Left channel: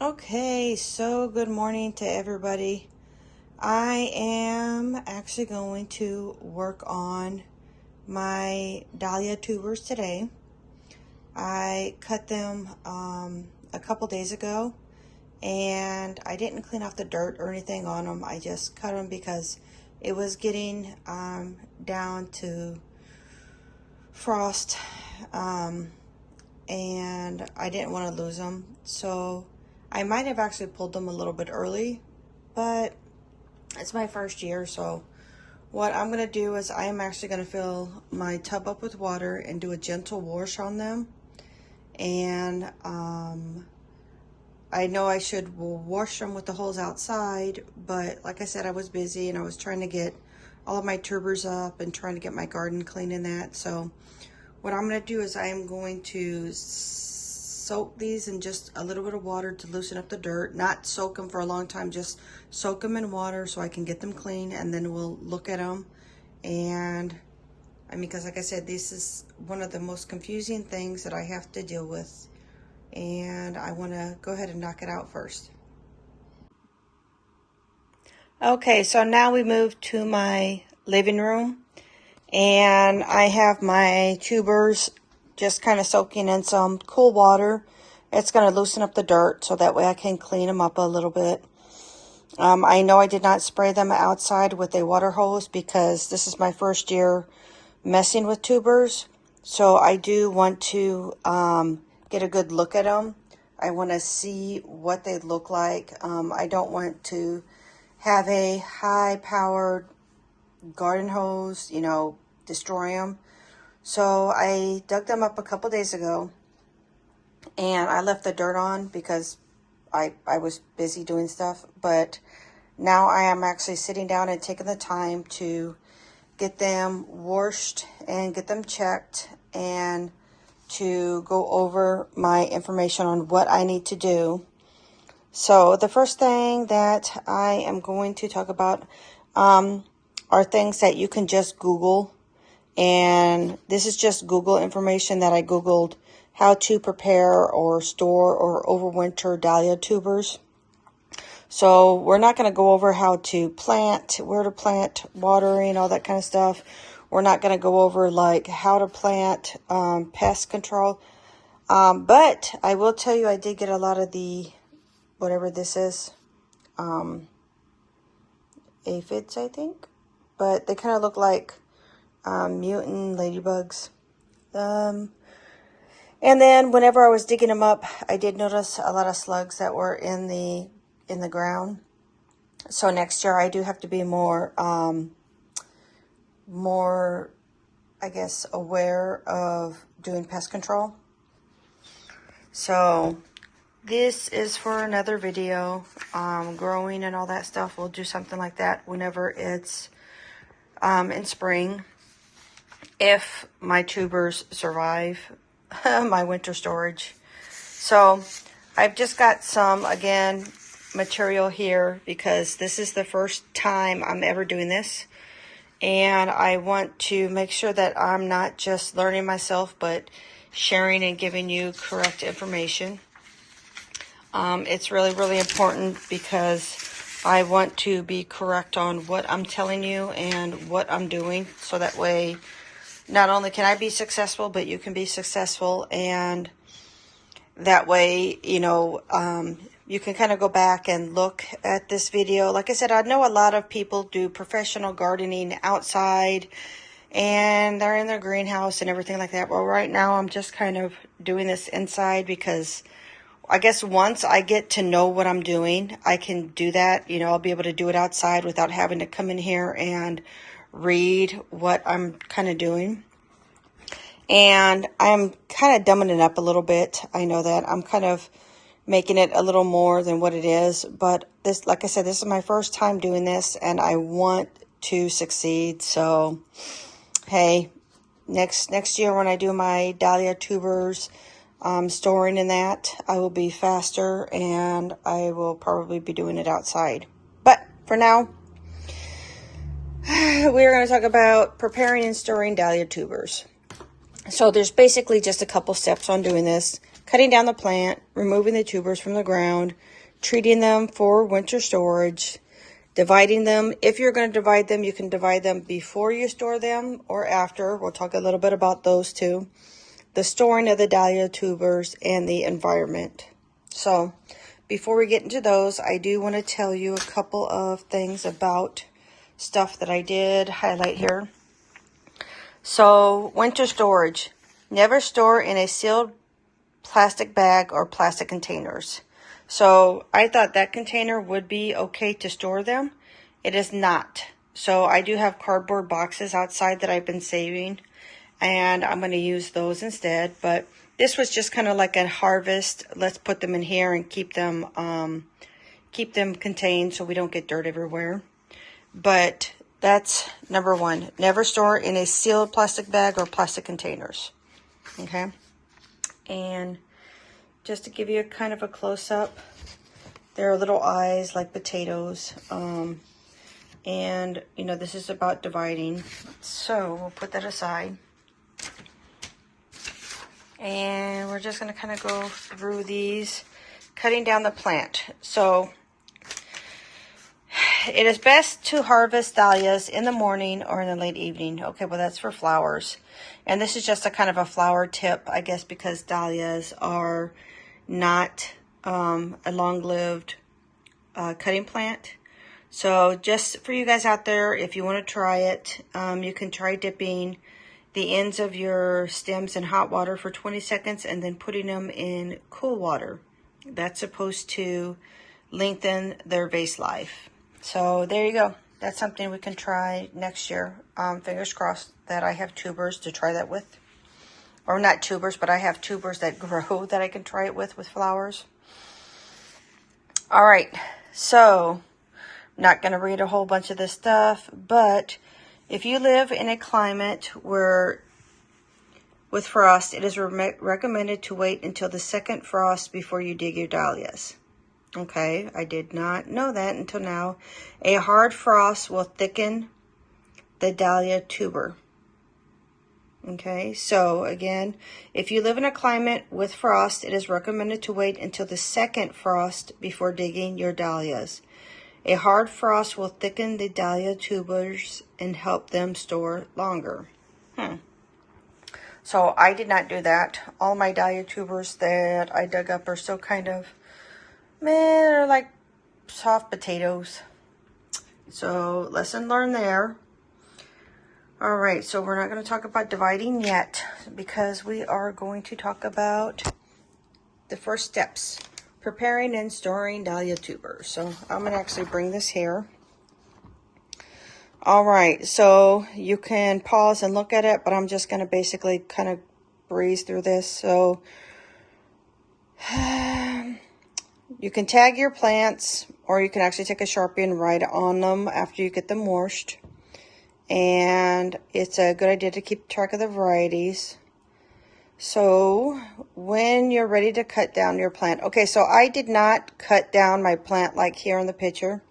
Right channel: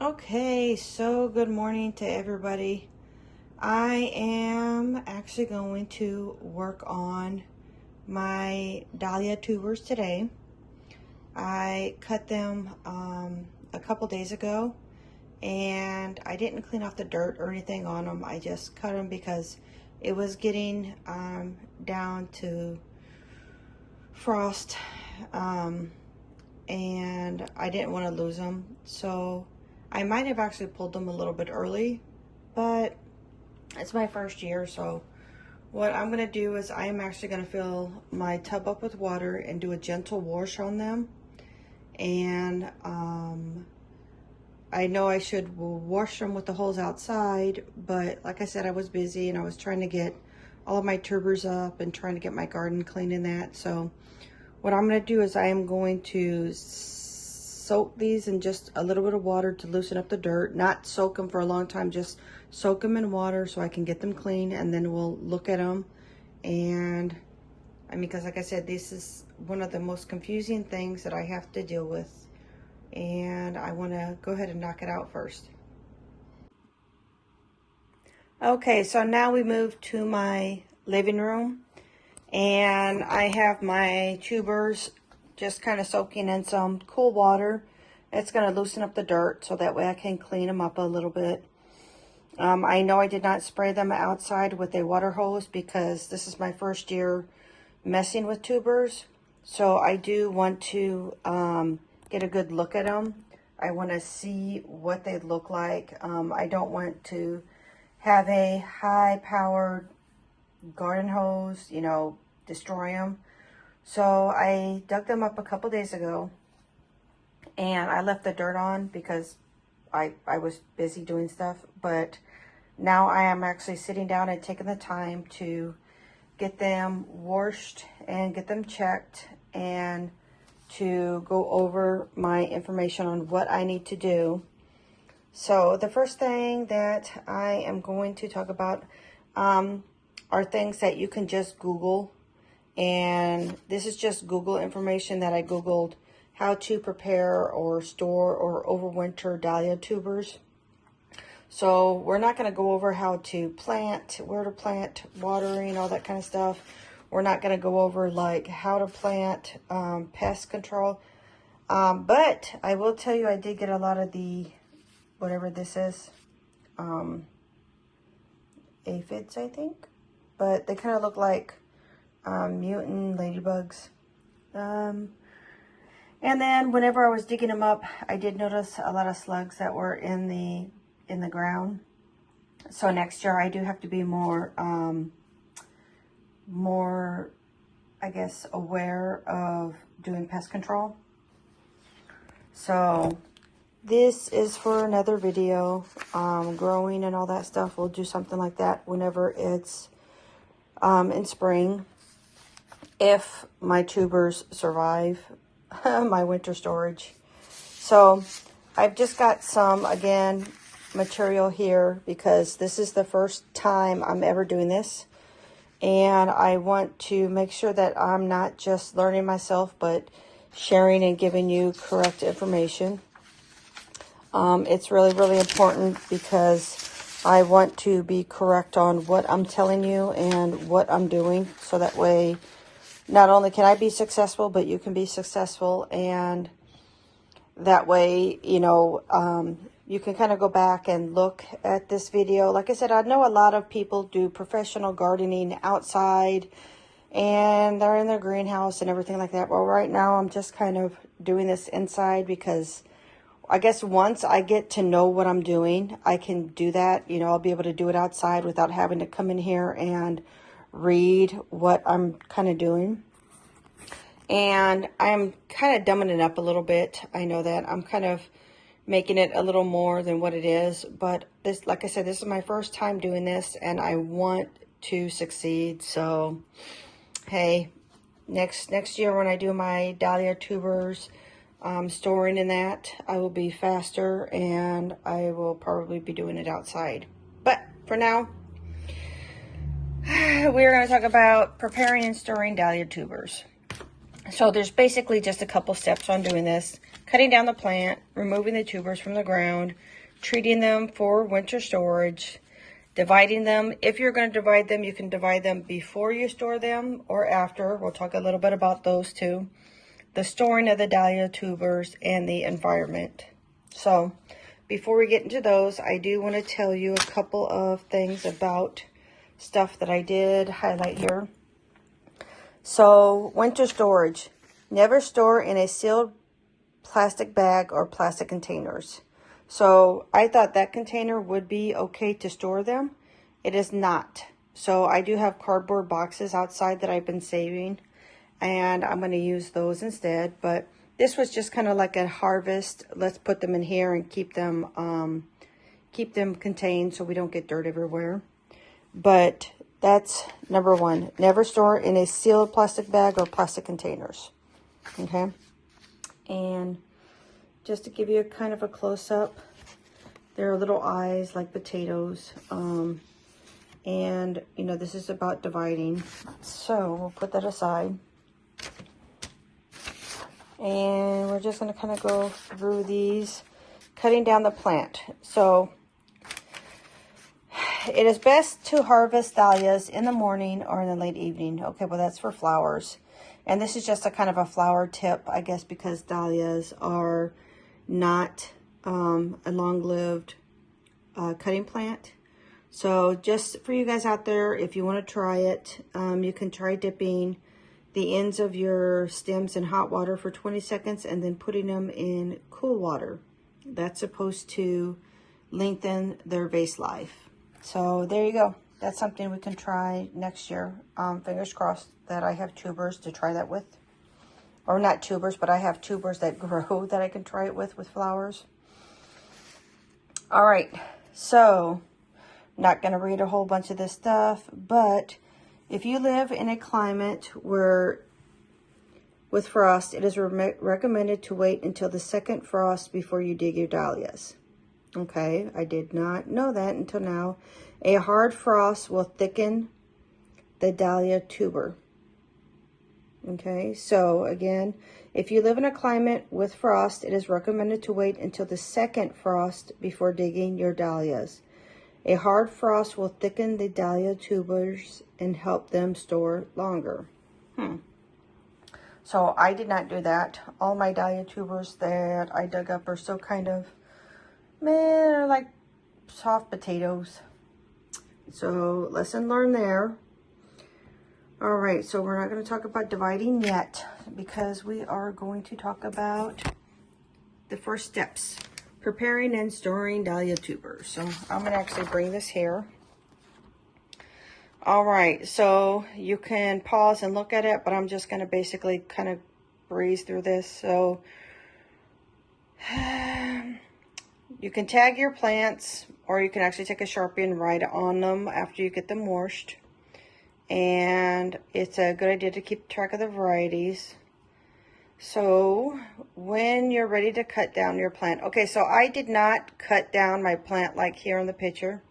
Okay, so good morning to everybody. I am actually going to work on my Dahlia tubers today. I cut them a couple days ago, and I didn't clean off the dirt or anything on them. I just cut them because it was getting down to frost, and I didn't want to lose them. So I might have actually pulled them a little bit early, but it's my first year. So what I'm going to do is I am actually going to fill my tub up with water and do a gentle wash on them. And I know I should wash them with the holes outside, but like I said, I was busy and I was trying to get all of my tubers up and trying to get my garden clean in that. So what I'm going to do is I am going to soak these in just a little bit of water to loosen up the dirt. Not soak them for a long time, just soak them in water so I can get them clean, and then we'll look at them. And I mean, because like I said, this is one of the most confusing things that I have to deal with, and I want to go ahead and knock it out first. Okay, so now we move to my living room, and I have my tubers just kind of soaking in some cool water. It's going to loosen up the dirt so that way I can clean them up a little bit. I know I did not spray them outside with a water hose because this is my first year messing with tubers. So I do want to get a good look at them. I want to see what they look like. I don't want to have a high-powered garden hose, you know, destroy them. So I dug them up a couple days ago, and I left the dirt on because I was busy doing stuff. But now I am actually sitting down and taking the time to get them washed and get them checked, and to go over my information on what I need to do. So the first thing that I am going to talk about are things that you can just Google. And this is just Google information that I Googled: how to prepare or store or overwinter Dahlia tubers. So we're not going to go over how to plant, where to plant, watering, all that kind of stuff. We're not going to go over like how to plant, pest control. But I will tell you, I did get a lot of the, whatever this is, aphids, I think. But they kind of look like mutant ladybugs. And then whenever I was digging them up, I did notice a lot of slugs that were in the ground. So next year I do have to be more I guess aware of doing pest control. So this is for another video. Growing and all that stuff, we'll do something like that whenever it's in spring, if my tubers survive my winter storage. So I've just got some, again, material here because this is the first time I'm ever doing this, and I want to make sure that I'm not just learning myself but sharing and giving you correct information. It's really, really important because I want to be correct on what I'm telling you and what I'm doing, so that way not only can I be successful, but you can be successful. And that way, you know, you can kind of go back and look at this video. Like I said, I know a lot of people do professional gardening outside and they're in their greenhouse and everything like that. Well, right now I'm just kind of doing this inside because I guess once I get to know what I'm doing, I can do that. You know, I'll be able to do it outside without having to come in here and read what I'm kind of doing. And I'm kind of dumbing it up a little bit. I know that I'm kind of making it a little more than what it is, but this, like I said, this is my first time doing this and I want to succeed. So hey, next year when I do my Dahlia tubers, storing in that, I will be faster and I will probably be doing it outside. But for now, we're going to talk about preparing and storing Dahlia tubers. So there's basically just a couple steps on doing this. cutting down the plant, removing the tubers from the ground, treating them for winter storage, dividing them. If you're going to divide them, you can divide them before you store them or after. We'll talk a little bit about those too. The storing of the Dahlia tubers and the environment. So before we get into those, I do want to tell you a couple of things about stuff that I did highlight here. So winter storage. Never store in a sealed plastic bag or plastic containers. So I thought that container would be okay to store them. It is not. So I do have cardboard boxes outside that I've been saving, and I'm going to use those instead. But this was just kind of like a harvest. Let's put them in here and keep them contained so we don't get dirt everywhere. But that's number one. Never store in a sealed plastic bag or plastic containers. Okay. And just to give you a kind of a close-up, there are little eyes like potatoes. And, you know, this is about dividing. So we'll put that aside. And we're just going to kind of go through these, cutting down the plant. So it is best to harvest dahlias in the morning or in the late evening. Okay, well, that's for flowers. And this is just a kind of a flower tip, I guess, because dahlias are not a long-lived cutting plant. So just for you guys out there, if you want to try it, you can try dipping the ends of your stems in hot water for 20 seconds and then putting them in cool water. That's supposed to lengthen their vase life. So there you go. That's something we can try next year. Fingers crossed that I have tubers to try that with. Or not tubers, but I have tubers that grow that I can try it with flowers. All right. So, not going to read a whole bunch of this stuff, but if you live in a climate where with frost, it is recommended to wait until the second frost before you dig your dahlias. Okay, I did not know that until now. A hard frost will thicken the Dahlia tuber. Okay, so again, if you live in a climate with frost, it is recommended to wait until the second frost before digging your dahlias. A hard frost will thicken the Dahlia tubers and help them store longer. So I did not do that. All my Dahlia tubers that I dug up are still kind of, they're like soft potatoes. So lesson learned there. All right, so we're not going to talk about dividing yet because we are going to talk about the first steps. Preparing and storing Dahlia tubers. So I'm going to actually bring this here. All right, so you can pause and look at it, but I'm just going to basically kind of breeze through this. So you can tag your plants, or you can actually take a Sharpie and write on them after you get them washed. And it's a good idea to keep track of the varieties. So when you're ready to cut down your plant. Okay, so I did not cut down my plant like here in the picture.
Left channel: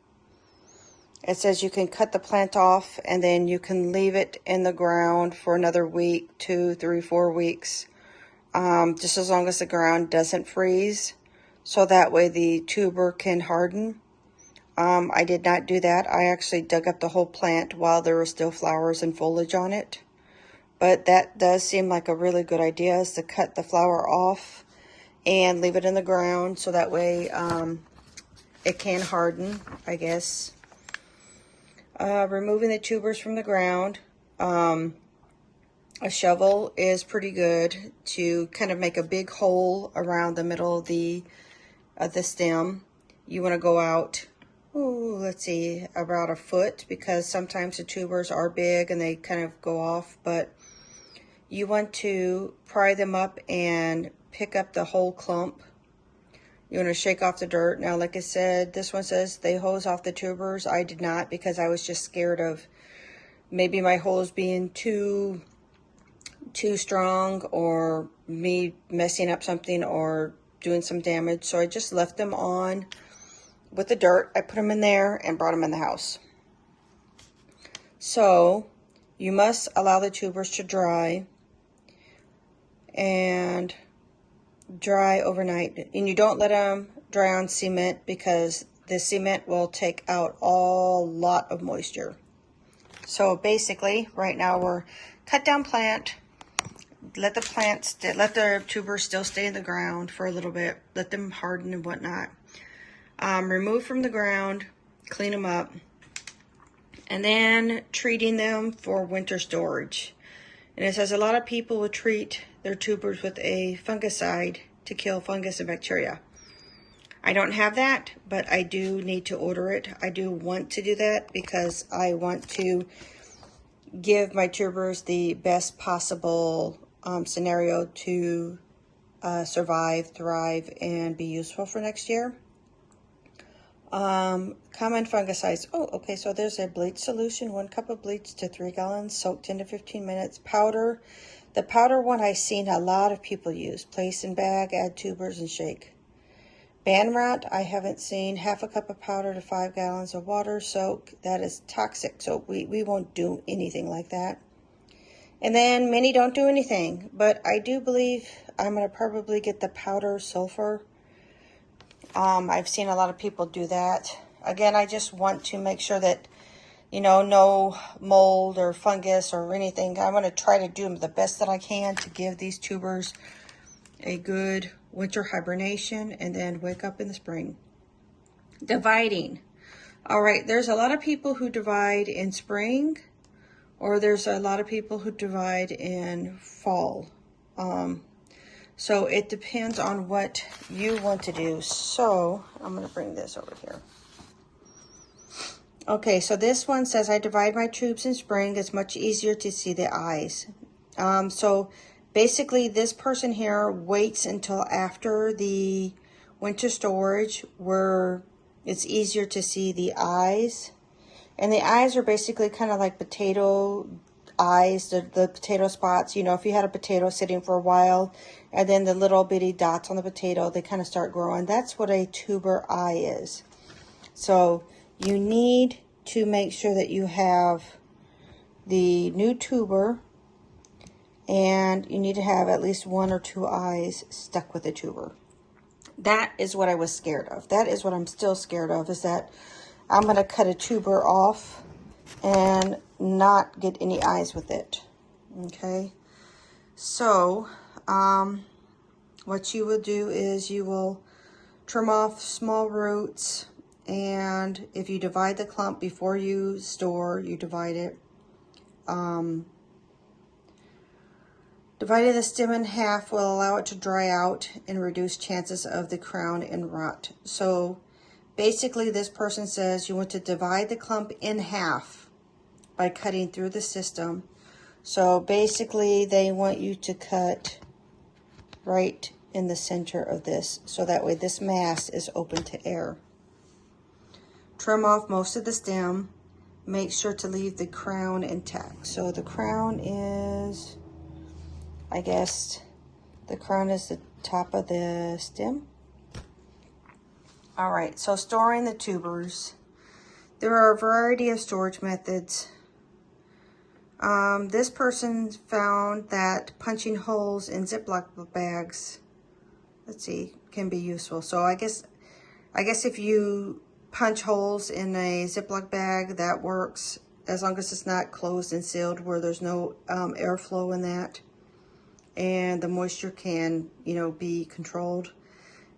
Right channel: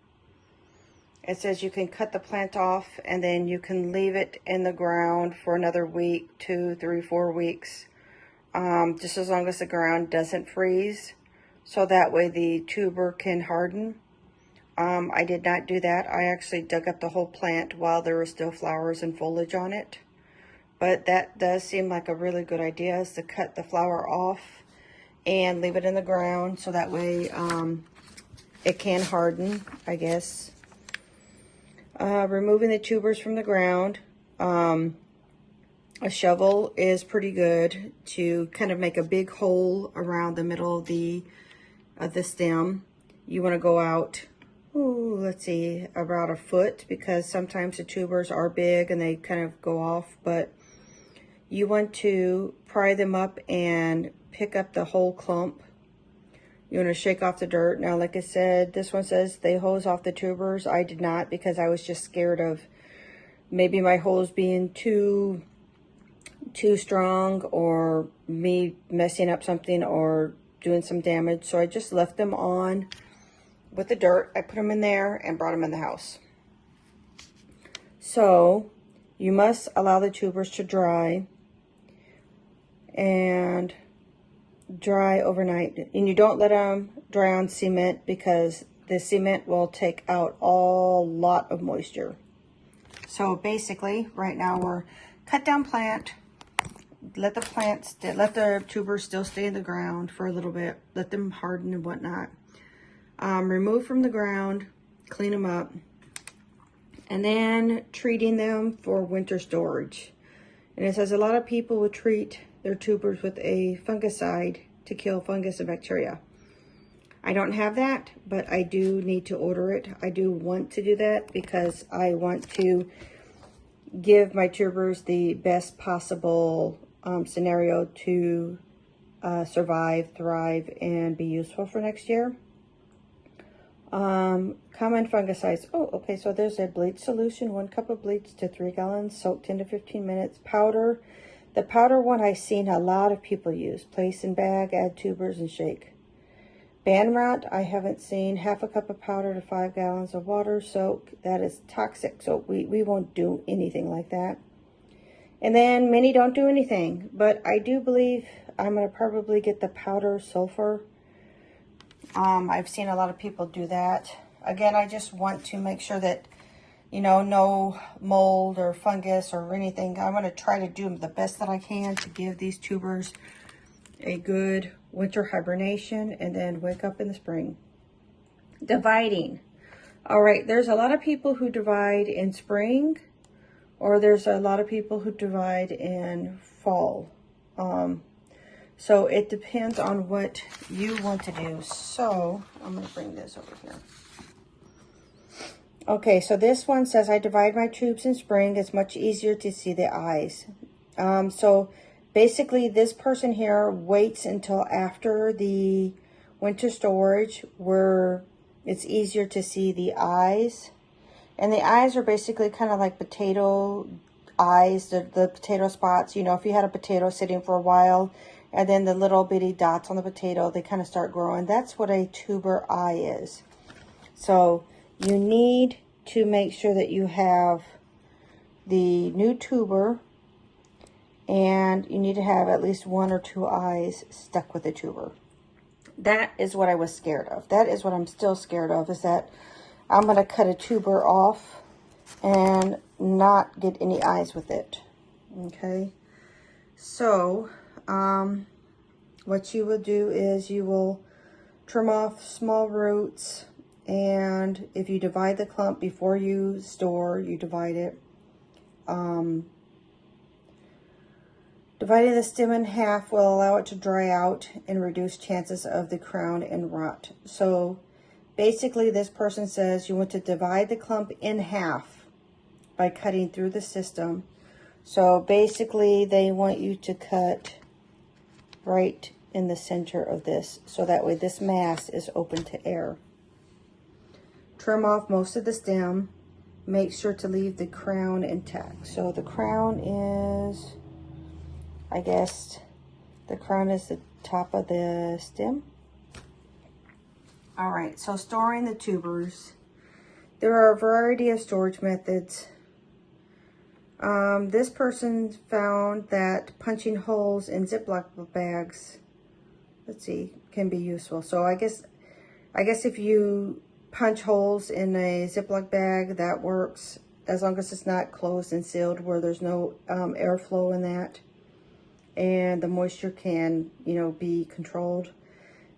It says you can cut the plant off and then you can leave it in the ground for another week, 2, 3, 4 weeks. Just as long as the ground doesn't freeze. So that way the tuber can harden. I did not do that. I actually dug up the whole plant while there were still flowers and foliage on it. But that does seem like a really good idea, is to cut the flower off and leave it in the ground so that way it can harden, I guess. Removing the tubers from the ground. A shovel is pretty good to kind of make a big hole around the middle of the stem. You want to go out, let's see, about a foot, because sometimes the tubers are big and they kind of go off, but you want to pry them up and pick up the whole clump. You want to shake off the dirt. Now, like I said, this one says they hose off the tubers. I did not, because I was just scared of maybe my hose being too strong, or me messing up something or doing some damage. So I just left them on with the dirt. I put them in there and brought them in the house. So you must allow the tubers to dry. And dry overnight. And you don't let them dry on cement because the cement will take out a lot of moisture. So basically, right now we're cut down plant. Let the tubers still stay in the ground for a little bit. Let them harden and whatnot. Remove from the ground, clean them up, and then treating them for winter storage. And it says a lot of people will treat their tubers with a fungicide to kill fungus and bacteria. I don't have that, but I do need to order it. I do want to do that because I want to give my tubers the best possible scenario to survive, thrive, and be useful for next year. Common fungicides. Oh, okay, so there's a bleach solution, 1 cup of bleach to 3 gallons, soak 10 to 15 minutes. Powder. The powder one I've seen a lot of people use. Place in bag, add tubers, and shake. Ban rot, I haven't seen. 1/2 cup of powder to 5 gallons of water, soak. That is toxic, so we won't do anything like that. And then many don't do anything, but I do believe I'm going to probably get the powder sulfur. I've seen a lot of people do that. Again, I just want to make sure that, you know, no mold or fungus or anything. I'm going to try to do the best that I can to give these tubers a good winter hibernation and then wake up in the spring. Dividing. All right, there's a lot of people who divide in spring, or there's a lot of people who divide in fall. So it depends on what you want to do. So I'm going to bring this over here. Okay, so this one says, I divide my tubes in spring. It's much easier to see the eyes. So basically this person here waits until after the winter storage where it's easier to see the eyes. And the eyes are basically kind of like potato eyes, the potato spots. You know, if you had a potato sitting for a while and then the little bitty dots on the potato, they kind of start growing. That's what a tuber eye is. So you need to make sure that you have the new tuber, and you need to have at least 1 or 2 eyes stuck with the tuber. That is what I was scared of. That is what I'm still scared of, is that I'm going to cut a tuber off and not get any eyes with it. Okay. So, what you will do is you will trim off small roots, and if you divide the clump before you store, you divide it. Dividing the stem in half will allow it to dry out and reduce chances of the crown and rot. So basically this person says you want to divide the clump in half by cutting through the system. So basically they want you to cut right in the center of this, so that way this mass is open to air. Trim off most of the stem. Make sure to leave the crown intact. So the crown is, I guess, the crown is the top of the stem. All right, so storing the tubers. There are a variety of storage methods. This person found that punching holes in Ziploc bags, let's see, can be useful. So I guess if you punch holes in a Ziploc bag, that works, as long as it's not closed and sealed where there's no airflow in that, and the moisture can, you know, be controlled.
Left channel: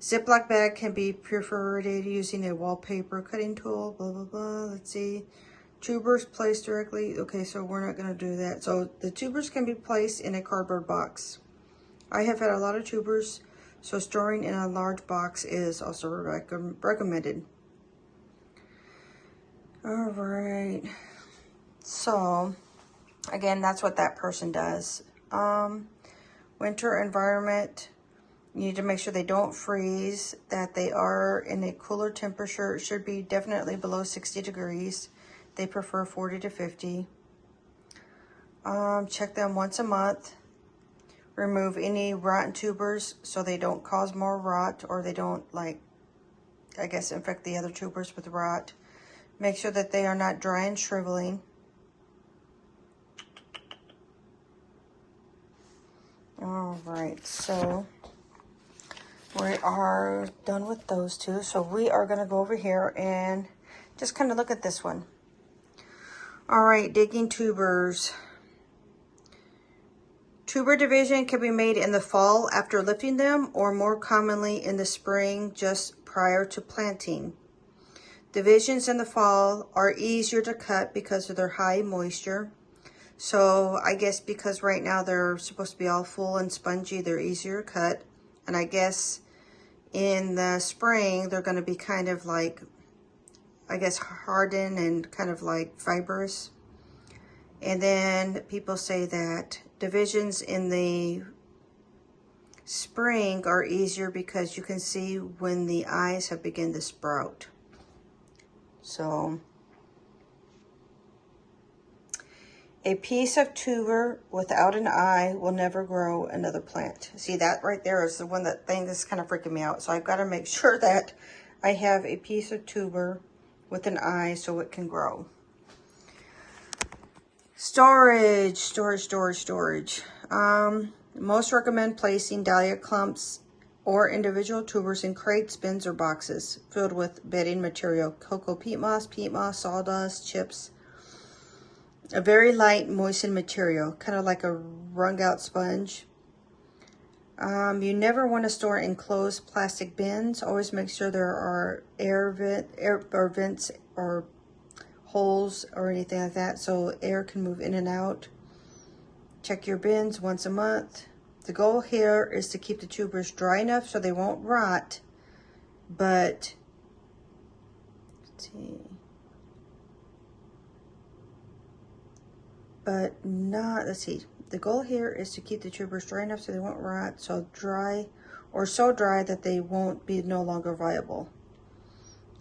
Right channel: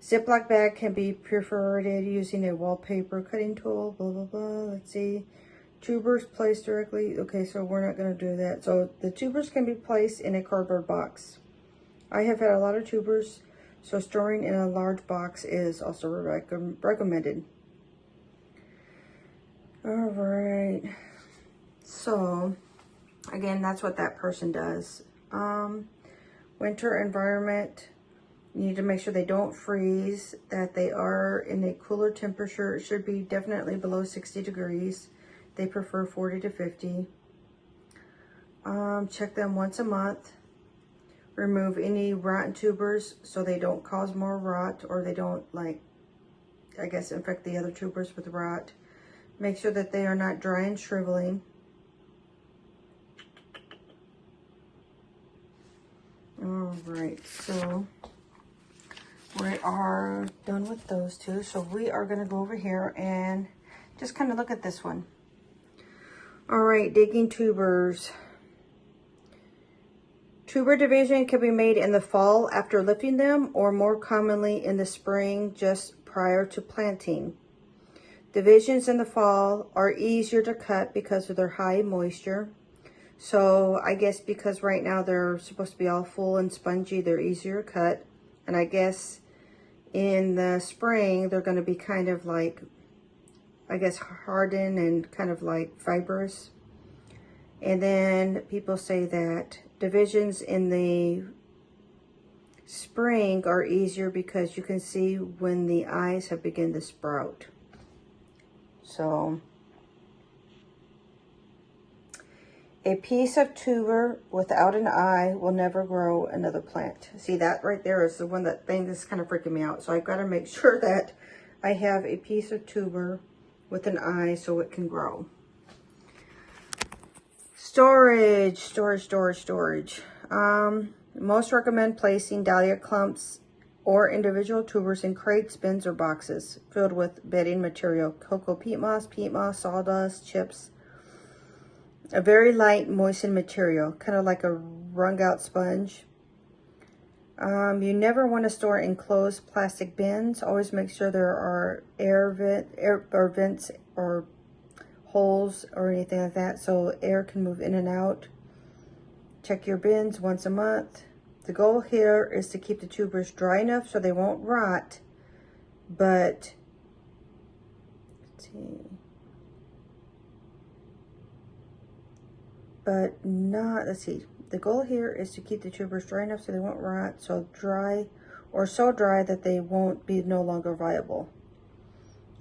Ziploc bag can be perforated using a wallpaper cutting tool, blah, blah, blah. Let's see. Tubers placed directly. Okay, so we're not going to do that. So the tubers can be placed in a cardboard box. I have had a lot of tubers, so storing in a large box is also recommended. All right. So, again, that's what that person does. Winter environment, you need to make sure they don't freeze, that they are in a cooler temperature. It should be definitely below 60 degrees. They prefer 40 to 50. Check them once a month. Remove any rotten tubers so they don't cause more rot, or they don't, like, I guess, infect the other tubers with rot. Make sure that they are not dry and shriveling. All right, so We are done with those two. So we are going to go over here and just kind of look at this one. All right, digging tubers. Tuber division can be made in the fall after lifting them, or more commonly in the spring just prior to planting. Divisions in the fall are easier to cut because of their high moisture. So I guess because right now they're supposed to be all full and spongy, they're easier to cut. And I guess in the spring, they're going to be kind of like, I guess, hardened and kind of like fibrous. And then people say that divisions in the spring are easier because you can see when the eyes have begun to sprout. So a piece of tuber without an eye will never grow another plant. See, that right there is the one thing that's kind of freaking me out. So I've got to make sure that I have a piece of tuber with an eye so it can grow. Storage. Most recommend placing dahlia clumps or individual tubers in crates, bins, or boxes filled with bedding material, cocoa peat moss, sawdust, chips. A very light moistened material, kind of like a wrung out sponge. You never want to store in closed plastic bins. Always make sure there are air vents or holes or anything like that so air can move in and out. Check your bins once a month. The goal here is to keep the tubers dry enough so they won't rot, but let's see. But not, let's see. The goal here is to keep the tubers dry enough so they won't rot, so dry that they won't be no longer viable.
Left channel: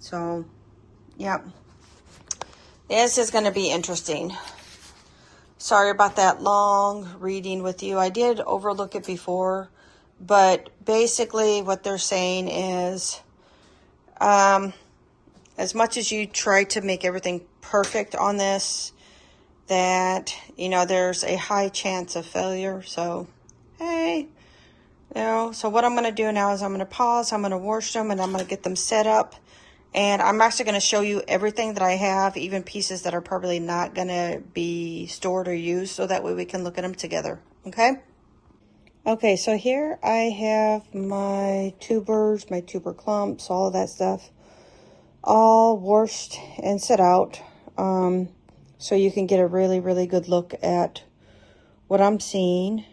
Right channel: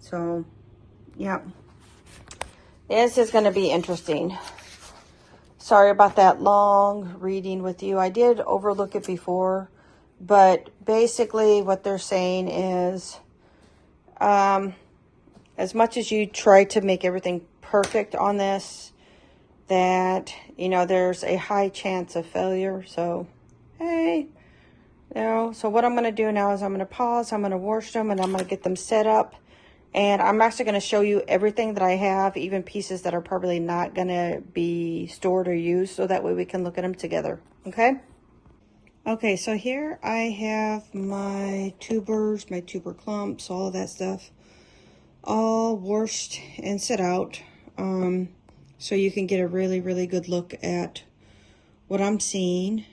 So, yeah. This is going to be interesting. Sorry about that long reading with you. I did overlook it before, but basically what they're saying is, as much as you try to make everything perfect on this, that, you know, there's a high chance of failure. So, hey, you know, so what I'm going to do now is I'm going to pause, I'm going to wash them, and I'm going to get them set up. And I'm actually going to show you everything that I have, even pieces that are probably not going to be stored or used, so that way we can look at them together, okay? Okay, so here I have my tubers, my tuber clumps, all of that stuff, all washed and set out, so you can get a really, really good look at what I'm seeing.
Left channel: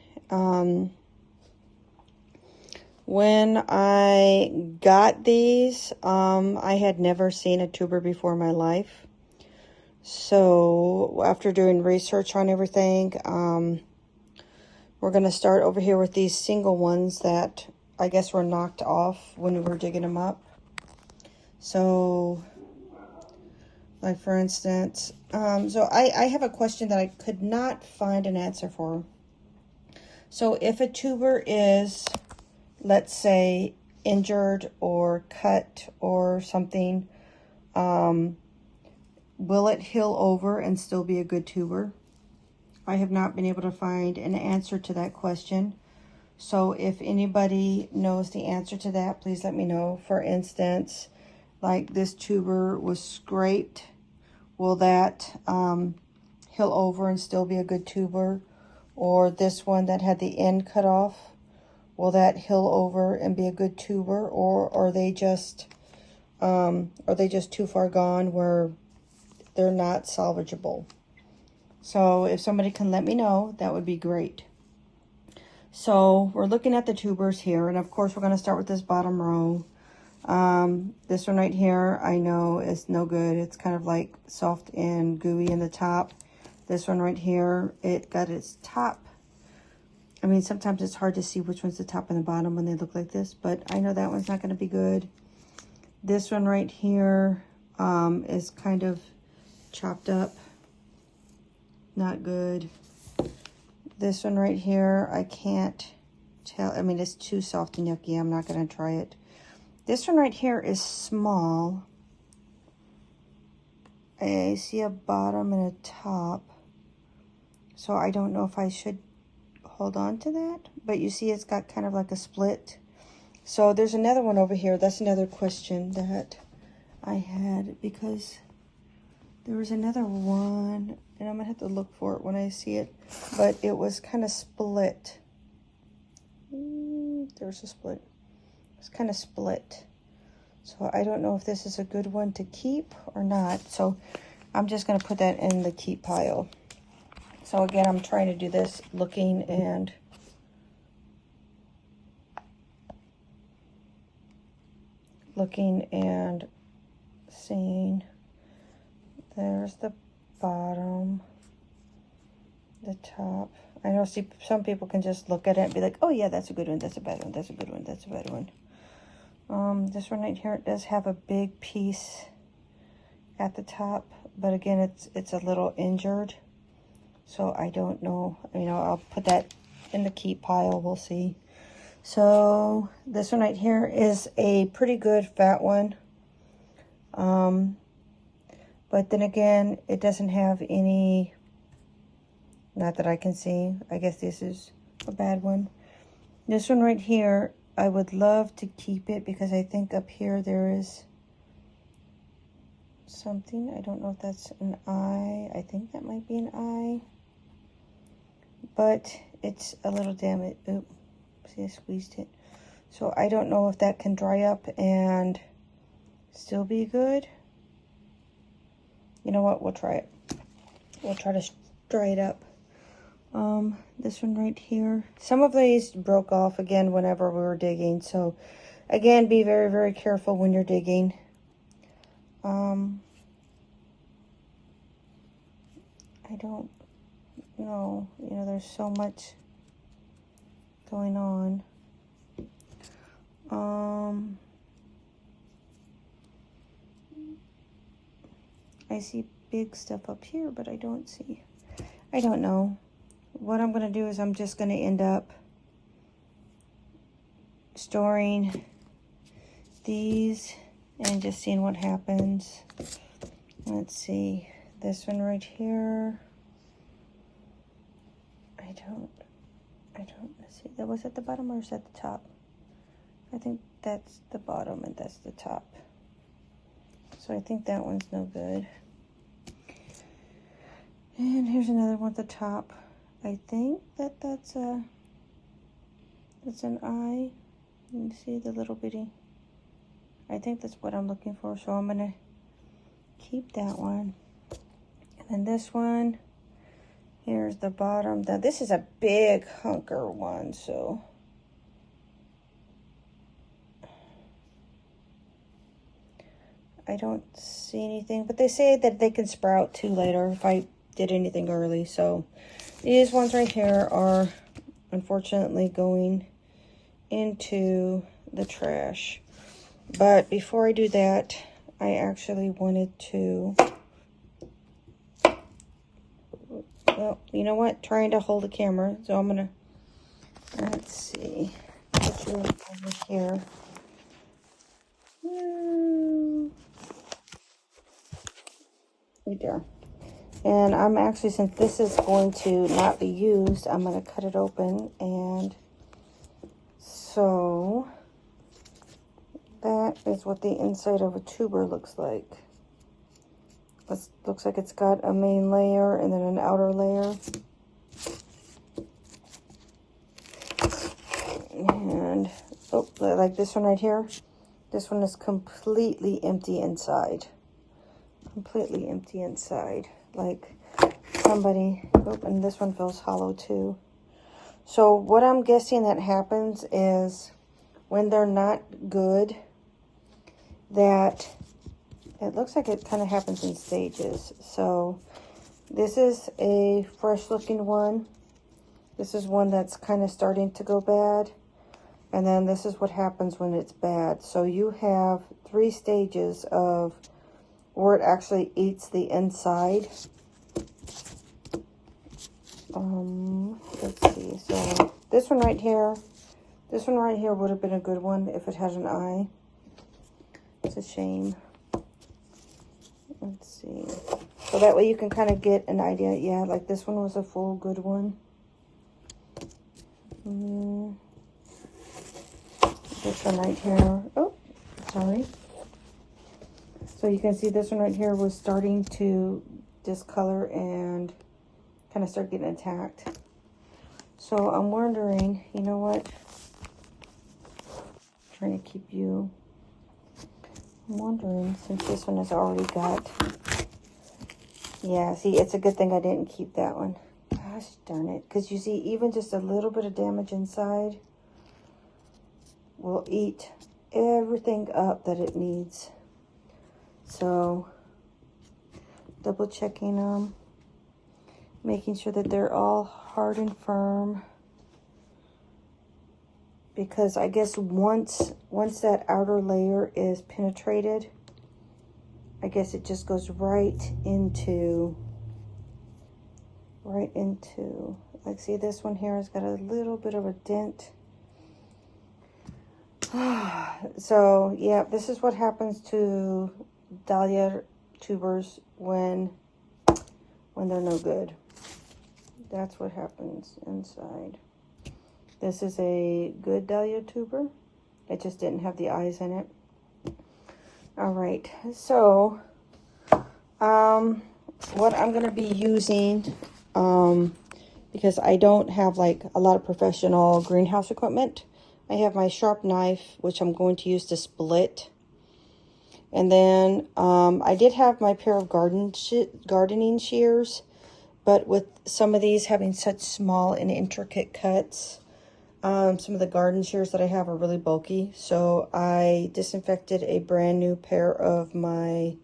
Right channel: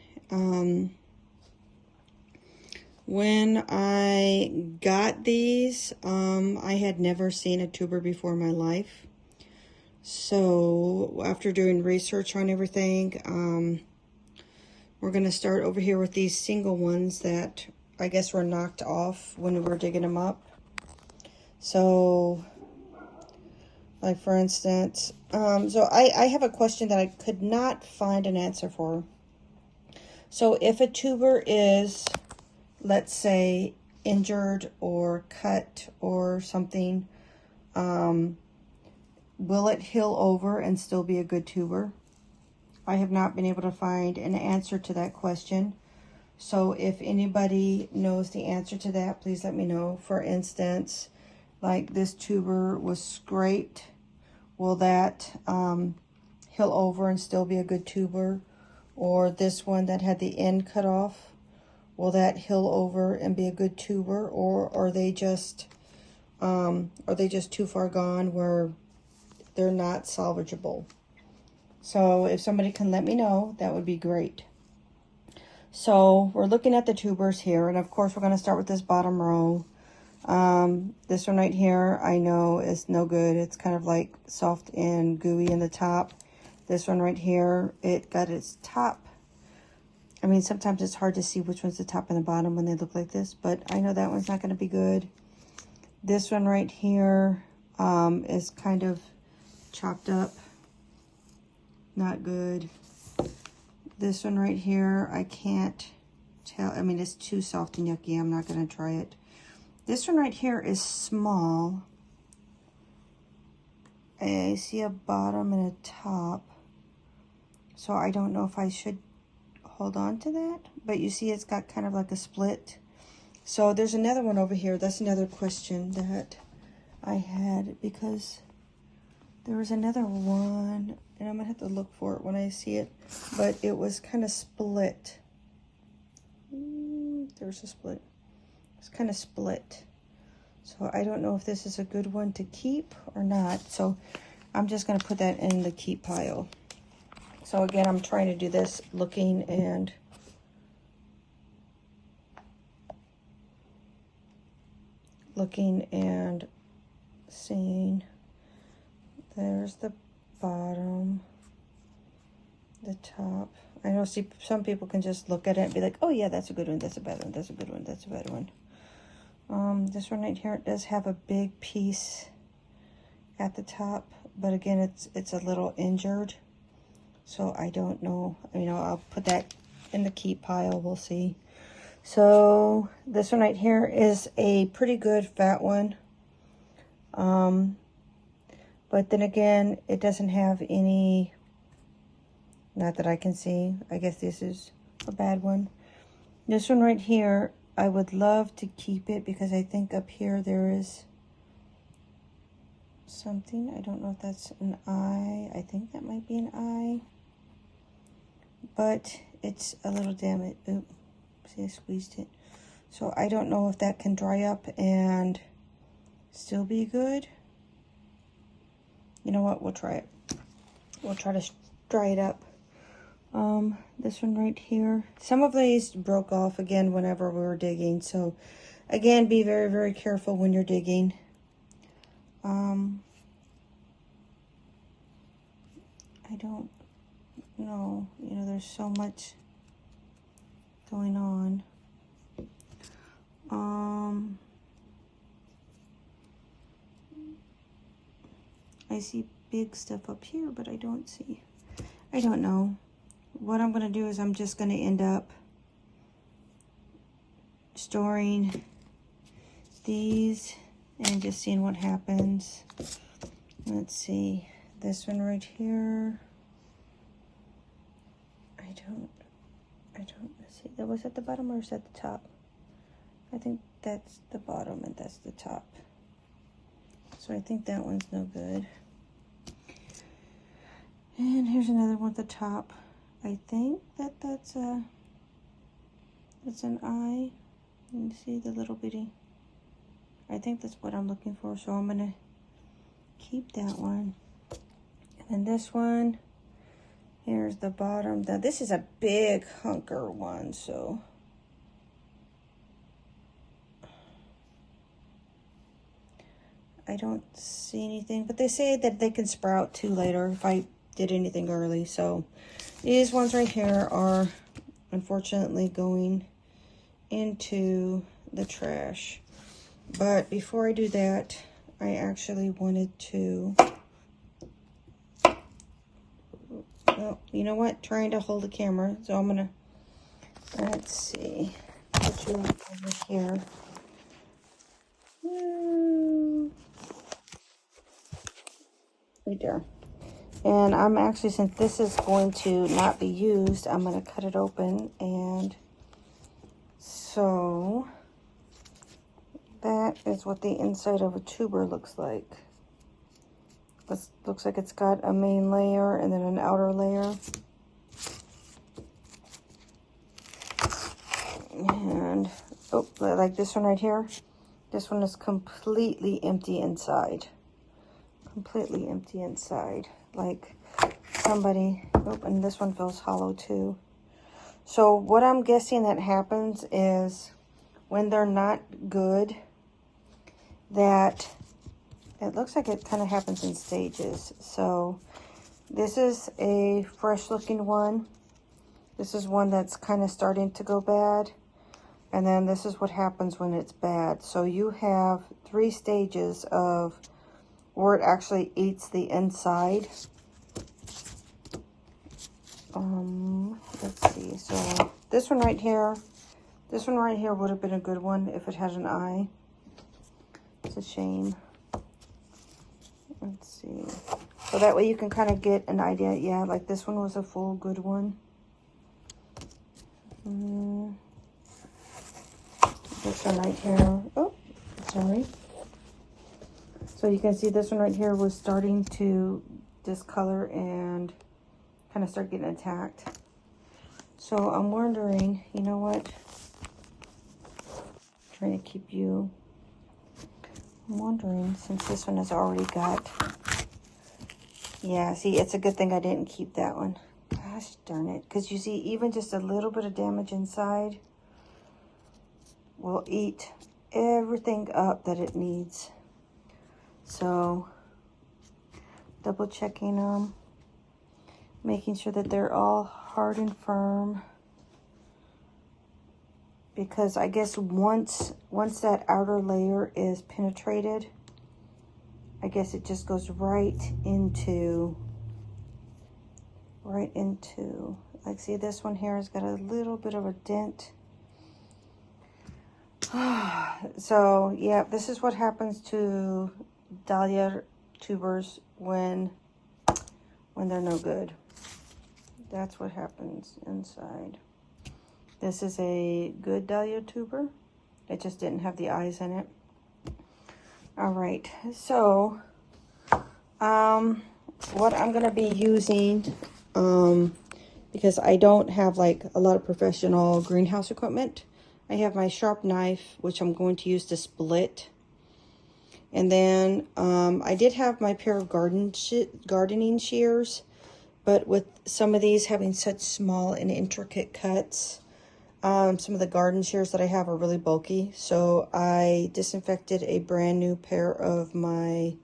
When I got these, I had never seen a tuber before in my life. So after doing research on everything, we're going to start over here with these single ones that I guess were knocked off when we were digging them up. So, like for instance, so I have a question that I could not find an answer for. So if a tuber is, let's say, injured or cut or something, will it heal over and still be a good tuber? I have not been able to find an answer to that question. So if anybody knows the answer to that, please let me know. For instance, like this tuber was scraped. Will that heal over and still be a good tuber? Or this one that had the end cut off, will that heal over and be a good tuber? Or are they just too far gone where they're not salvageable? So if somebody can let me know, that would be great. So we're looking at the tubers here, and of course we're going to start with this bottom row. This one right here, I know is no good. It's kind of like soft and gooey in the top. This one right here, it got its top. I mean, sometimes it's hard to see which one's the top and the bottom when they look like this, but I know that one's not going to be good. This one right here is kind of chopped up. Not good. This one right here, I can't tell. I mean, it's too soft and yucky. I'm not going to try it. This one right here is small. I see a bottom and a top. So I don't know if I should hold on to that. But you see it's got kind of like a split. So there's another one over here. That's another question that I had, because there was another one, and I'm gonna have to look for it when I see it, but it was kind of split. There's a split. It's kind of split. So I don't know if this is a good one to keep or not. So I'm just gonna put that in the keep pile. So again, I'm trying to do this looking and seeing. There's the bottom, the top. I know some people can just look at it and be like, oh yeah, that's a good one, that's a bad one, that's a good one, that's a bad one. This one right here, it does have a big piece at the top, but again, it's a little injured. So I don't know, I'll put that in the keep pile, we'll see. So this one right here is a pretty good fat one. But then again, it doesn't have any, not that I can see. I guess this is a bad one. This one right here, I would love to keep it because I think up here there is something. I don't know if that's an eye. I think that might be an eye. But it's a little damaged. Oop, see, I squeezed it. So I don't know if that can dry up and still be good. You know what? We'll try it. We'll try to dry it up. This one right here. Some of these broke off again whenever we were digging. So again, be very, very careful when you're digging. I don't know. There's so much going on. I see big stuff up here, but I don't know. What I'm going to do is I'm just going to end up storing these and just seeing what happens. Let's see. This one right here. I don't see. That was at the bottom or is that the top? I think that's the bottom and that's the top. So I think that one's no good. And here's another one at the top. I think that's an eye. You see the little bitty. I think that's what I'm looking for. So I'm gonna keep that one. And then this one, here's the bottom. Now this is a big hunker one, so. I don't see anything, but they say that they can sprout too later if I did anything early. So these ones right here are unfortunately going into the trash. But before I do that, I actually wanted to, well, you know what? Trying to hold the camera. So I'm gonna, let's see, put you over here. Right there. And I'm actually, since this is going to not be used, I'm going to cut it open. And so that is what the inside of a tuber looks like. This looks like it's got a main layer and then an outer layer. And, oh, like this one right here. This one is completely empty inside. Completely empty inside. Like somebody, oh, and this one feels hollow too. So what I'm guessing that happens is when they're not good, that it looks like it kind of happens in stages. So this is a fresh looking one. This is one that's kind of starting to go bad. And then this is what happens when it's bad. So you have 3 stages of where it actually eats the inside. Let's see. So this one right here would have been a good one if it had an eye. It's a shame. Let's see. So that way you can kind of get an idea. Yeah, like this one was a full good one. this one right here. Oh, sorry. So you can see this one right here was starting to discolor and kind of start getting attacked. So I'm wondering, you know what? I'm trying to keep you. I'm wondering, since this one has already got. Yeah, see, it's a good thing I didn't keep that one. Gosh darn it. Because you see, even just a little bit of damage inside will eat everything up that it needs. So, double checking them. Making sure that they're all hard and firm. Because I guess once that outer layer is penetrated, I guess it just goes right into, like, see, this one here has got a little bit of a dent. So, yeah, this is what happens to Dahlia tubers when they're no good. That's what happens inside. This is a good Dahlia tuber. It just didn't have the eyes in it. All right, so what I'm going to be using, because I don't have like a lot of professional greenhouse equipment, I have my sharp knife, which I'm going to use to split. And then I did have my pair of gardening shears, but with some of these having such small and intricate cuts, some of the garden shears that I have are really bulky. So I disinfected a brand new pair of my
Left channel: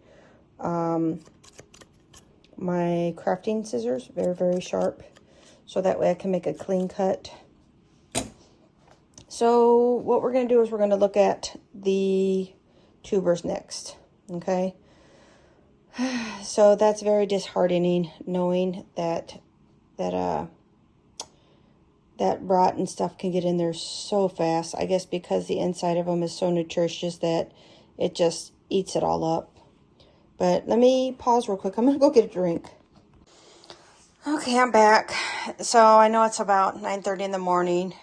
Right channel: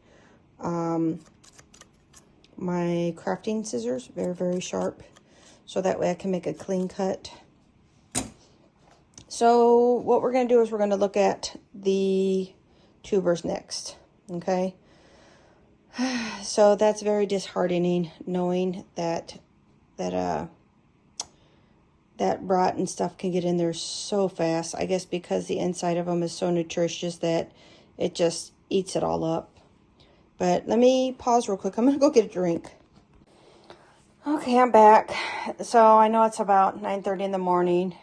my crafting scissors, very, very sharp. So that way I can make a clean cut. So what we're going to do is we're going to look at the tubers next, okay? So that's very disheartening, knowing that rot and stuff can get in there so fast. I guess because the inside of them is so nutritious that it just eats it all up. But let me pause real quick. I'm going to go get a drink. Okay, I'm back. So I know it's about 9:30 in the morning.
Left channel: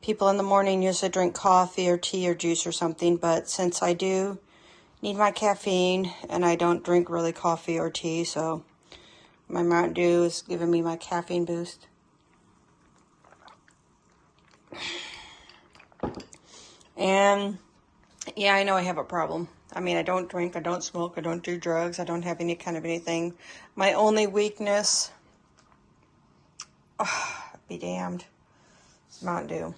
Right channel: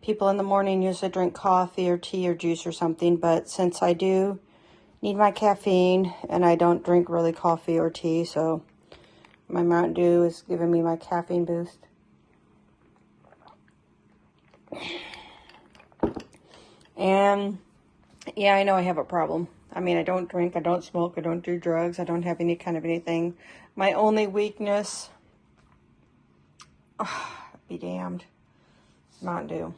People in the morning usually drink coffee or tea or juice or something. But since I do need my caffeine and I don't drink really coffee or tea, so my Mountain Dew is giving me my caffeine boost. And yeah, I know I have a problem. I mean, I don't drink, I don't smoke, I don't do drugs, I don't have any kind of anything. My only weakness, be damned, is Mountain Dew.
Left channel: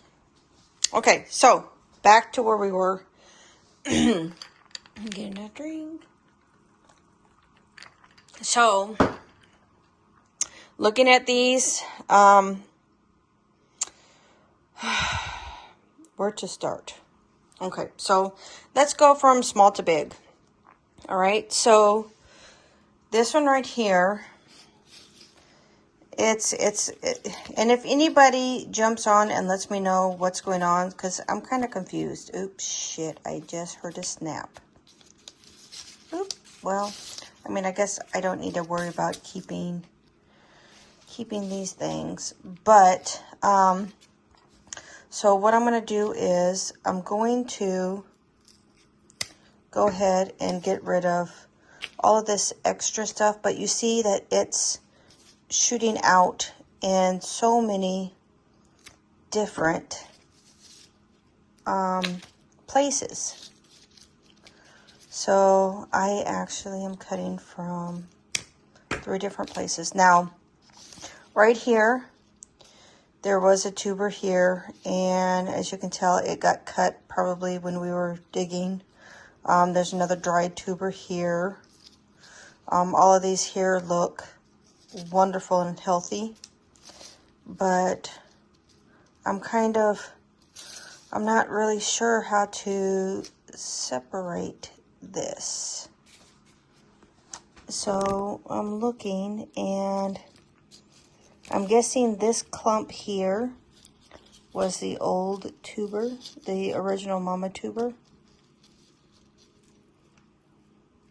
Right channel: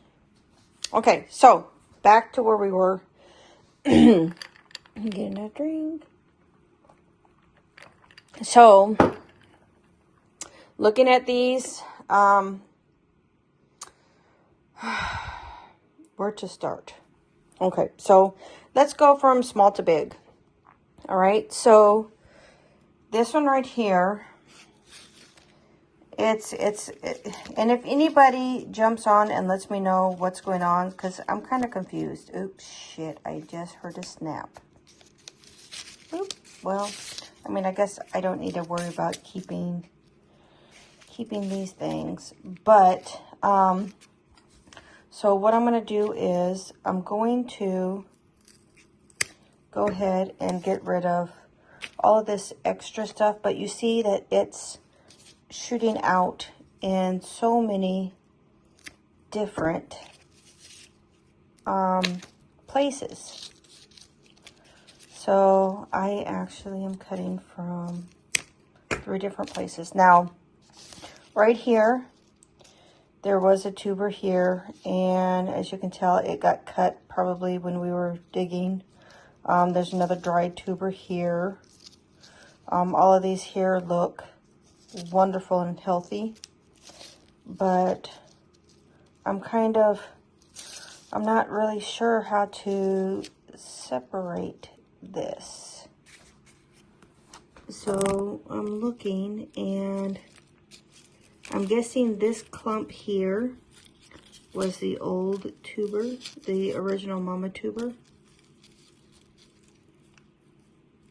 Okay, so back to where we were. I'm getting that drink. So, looking at these, where to start? Okay, so let's go from small to big. All right, so this one right here, and if anybody jumps on and lets me know what's going on, because I'm kind of confused. Oops, shit, I just heard a snap. Oops, well, I mean, I guess I don't need to worry about keeping these things, but, so what I'm going to do is I'm going to go ahead and get rid of all of this extra stuff, but you see that it's shooting out in so many different places. So I actually am cutting from 3 different places. Now, right here, there was a tuber here, and as you can tell, it got cut probably when we were digging. There's another dried tuber here. All of these here look wonderful and healthy, but I'm not really sure how to separate this. So I'm looking, and I'm guessing this clump here was the old tuber, the original mama tuber.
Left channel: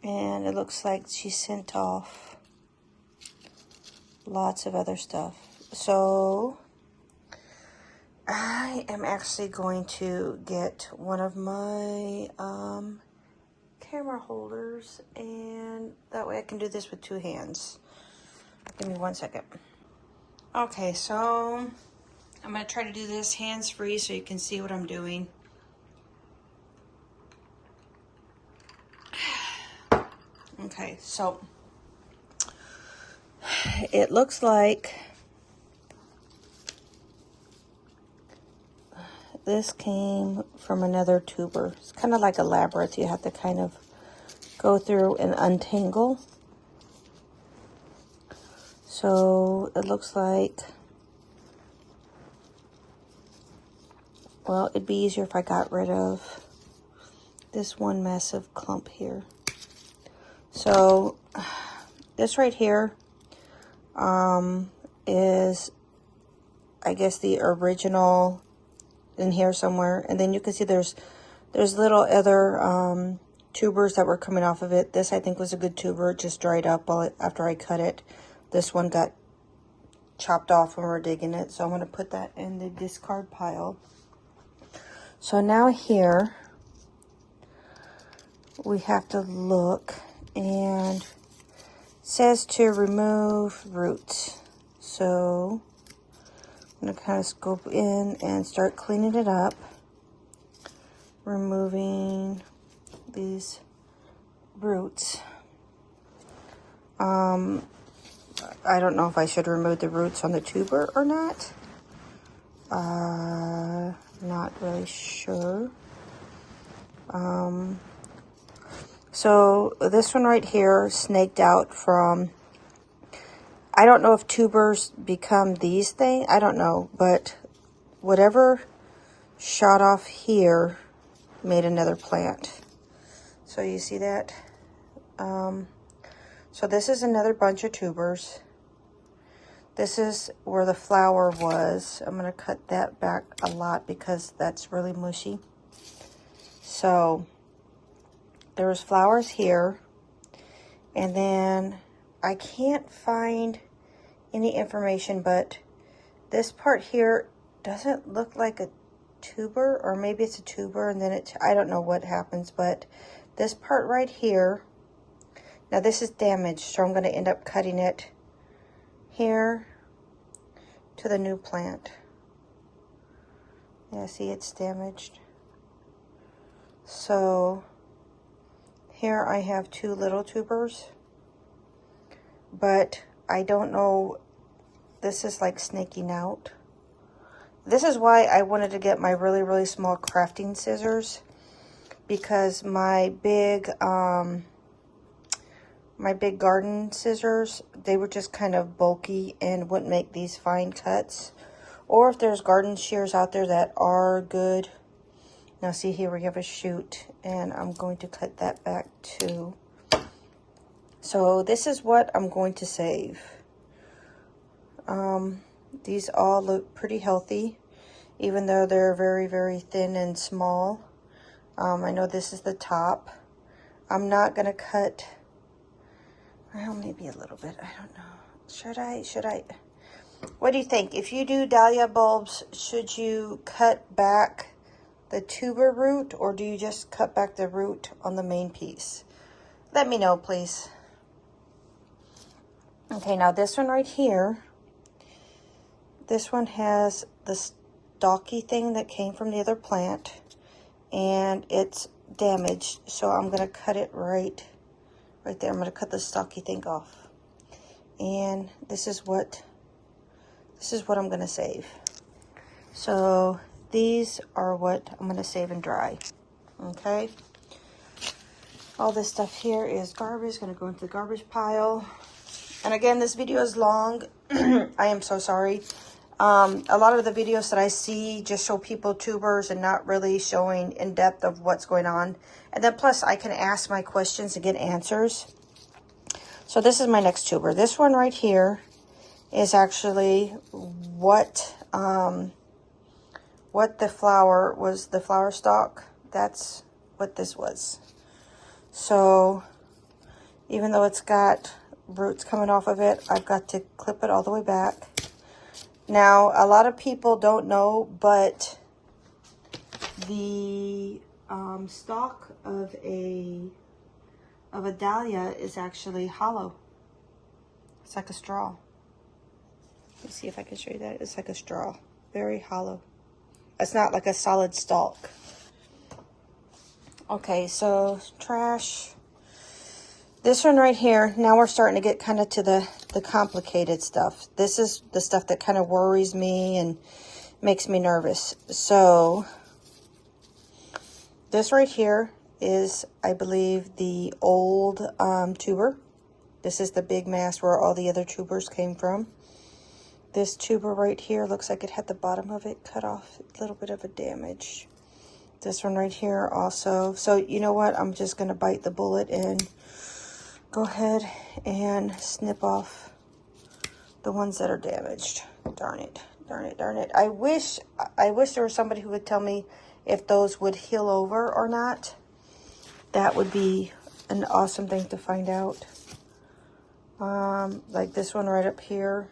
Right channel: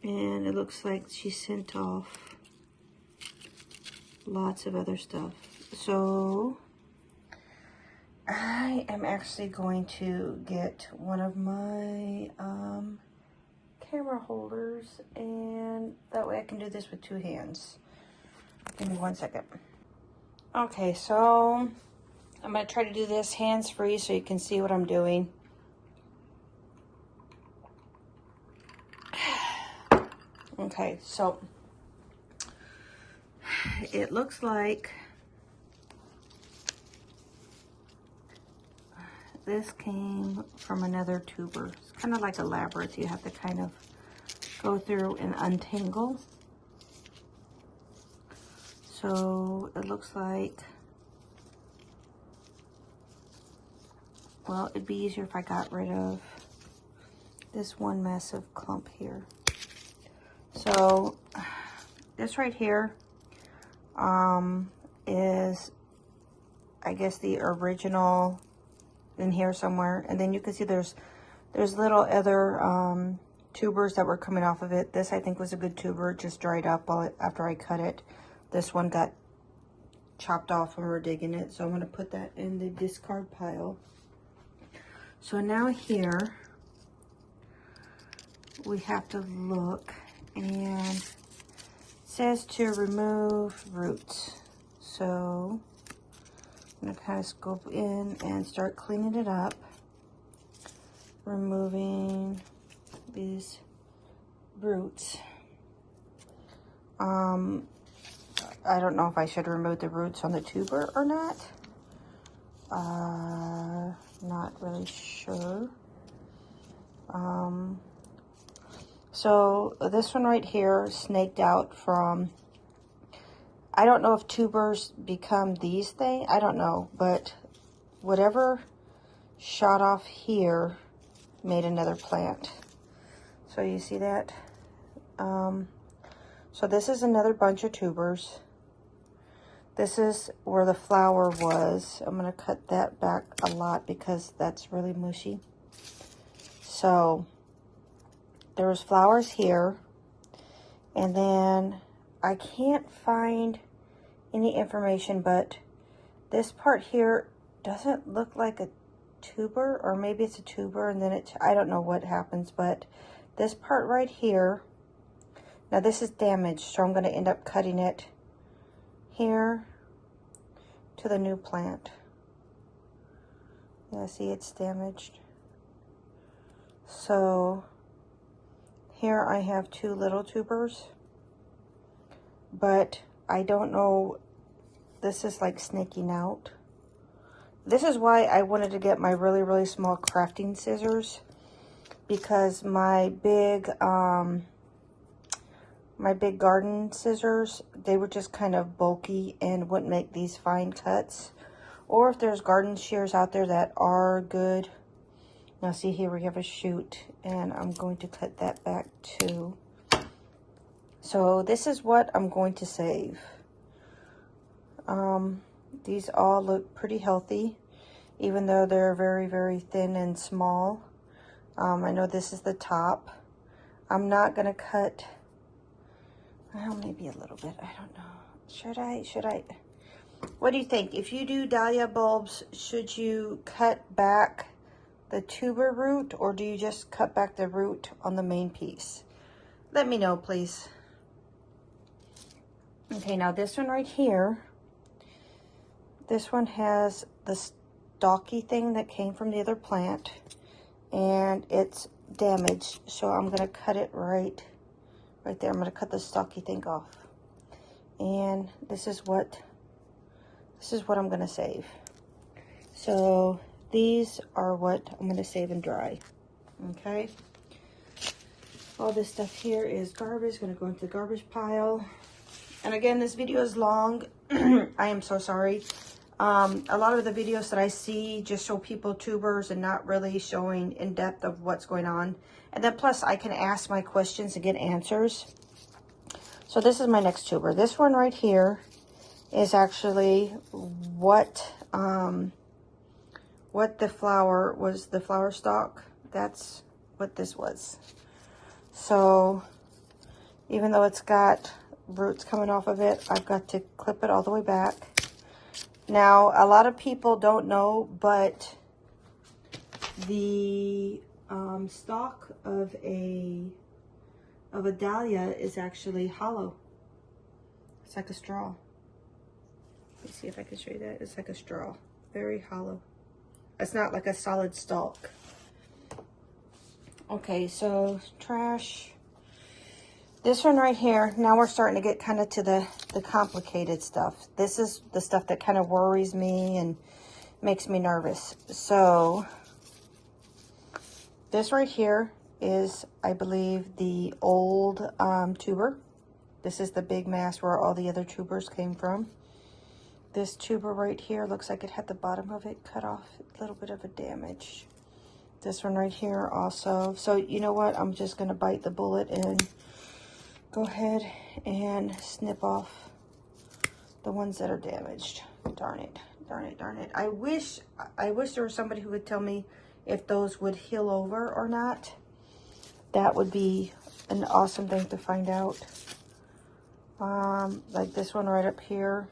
And it looks like she sent off lots of other stuff. So I am actually going to get one of my camera holders, and that way I can do this with 2 hands. Give me 1 second. Okay, so I'm going to try to do this hands-free so you can see what I'm doing. Okay, so it looks like this came from another tuber. It's kind of like a labyrinth. You have to kind of go through and untangle. So it looks like, well, it'd be easier if I got rid of this one massive clump here. So this right here is, I guess, the original in here somewhere. And then you can see there's little other tubers that were coming off of it. This, I think, was a good tuber. It just dried up after I cut it. This one got chopped off when we were digging it. So I'm going to put that in the discard pile. So now here we have to look, and it says to remove roots. So I'm going to kind of scoop in and start cleaning it up, removing these roots. I don't know if I should remove the roots on the tuber or not. Not really sure. So this one right here snaked out from, I don't know if tubers become these things. I don't know, but whatever shot off here made another plant. So you see that? So this is another bunch of tubers. This is where the flower was. I'm going to cut that back a lot because that's really mushy. So there was flowers here. And then I can't find any information, but this part here doesn't look like a tuber, or maybe it's a tuber and then I don't know what happens, but this part right here, now this is damaged, so I'm going to end up cutting it here to the new plant. Yeah, see, it's damaged. So here I have 2 little tubers, but I don't know, this is like snaking out. This is why I wanted to get my really, really small crafting scissors, because my big garden scissors, they were just kind of bulky and wouldn't make these fine cuts. Or if there's garden shears out there that are good. Now see, here we have a shoot, and I'm going to cut that back too. So this is what I'm going to save. These all look pretty healthy, even though they're very, very thin and small. I know this is the top. I'm not going to cut, well, maybe a little bit. I don't know. Should I? What do you think? If you do dahlia bulbs, should you cut back the tuber root, or do you just cut back the root on the main piece? Let me know, please. Okay, now this one right here, this one has the stalky thing that came from the other plant, and it's damaged, so I'm going to cut it right there. I'm going to cut the stalky thing off. And this is what I'm going to save. So these are what I'm going to save and dry. Okay. All this stuff here is garbage. Going to go into the garbage pile. And again, this video is long. I am so sorry. A lot of the videos that I see just show people tubers and not really showing in depth of what's going on. And then plus I can ask my questions and get answers. So this is my next tuber. This one right here is actually what the flower was, the flower stalk. That's what this was. So even though it's got roots coming off of it, I've got to clip it all the way back. Now, a lot of people don't know, but the stalk of a dahlia is actually hollow. It's like a straw. Let me see if I can show you that. It's like a straw, very hollow. It's not like a solid stalk. Okay, so trash. This one right here, now we're starting to get kind of to the complicated stuff. This is the stuff that kind of worries me and makes me nervous. So this right here is, I believe, the old tuber. This is the big mass where all the other tubers came from. This tuber right here looks like it had the bottom of it cut off, a little bit of a damage. This one right here also. So you know what? I'm just going to bite the bullet and go ahead and snip off the ones that are damaged. Darn it, darn it, darn it. I wish there was somebody who would tell me if those would heal over or not. That would be an awesome thing to find out. Like this one right up here.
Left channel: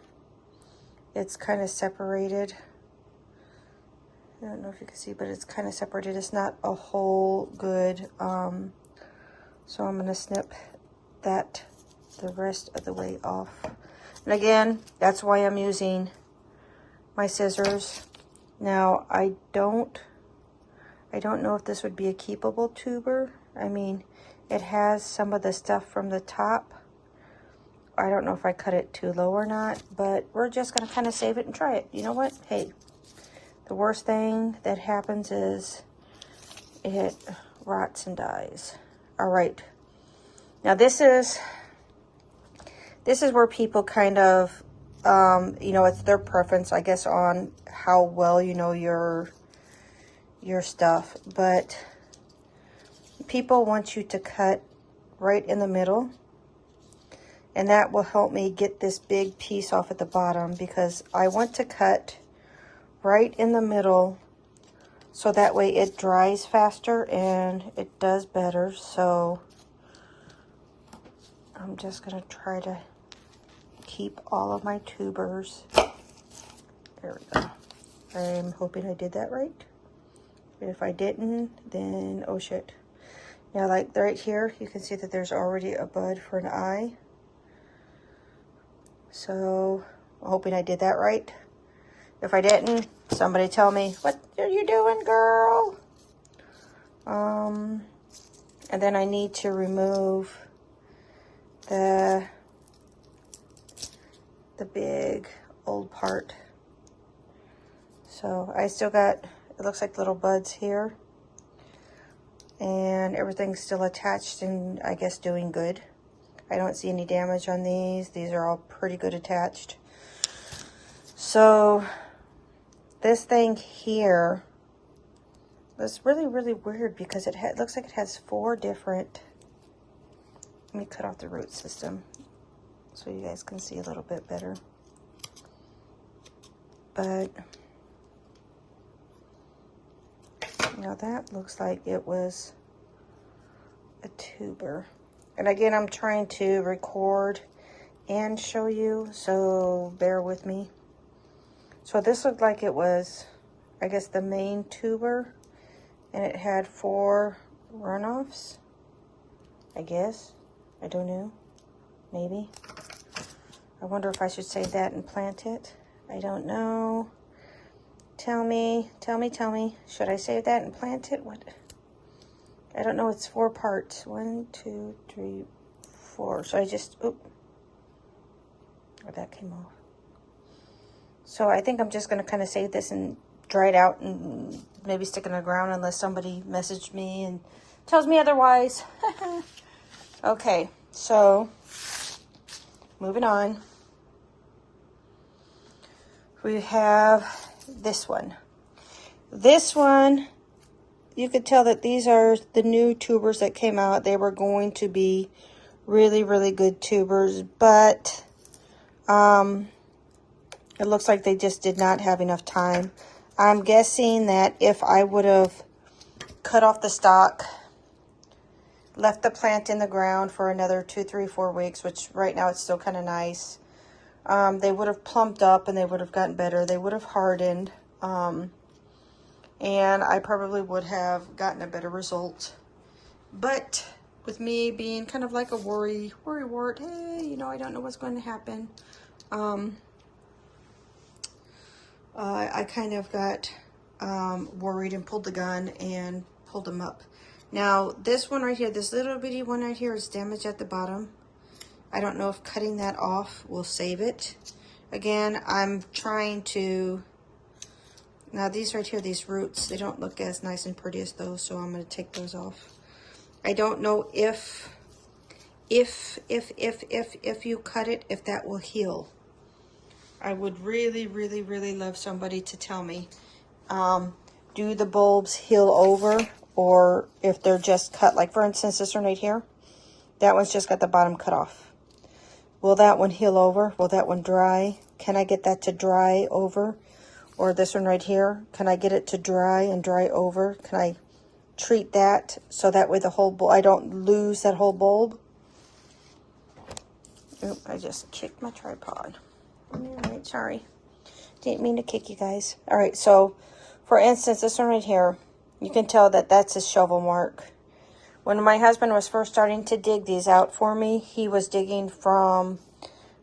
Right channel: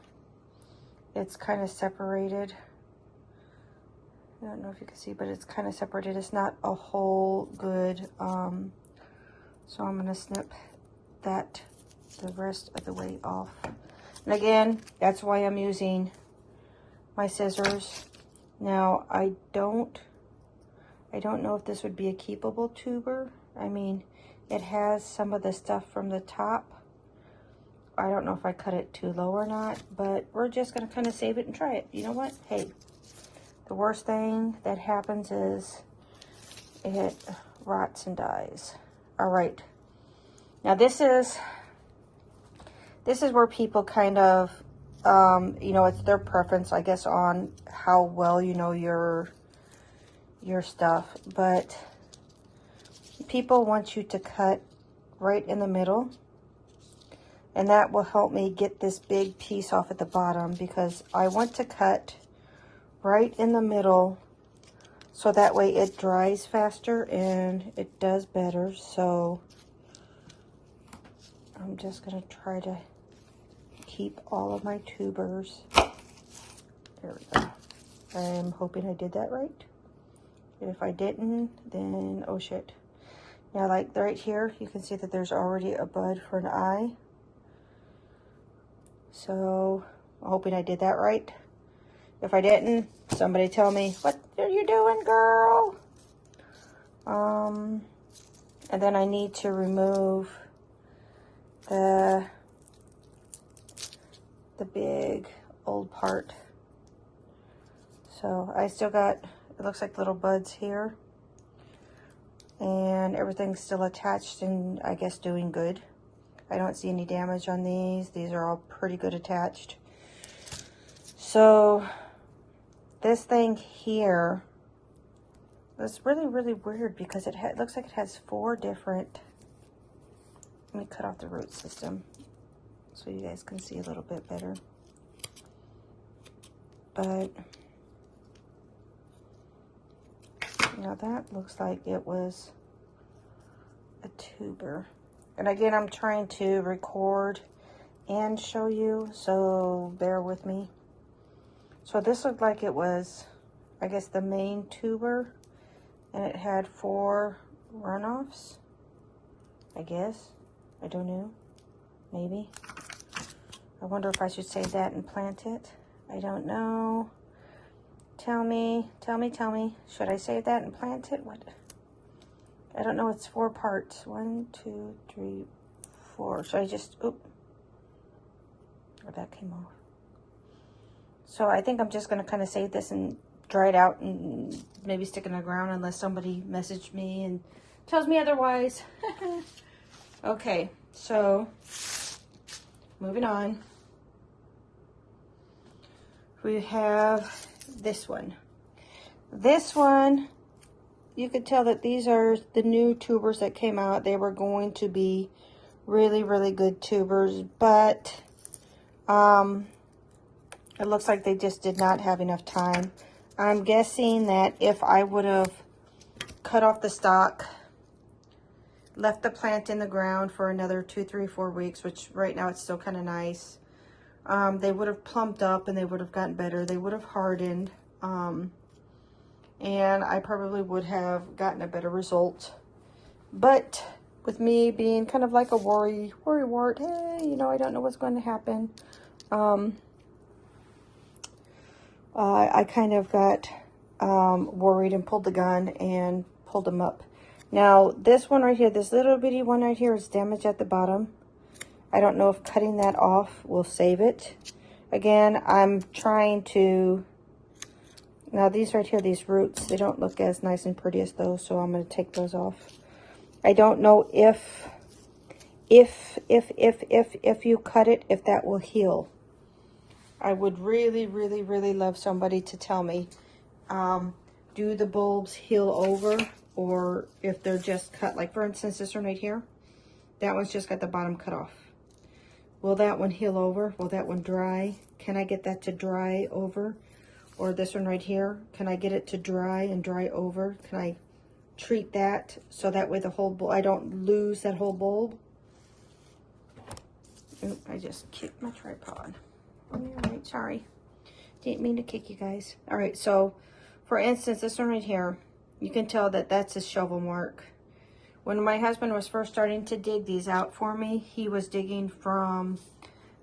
It's kind of separated. I don't know if you can see, but it's kind of separated. It's not a whole good. So I'm going to snip that the rest of the way off. And again, that's why I'm using my scissors. Now, I don't know if this would be a keepable tuber. I mean, it has some of the stuff from the top. I don't know if I cut it too low or not, but we're just going to kind of save it and try it. You know what? Hey, the worst thing that happens is it rots and dies. All right. Now this is where people kind of, you know, it's their preference, I guess, on how well you know your stuff. But people want you to cut right in the middle. And that will help me get this big piece off at the bottom, because I want to cut right in the middle so that way it dries faster and it does better. So I'm just going to try to keep all of my tubers. There we go. I'm hoping I did that right. If I didn't, then oh shit. Yeah, like right here, you can see that there's already a bud for an eye. So I'm hoping I did that right. If I didn't, somebody tell me, what are you doing, girl? And then I need to remove the big old part. So I still got, it looks like little buds here. And everything's still attached and I guess doing good. I don't see any damage on these. These are all pretty good attached. So this thing here was really, really weird because it looks like it has 4 different. Let me cut off the root system so you guys can see a little bit better. But you know, that looks like it was a tuber. And again, I'm trying to record and show you, so bear with me. So this looked like it was, I guess, the main tuber, and it had 4 runoffs, I guess. I don't know, maybe. I wonder if I should save that and plant it. I don't know. Tell me. Should I save that and plant it? What? I don't know, it's 4 parts. 1, 2, 3, 4. So I just, oop. Oh, that came off. So I think I'm just going to kind of save this and dry it out and maybe stick it in the ground unless somebody messaged me and tells me otherwise. Okay, so moving on. We have this one. This one, you could tell that these are the new tubers that came out. They were going to be really, really good tubers, but it looks like they just did not have enough time. I'm guessing that if I would have cut off the stalk, left the plant in the ground for another 2, 3, 4 weeks, which right now it's still kind of nice, they would have plumped up and they would have gotten better. They would have hardened. And I probably would have gotten a better result. But with me being kind of like a worry wart, hey, you know, I don't know what's going to happen. I kind of got worried and pulled the gun and pulled them up. Now, this one right here, this little bitty one right here is damaged at the bottom. I don't know if cutting that off will save it. Again, I'm trying to... Now, these right here, these roots, they don't look as nice and pretty as those, so I'm going to take those off. I don't know if you cut it, if that will heal. I would really, really, really love somebody to tell me, do the bulbs heal over, or if they're just cut, like for instance, this one right here, that one's just got the bottom cut off. Will that one heal over? Will that one dry? Can I get that to dry over? Or this one right here, can I get it to dry and dry over? Can I treat that so that way the whole bulb, I don't lose that whole bulb? Oop, I just kicked my tripod. All right, sorry. Didn't mean to kick you guys. All right, so for instance, this one right here, you can tell that that's a shovel mark. When my husband was first starting to dig these out for me, he was digging from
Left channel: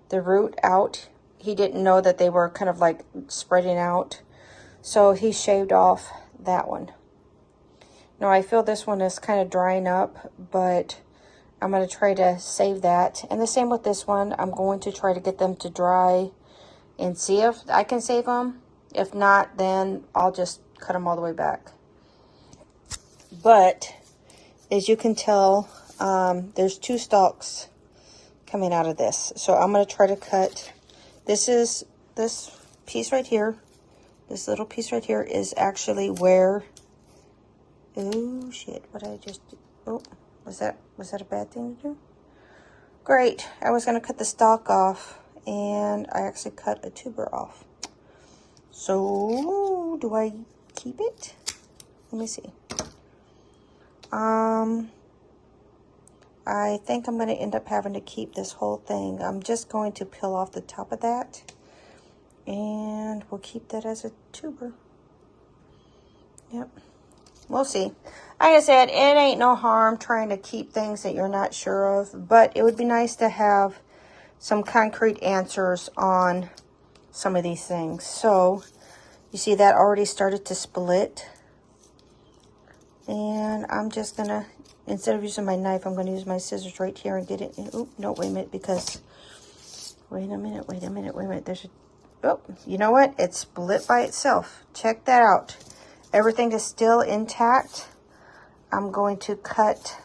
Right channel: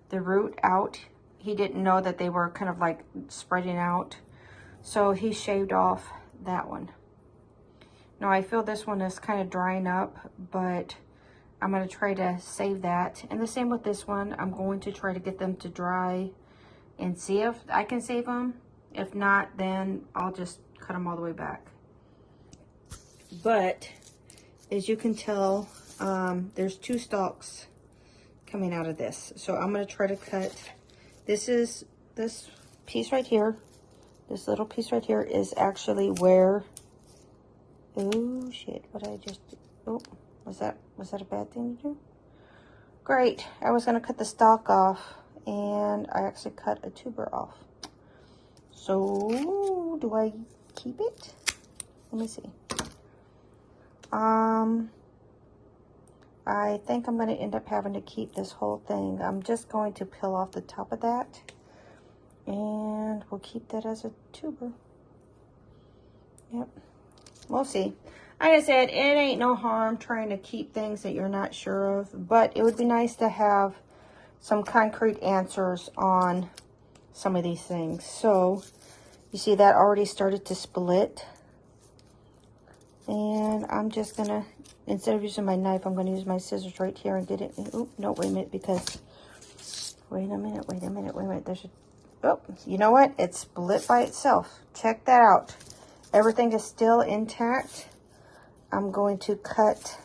the root out. He didn't know that they were kind of like spreading out. So he shaved off that one. Now I feel this one is kind of drying up, but I'm going to try to save that. And the same with this one. I'm going to try to get them to dry and see if I can save them. If not, then I'll just cut them all the way back. But as you can tell, there's 2 stalks coming out of this. So I'm going to try to cut. This is this piece right here. This little piece right here is actually where, oh shit, what did I just do? Oh, was that a bad thing to do? Great, I was gonna cut the stalk off and I actually cut a tuber off. So, do I keep it? Let me see. I think I'm gonna end up having to keep this whole thing. I'm just going to peel off the top of that. And we'll keep that as a tuber. Yep. We'll see. Like I said, it ain't no harm trying to keep things that you're not sure of. But it would be nice to have some concrete answers on some of these things. So, you see that already started to split. And I'm just going to, instead of using my knife, I'm going to use my scissors right here and get it. Oh, no, wait a minute, because, wait a minute. There's a, oh, you know what? It split by itself. Check that out. Everything is still intact. I'm going to cut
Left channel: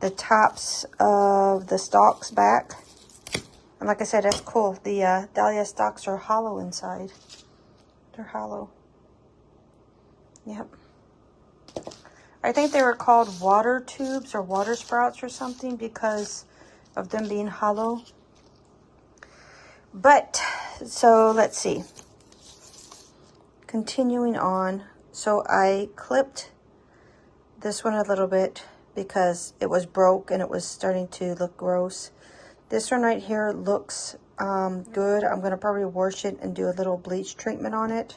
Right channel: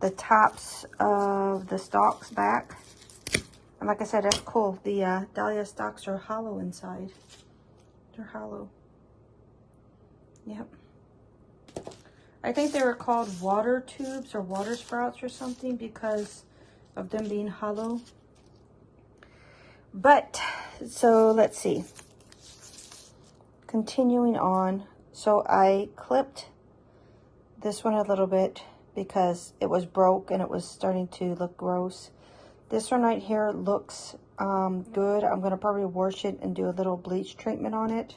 the tops of the stalks back. And like I said, that's cool. The dahlia stalks are hollow inside. They're hollow. Yep. I think they were called water tubes or water sprouts or something because of them being hollow. But, so let's see. Continuing on. So I clipped this one a little bit because it was broke and it was starting to look gross. This one right here looks good. I'm going to probably wash it and do a little bleach treatment on it.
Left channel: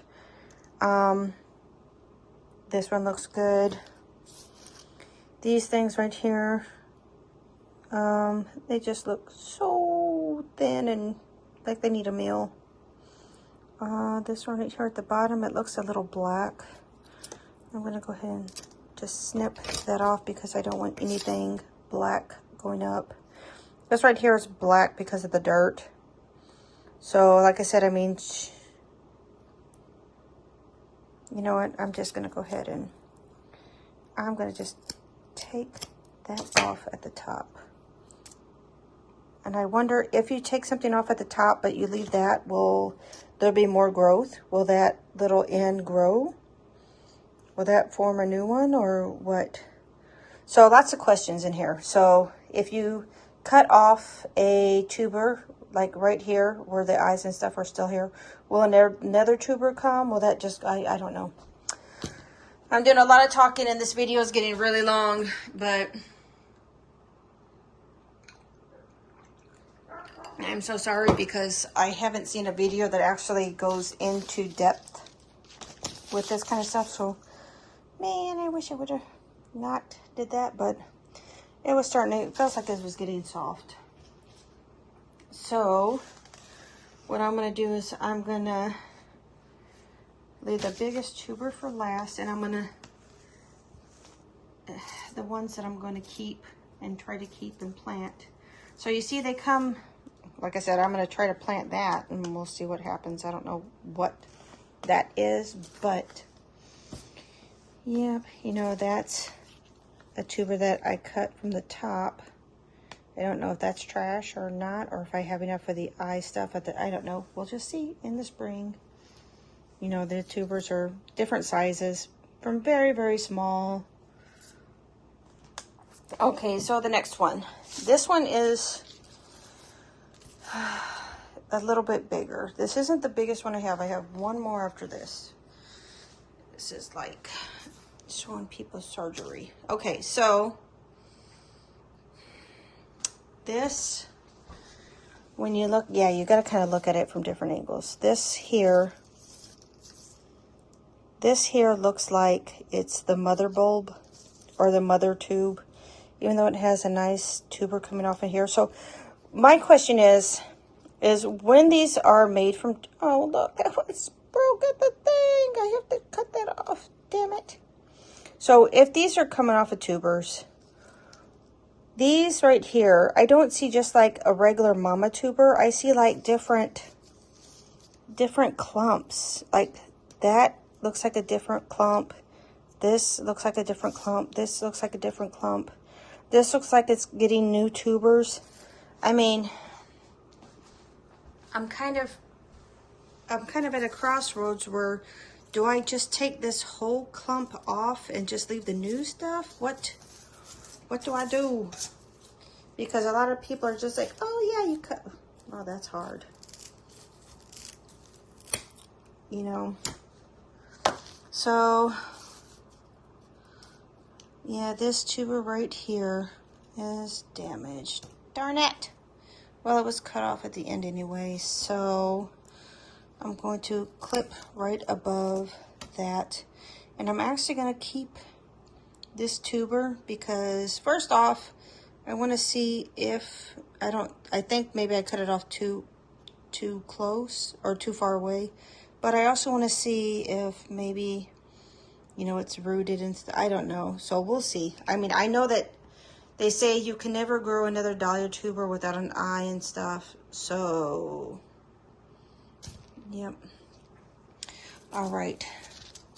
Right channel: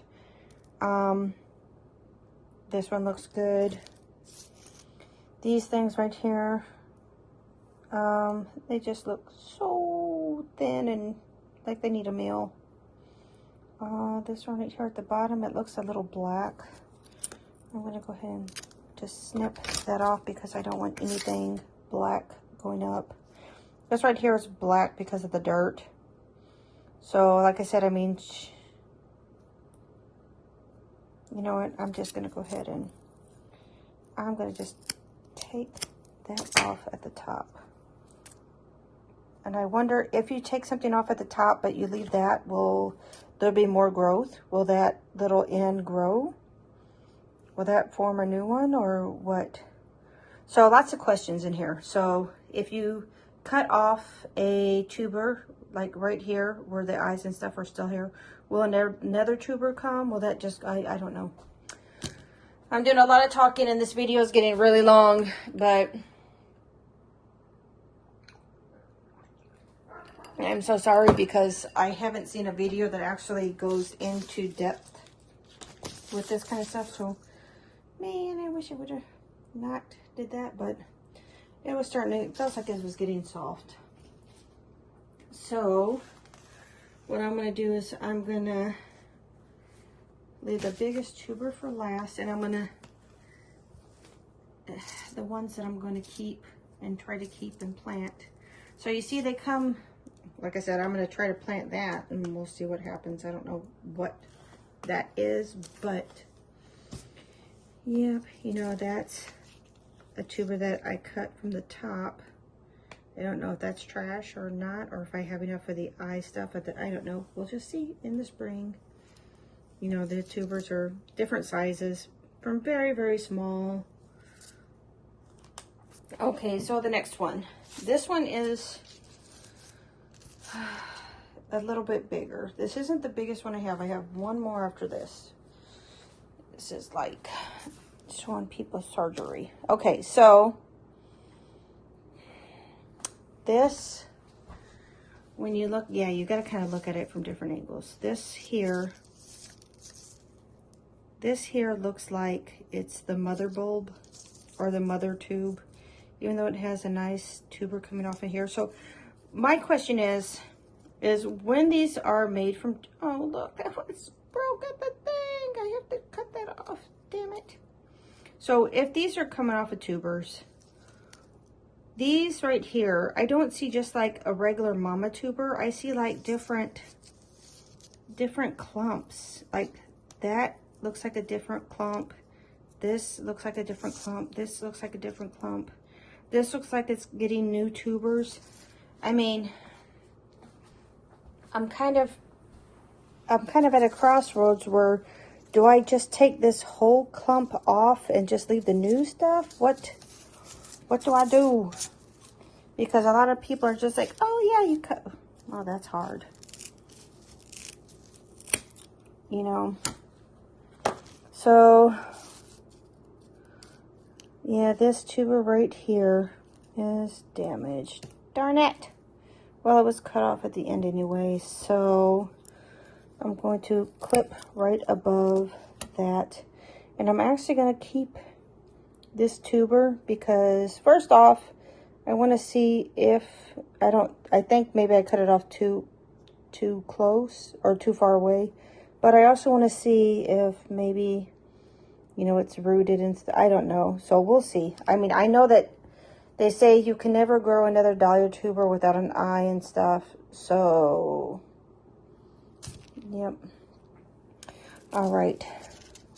This one looks good. These things right here, they just look so thin and like they need a meal. This one right here at the bottom, it looks a little black. I'm going to go ahead and just snip that off because I don't want anything black going up. This right here is black because of the dirt. So, like I said, I mean, you know what? I'm just going to go ahead and I'm going to just take that off at the top. And I wonder if you take something off at the top, but you leave that, will there be more growth? Will that little end grow? Will that form a new one or what? So lots of questions in here. So if you cut off a tuber, like right here where the eyes and stuff are still here, will another tuber come? Will that just, I don't know. I'm doing a lot of talking and this video is getting really long, but I'm so sorry because I haven't seen a video that actually goes into depth with this kind of stuff. So, man, I wish I would have not did that, but it was starting to, it feels like it was getting soft. So, what I'm going to do is I'm going to leave the biggest tuber for last, and I'm going to, the ones that I'm going to keep and try to keep and plant. So you see they come, like I said, I'm going to try to plant that and we'll see what happens. I don't know what that is, but yeah, you know, that's a tuber that I cut from the top. I don't know if that's trash or not, or if I have enough of the eye stuff at the, I don't know. We'll just see in the spring. You know, the tubers are different sizes from very, very small. Okay, so the next one. This one is a little bit bigger. This isn't the biggest one I have. I have one more after this. This is like showing people surgery. Okay, so this, when you look, yeah, you got to kind of look at it from different angles. This here looks like it's the mother bulb or the mother tube, even though it has a nice tuber coming off of here. So my question is when these are made from, oh, look, that was broke at the thing. I have to cut that off, damn it. So if these are coming off of tubers, these right here, I don't see just like a regular mama tuber. I see like different clumps. Like that looks like a different clump. This looks like a different clump. This looks like a different clump. This looks like it's getting new tubers. I mean, I'm kind of at a crossroads where, do I just take this whole clump off and just leave the new stuff? What do I do? Because a lot of people are just like, oh yeah, you cut. Oh, that's hard. You know. So, yeah, this tuber right here is damaged. Darn it. Well, it was cut off at the end anyway, so I'm going to clip right above that. And I'm actually going to keep this tuber because, first off, I want to see if I think maybe I cut it off too close or too far away. But I also want to see if maybe, you know, it's rooted and I don't know. So we'll see. I mean, I know that they say you can never grow another dahlia tuber without an eye and stuff. So, yep. All right.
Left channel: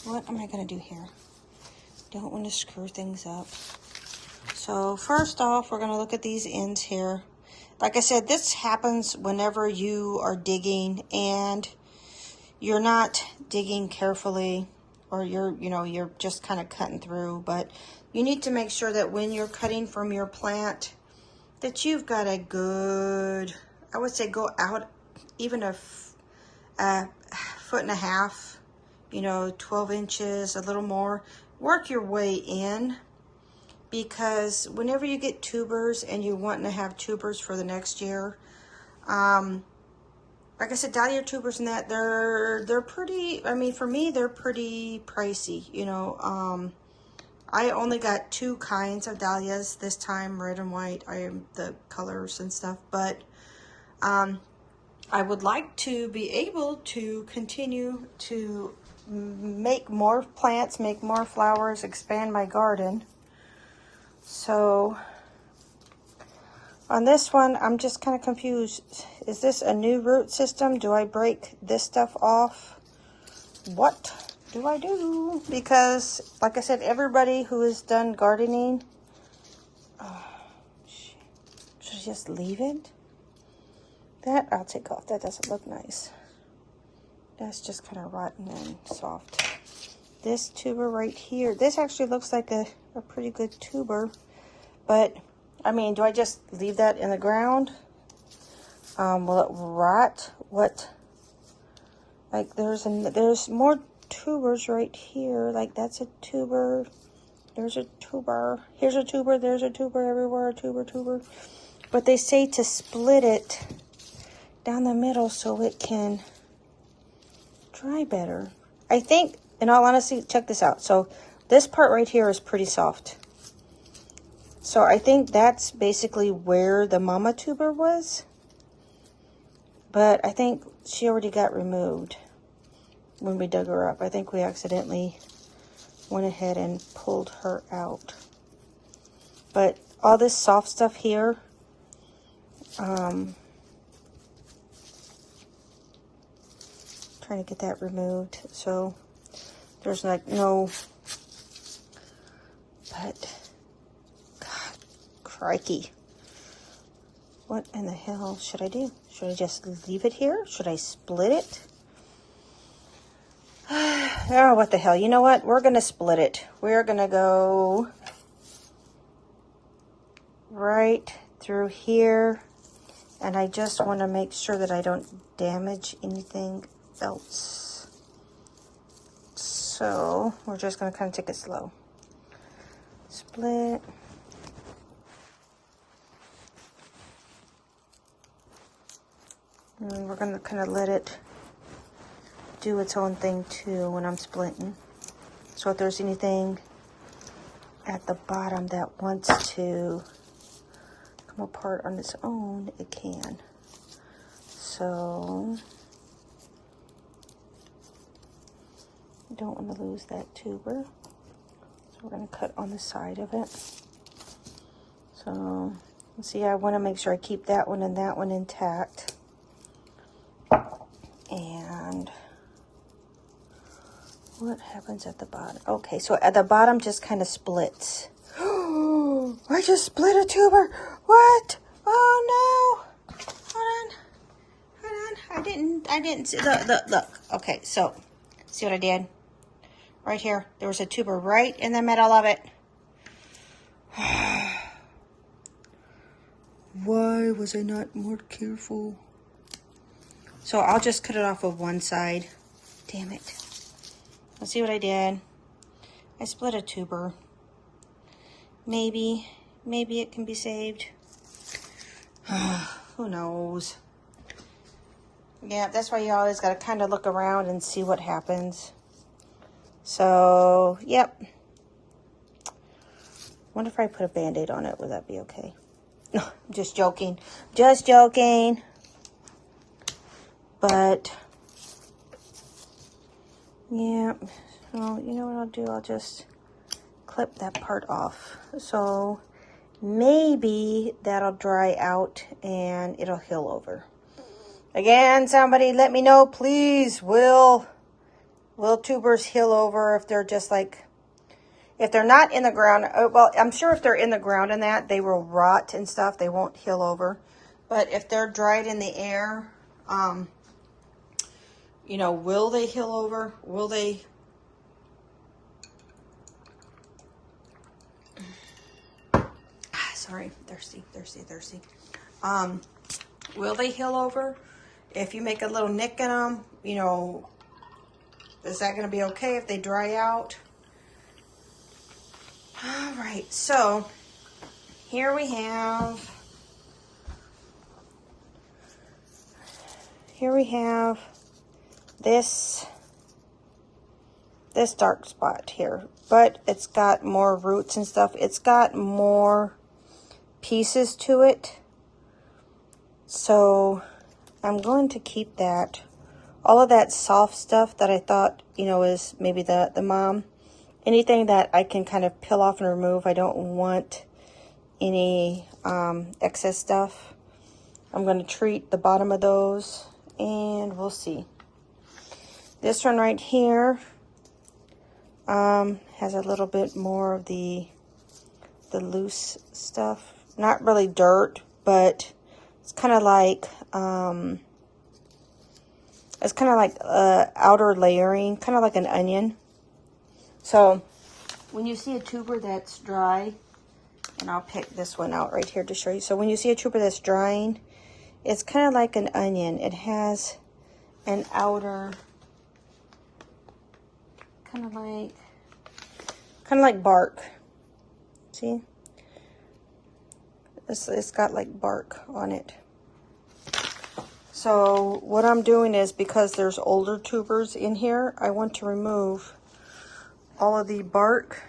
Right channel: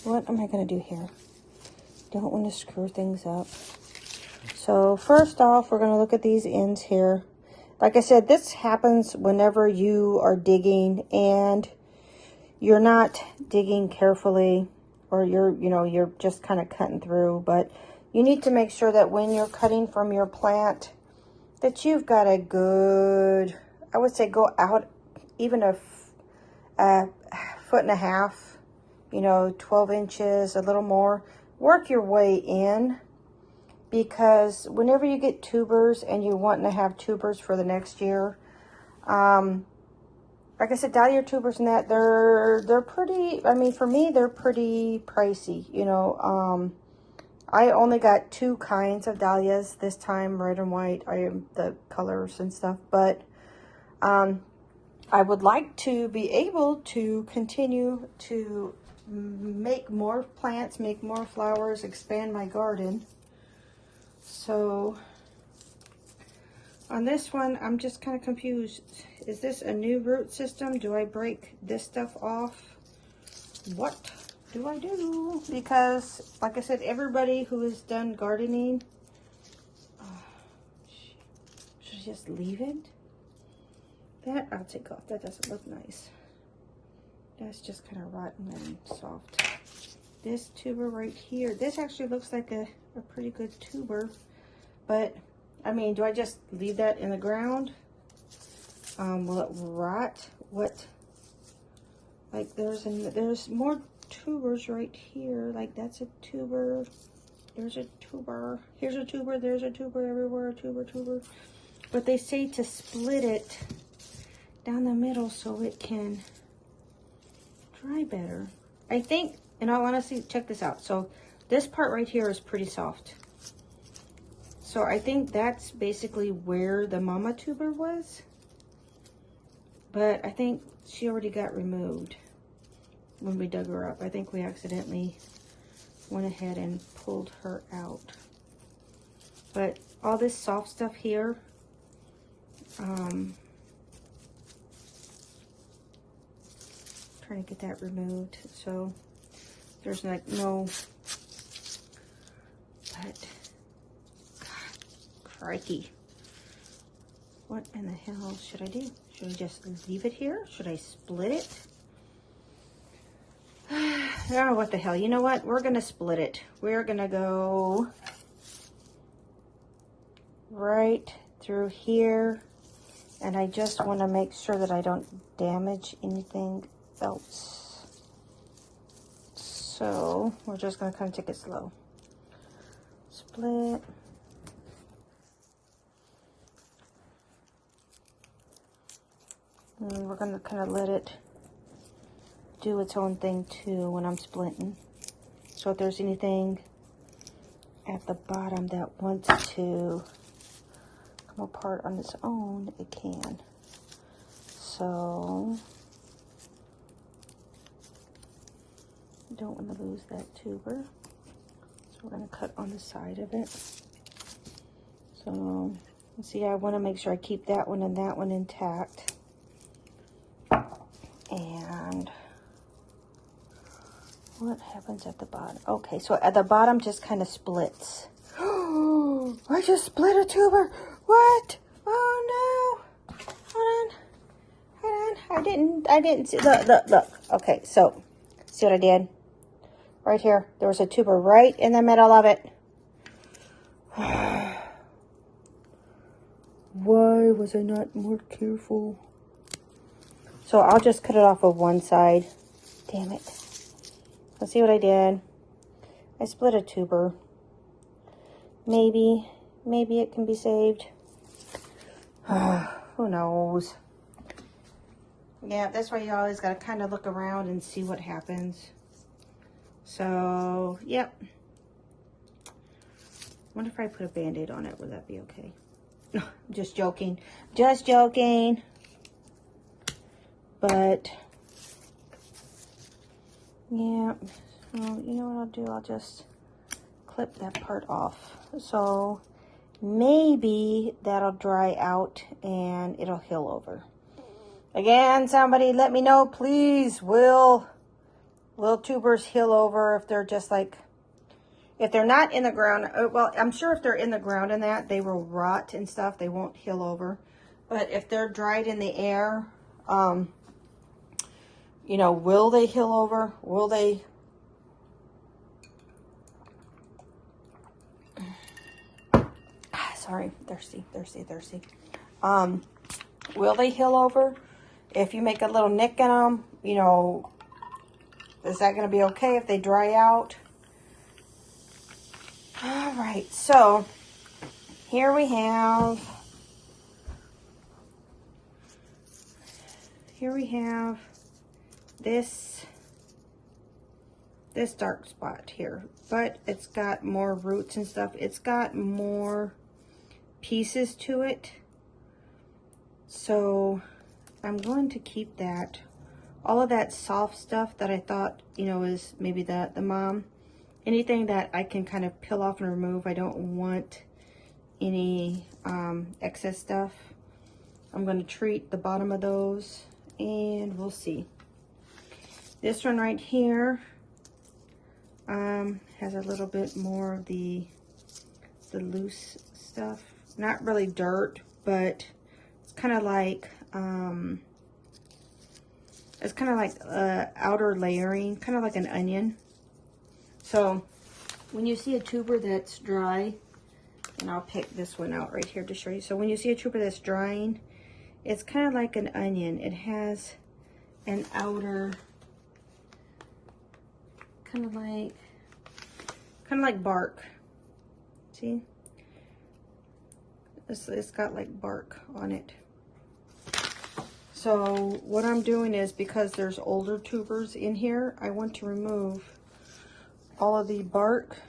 What am I going to do here? Don't want to screw things up. So first off, we're going to look at these ends here. Like I said, this happens whenever you are digging and you're not digging carefully, or you're just kind of cutting through. But you need to make sure that when you're cutting from your plant that you've got a good, I would say go out even a foot and a half, 12 inches, a little more. Work your way in, because whenever you get tubers and you're wanting to have tubers for the next year, like I said, dahlia tubers and that, they're pretty, I mean, for me, they're pretty pricey, I only got 2 kinds of dahlias this time, red and white. I am the colors and stuff, but I would like to be able to continue to make more plants, make more flowers, expand my garden. So on this one, I'm just kind of confused. Is this a new root system? Do I break this stuff off? What do I do? Because, like I said, everybody who has done gardening, should I just leave it? That I'll take off. That doesn't look nice. That's just kind of rotten and soft. This tuber right here, this actually looks like a pretty good tuber, but I mean, do I just leave that in the ground? Will it rot? What? Like there's more tubers right here. Like that's a tuber. There's a tuber. Here's a tuber. There's a tuber everywhere. A tuber. But they say to split it down the middle so it can dry better. I think, in all honesty, check this out. So this part right here is pretty soft. So I think that's basically where the mama tuber was. But I think she already got removed when we dug her up. I think we accidentally went ahead and pulled her out. But all this soft stuff here, trying to get that removed so there's no, but God, crikey. What in the hell should I do? Should I just leave it here? Should I split it? Oh, what the hell. You know what? We're going to split it. We're going to go right through here. And I just want to make sure that I don't damage anything else. So we're just going to kind of take it slow. Split. And we're going to kind of let it do its own thing too when I'm splitting. So if there's anything at the bottom that wants to come apart on its own, it can. So you don't want to lose that tuber. So we're going to cut on the side of it. So see, I want to make sure I keep that one and that one intact. And what happens at the bottom? Okay, so at the bottom just kind of splits. Oh, I just split a tuber. What? Oh no. Hold on. I didn't see. Look. Okay, so see what I did? Right here. There was a tuber right in the middle of it. Why was I not more careful? So I'll just cut it off of one side. Damn it. Let's see what I did. I split a tuber. Maybe it can be saved. Who knows? Yeah, that's why you always got to kind of look around and see what happens. So, yep. Wonder if I put a Band-Aid on it, would that be okay? No, I'm just joking. Just joking. But, yeah, well, you know what I'll do? I'll just clip that part off. So maybe that'll dry out and it'll heal over. Again, somebody let me know, please. Will tubers heal over if they're just like, if they're not in the ground? Well, I'm sure if they're in the ground and that, they will rot and stuff. They won't heal over. But if they're dried in the air, you know, will they heal over? Will they? Sorry, thirsty. Will they heal over? If you make a little nick in them, you know, is that going to be okay if they dry out? All right, so here we have this dark spot here, but it's got more roots and stuff. It's got more pieces to it. So I'm going to keep that. All of that soft stuff that I thought, you know, is maybe the mom. Anything that I can kind of peel off and remove. I don't want any excess stuff. I'm going to treat the bottom of those and we'll see. This one right here has a little bit more of the loose stuff. Not really dirt, but it's kind of like outer layering, kind of like an onion. So when you see a tuber that's dry, and I'll pick this one out right here to show you. So when you see a tuber that's drying, it's kind of like an onion. It has an outer, kind of like bark. See? It's got like bark on it. So what I'm doing is, because there's older tubers in here, I want to remove all of the bark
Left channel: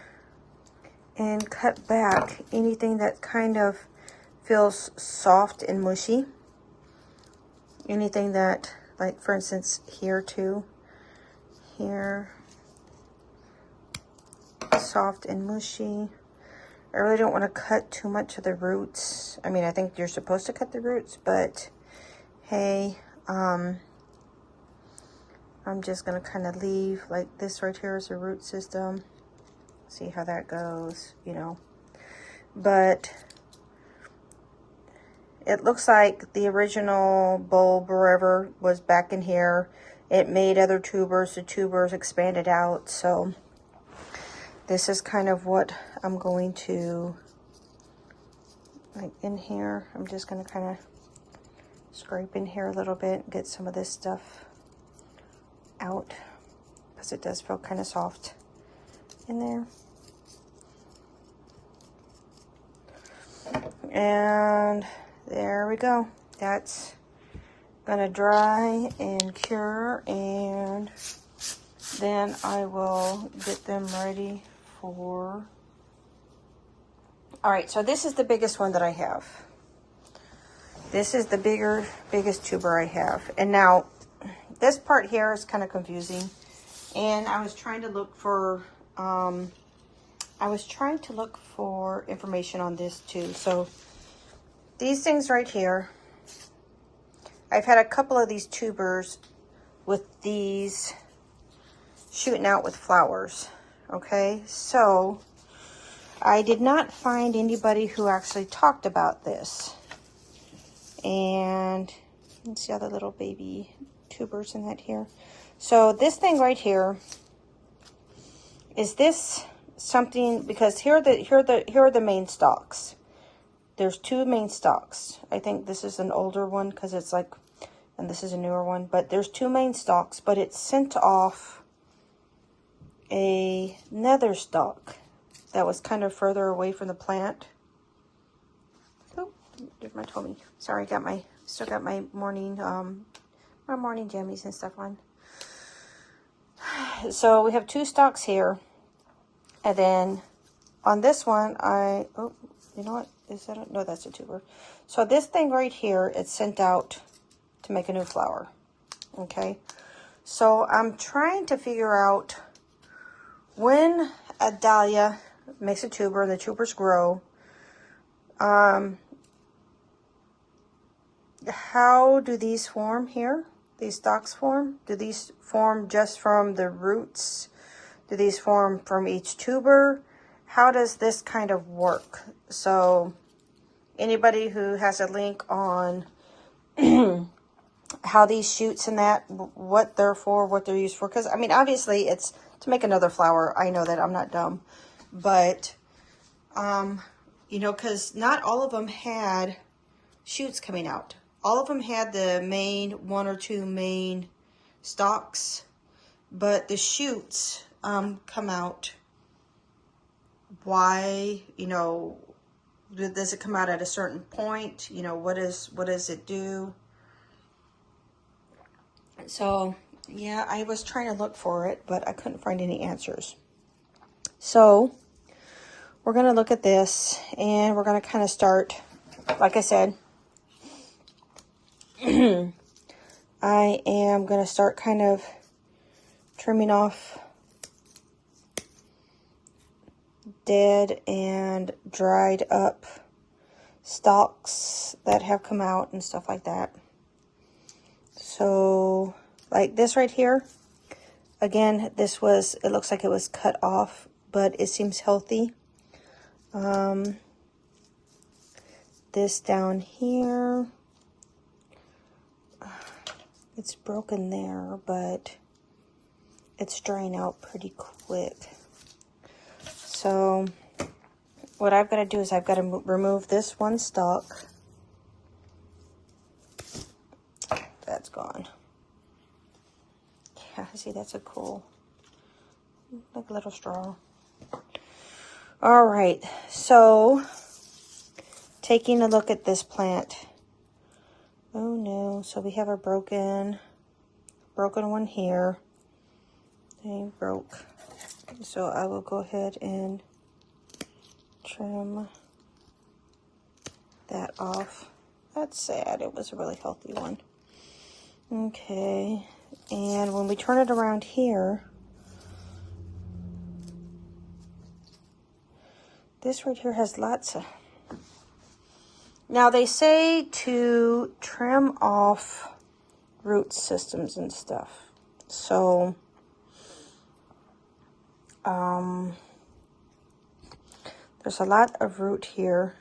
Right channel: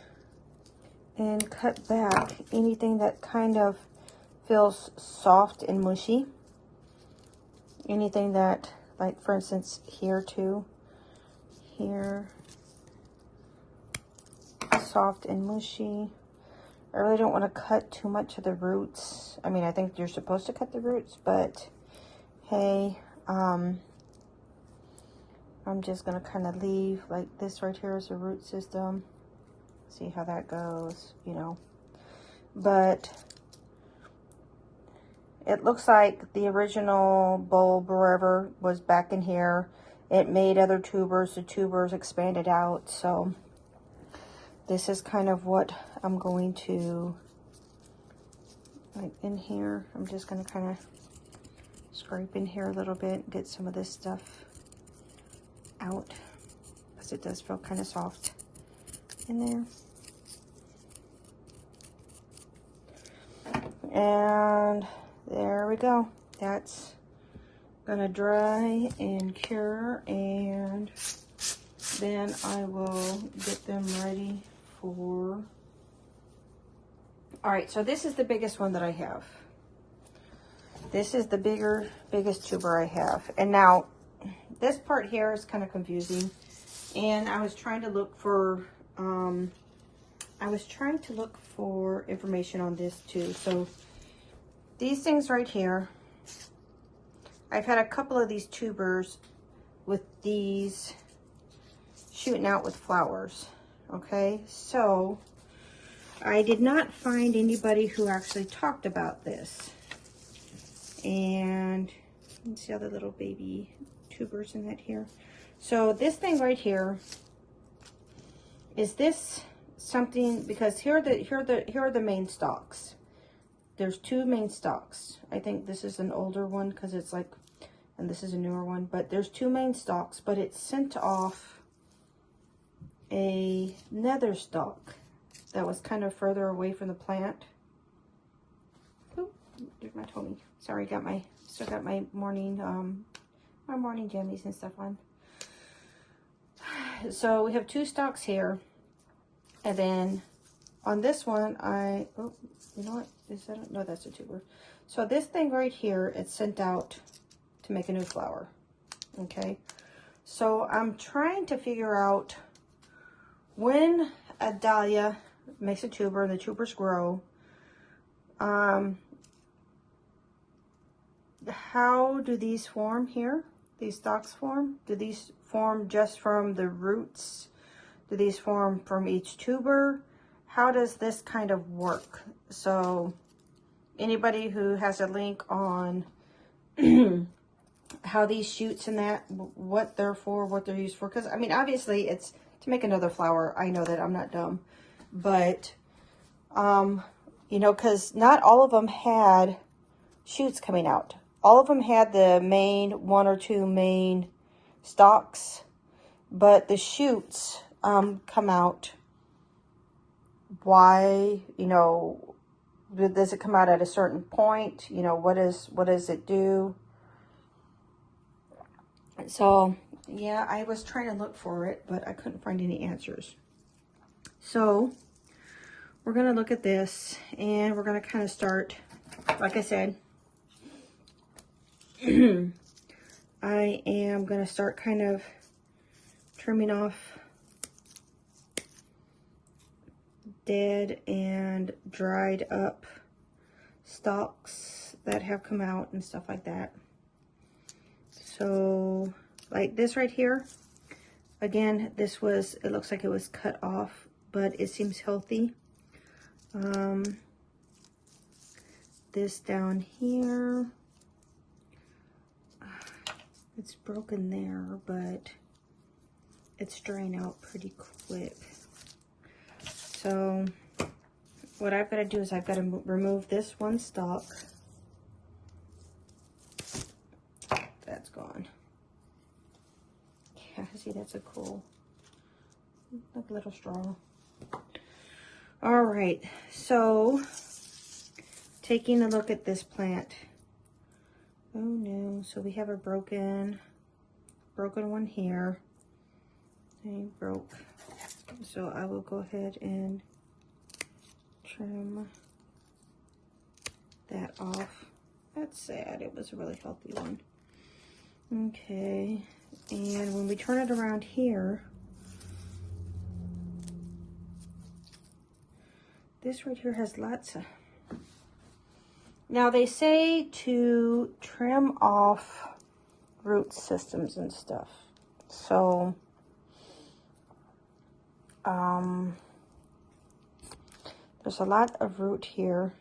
and cut back anything that kind of feels soft and mushy. Anything that, like for instance, here too, here, soft and mushy. I really don't want to cut too much of the roots. I mean, I think you're supposed to cut the roots, but hey, I'm just gonna kind of leave like this right here as a root system. See how that goes, you know. But it looks like the original bulb or whatever was back in here. It made other tubers, the tubers expanded out. So this is kind of what I'm going to, like in here, I'm just gonna kind of scrape in here a little bit, get some of this stuff out, because it does feel kind of soft in there. And there we go. That's gonna dry and cure, and then I will get them ready for... All right, so this is the biggest one that I have. This is the biggest tuber I have. And now this part here is kind of confusing, and I was trying to look for information on this too. So these things right here, I've had a couple of these tubers with these shooting out with flowers. Okay, so I did not find anybody who actually talked about this. And you can see all the little baby tubers in that here. So this thing right here, is this something, because here are the main stalks. There's two main stalks. I think this is an older one because it's like, and this is a newer one, but there's two main stalks, but it sent off another stalk that was kind of further away from the plant. Oh, there's my tummy. Sorry, still got my morning jammies and stuff on. So we have two stalks here, and then on this one, oh, you know what? Is that no, that's a tuber. So this thing right here, it's sent out to make a new flower. Okay, so I'm trying to figure out when a dahlia makes a tuber and the tubers grow, how do these form here? These stalks form? Do these form just from the roots? Do these form from each tuber? How does this kind of work? So anybody who has a link on how these shoots and that, what they're for, what they're used for. Because, I mean, obviously it's to make another flower. I know that, I'm not dumb. But, you know, because not all of them had shoots coming out. All of them had the main, one or two main stalks. But the shoots come out. Why, you know, does it come out at a certain point? You know, what does it do? So, yeah, I was trying to look for it, but I couldn't find any answers. So, we're going to look at this, and we're going to kind of start, like I said, I am going to start kind of trimming off dead and dried up stalks that have come out and stuff like that. So like this right here, again, this was, it looks like it was cut off, but it seems healthy. This down here, it's broken there, but it's drying out pretty quick. So what I've got to do is I've got to remove this one stalk. That's gone. Yeah, see, that's a cool, like a little straw. All right, so taking a look at this plant, Oh no, so we have a broken one here. They broke. So I will go ahead and trim that off. That's sad, it was a really healthy one. Okay, and when we turn it around here, this right here has lots of... Now they say to trim off root systems and stuff. So, there's a lot of root here.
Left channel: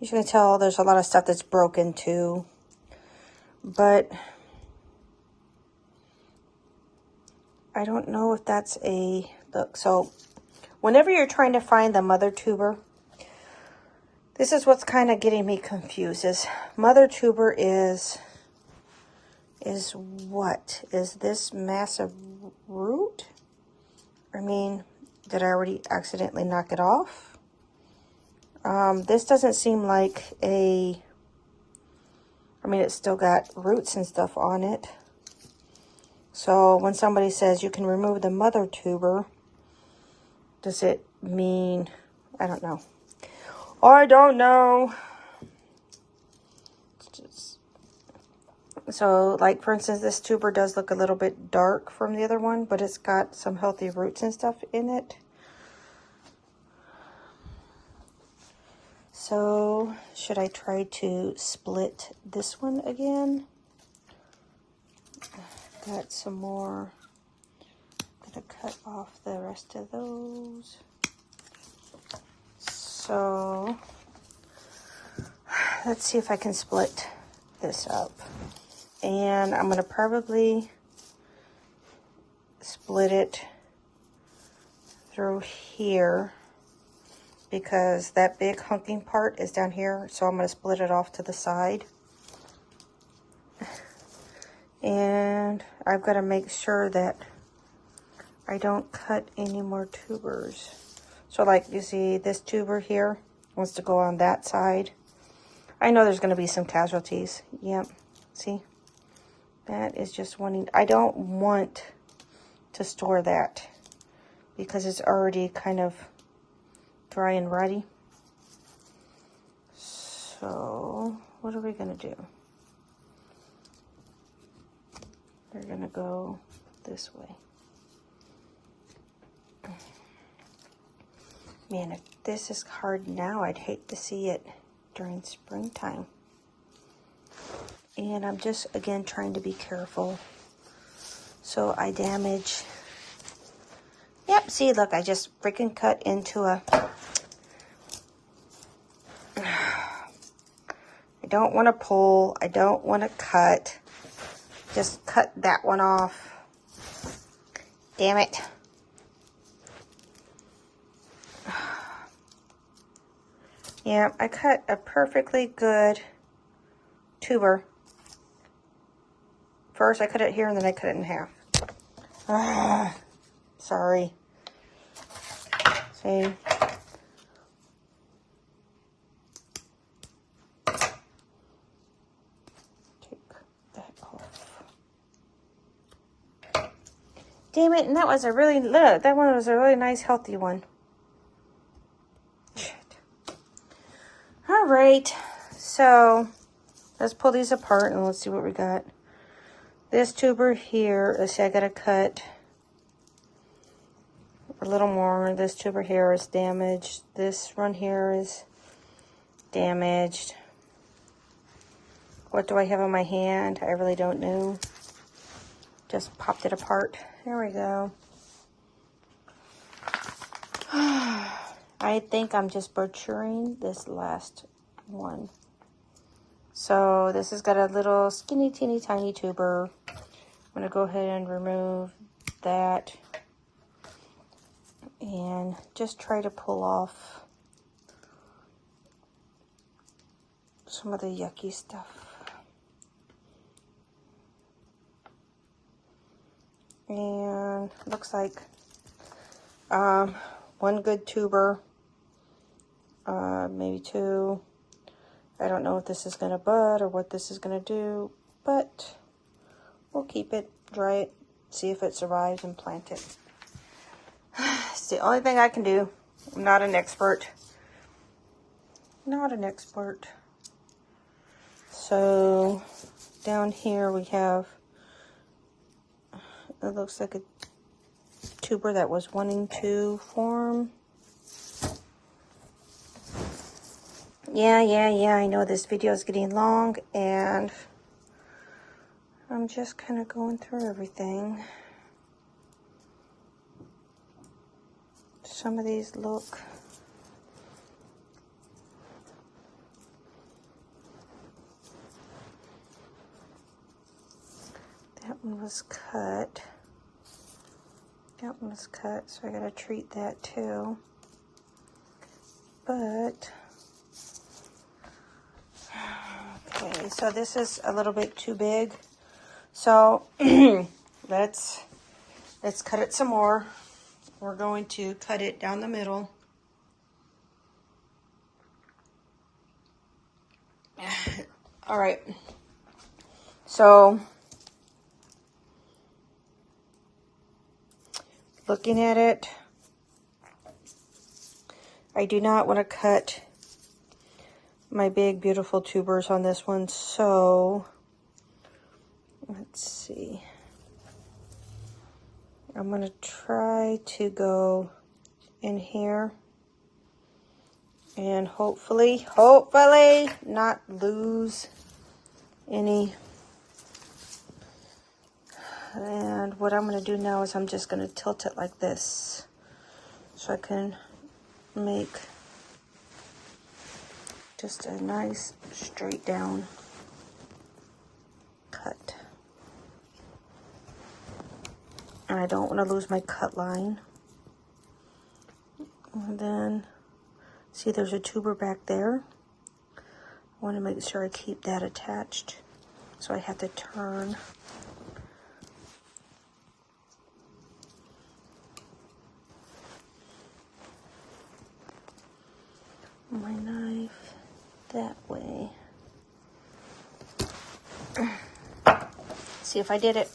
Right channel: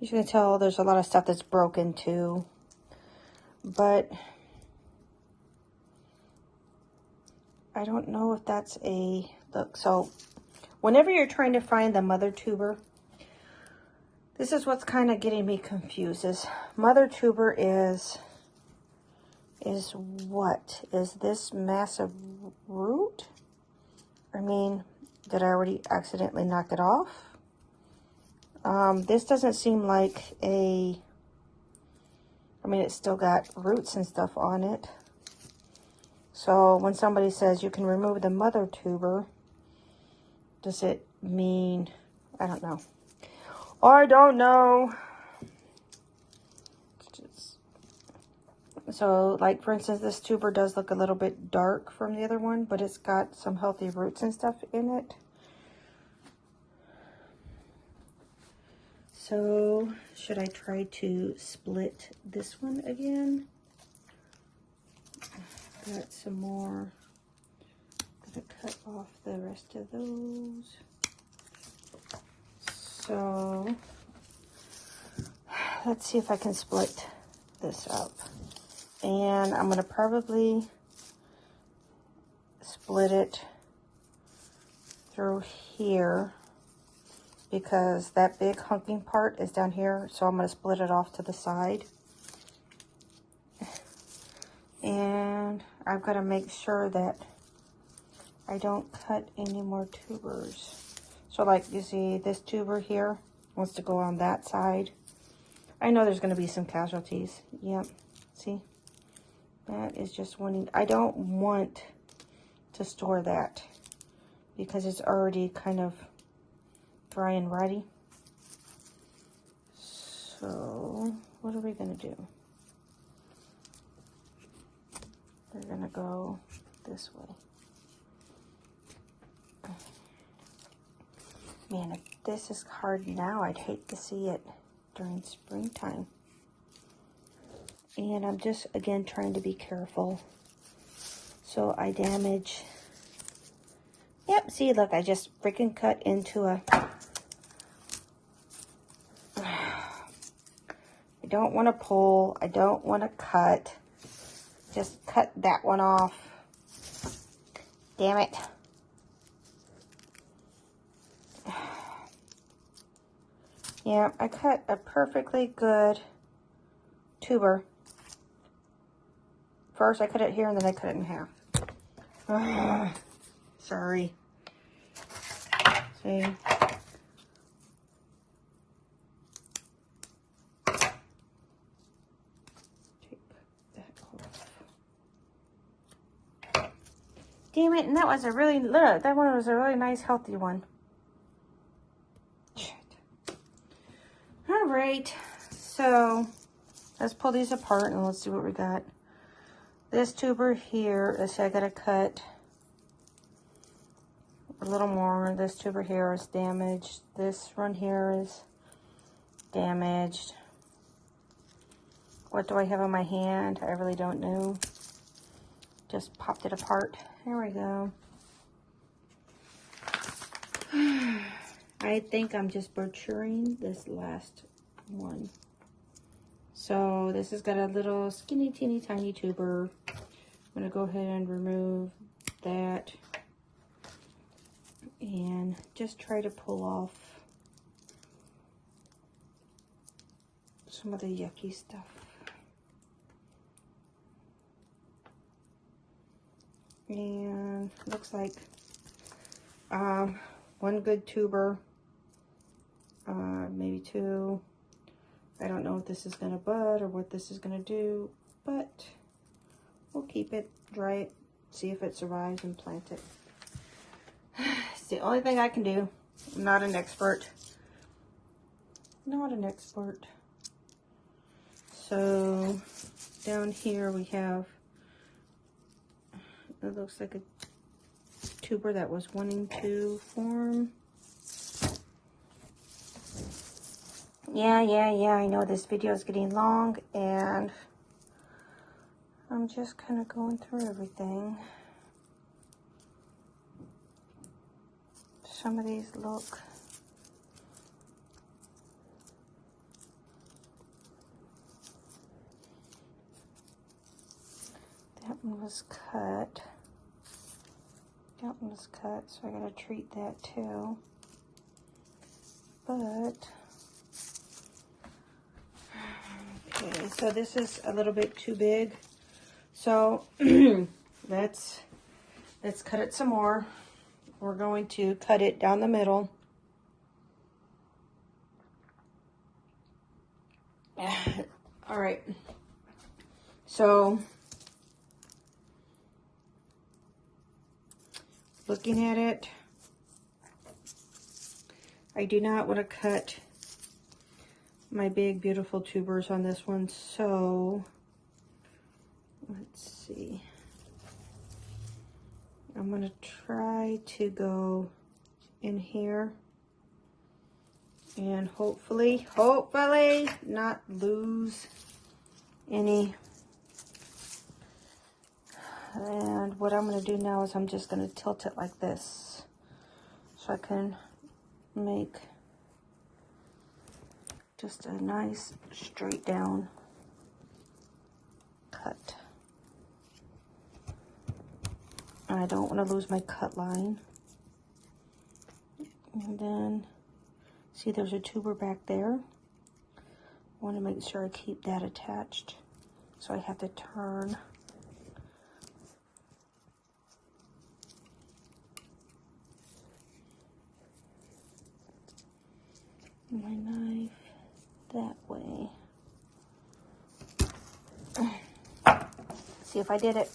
You can tell there's a lot of stuff that's broken too. But I don't know if that's a... Look, so whenever you're trying to find the mother tuber, this is what's kind of getting me confused. Is mother tuber is what? Is this massive root? I mean, did I already accidentally knock it off? This doesn't seem like a... I mean, it's still got roots and stuff on it. So when somebody says you can remove the mother tuber, does it mean... I don't know. I don't know. So, like, for instance, this tuber does look a little bit dark from the other one, but it's got some healthy roots and stuff in it. So, should I try to split this one again? Got some more. Gonna cut off the rest of those. So, let's see if I can split this up. And I'm gonna probably split it through here, because that big hunking part is down here, so I'm going to split it off to the side. And I've got to make sure that I don't cut any more tubers. So like you see, this tuber here wants to go on that side. I know there's going to be some casualties. Yep, see? That is just wanting... I don't want to store that because it's already kind of dry and ready. So what are we gonna do? We're gonna go this way. Man, if this is hard now, I'd hate to see it during springtime. And I'm just, again, trying to be careful so I damage... Yep, see, look, I just freaking cut into a... I don't want to pull. I don't want to cut. Just cut that one off. Damn it. Yeah, I cut a perfectly good tuber. First, I cut it here, and then I cut it in half. Sorry. See? Damn it, and that was a really, look, that one was a really nice, healthy one. Shit. All right, so let's pull these apart and let's see what we got. This tuber here, let's say I gotta cut a little more. This tuber here is damaged. This one here is damaged. What do I have in my hand? I really don't know. Just popped it apart. There we go. I think I'm just butchering this last one. So this has got a little skinny, teeny, tiny tuber. I'm going to go ahead and remove that. And just try to pull off some of the yucky stuff. And looks like one good tuber, maybe two. I don't know if this is going to bud or what this is going to do, but we'll keep it, dry it, see if it survives, and plant it. It's the only thing I can do. I'm not an expert. Not an expert. So down here we have, it looks like a tuber that was wanting to form. Yeah, I know this video is getting long, and I'm just kind of going through everything. Some of these look that one was cut. That one was cut, so I gotta treat that too. But okay, so this is a little bit too big. So let's cut it some more. We're going to cut it down the middle. All right. So looking at it, I do not want to cut my big beautiful tubers on this one, so let's see. I'm going to try to go in here and hopefully not lose any. And what I'm going to do now is I'm just going to tilt it like this so I can make just a nice straight down cut. And I don't want to lose my cut line. And then, see, there's a tuber back there. I want to make sure I keep that attached. So I have to turn. My knife that way. See if I did it.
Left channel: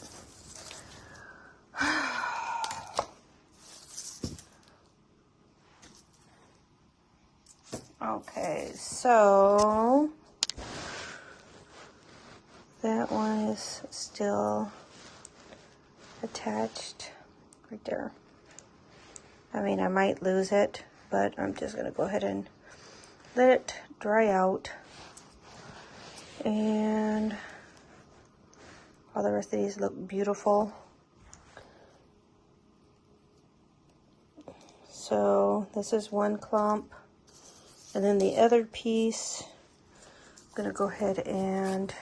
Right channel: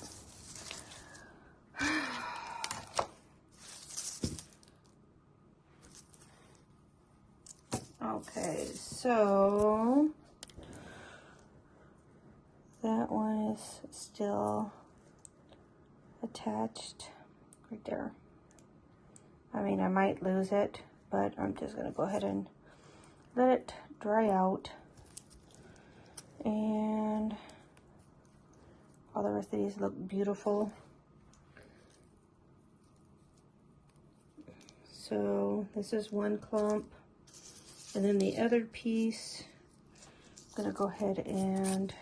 Okay, so that one is still attached right there. I mean, I might lose it, but I'm just going to go ahead and let it dry out. And all the rest of these look beautiful. So this is one clump. And then the other piece, I'm going to go ahead and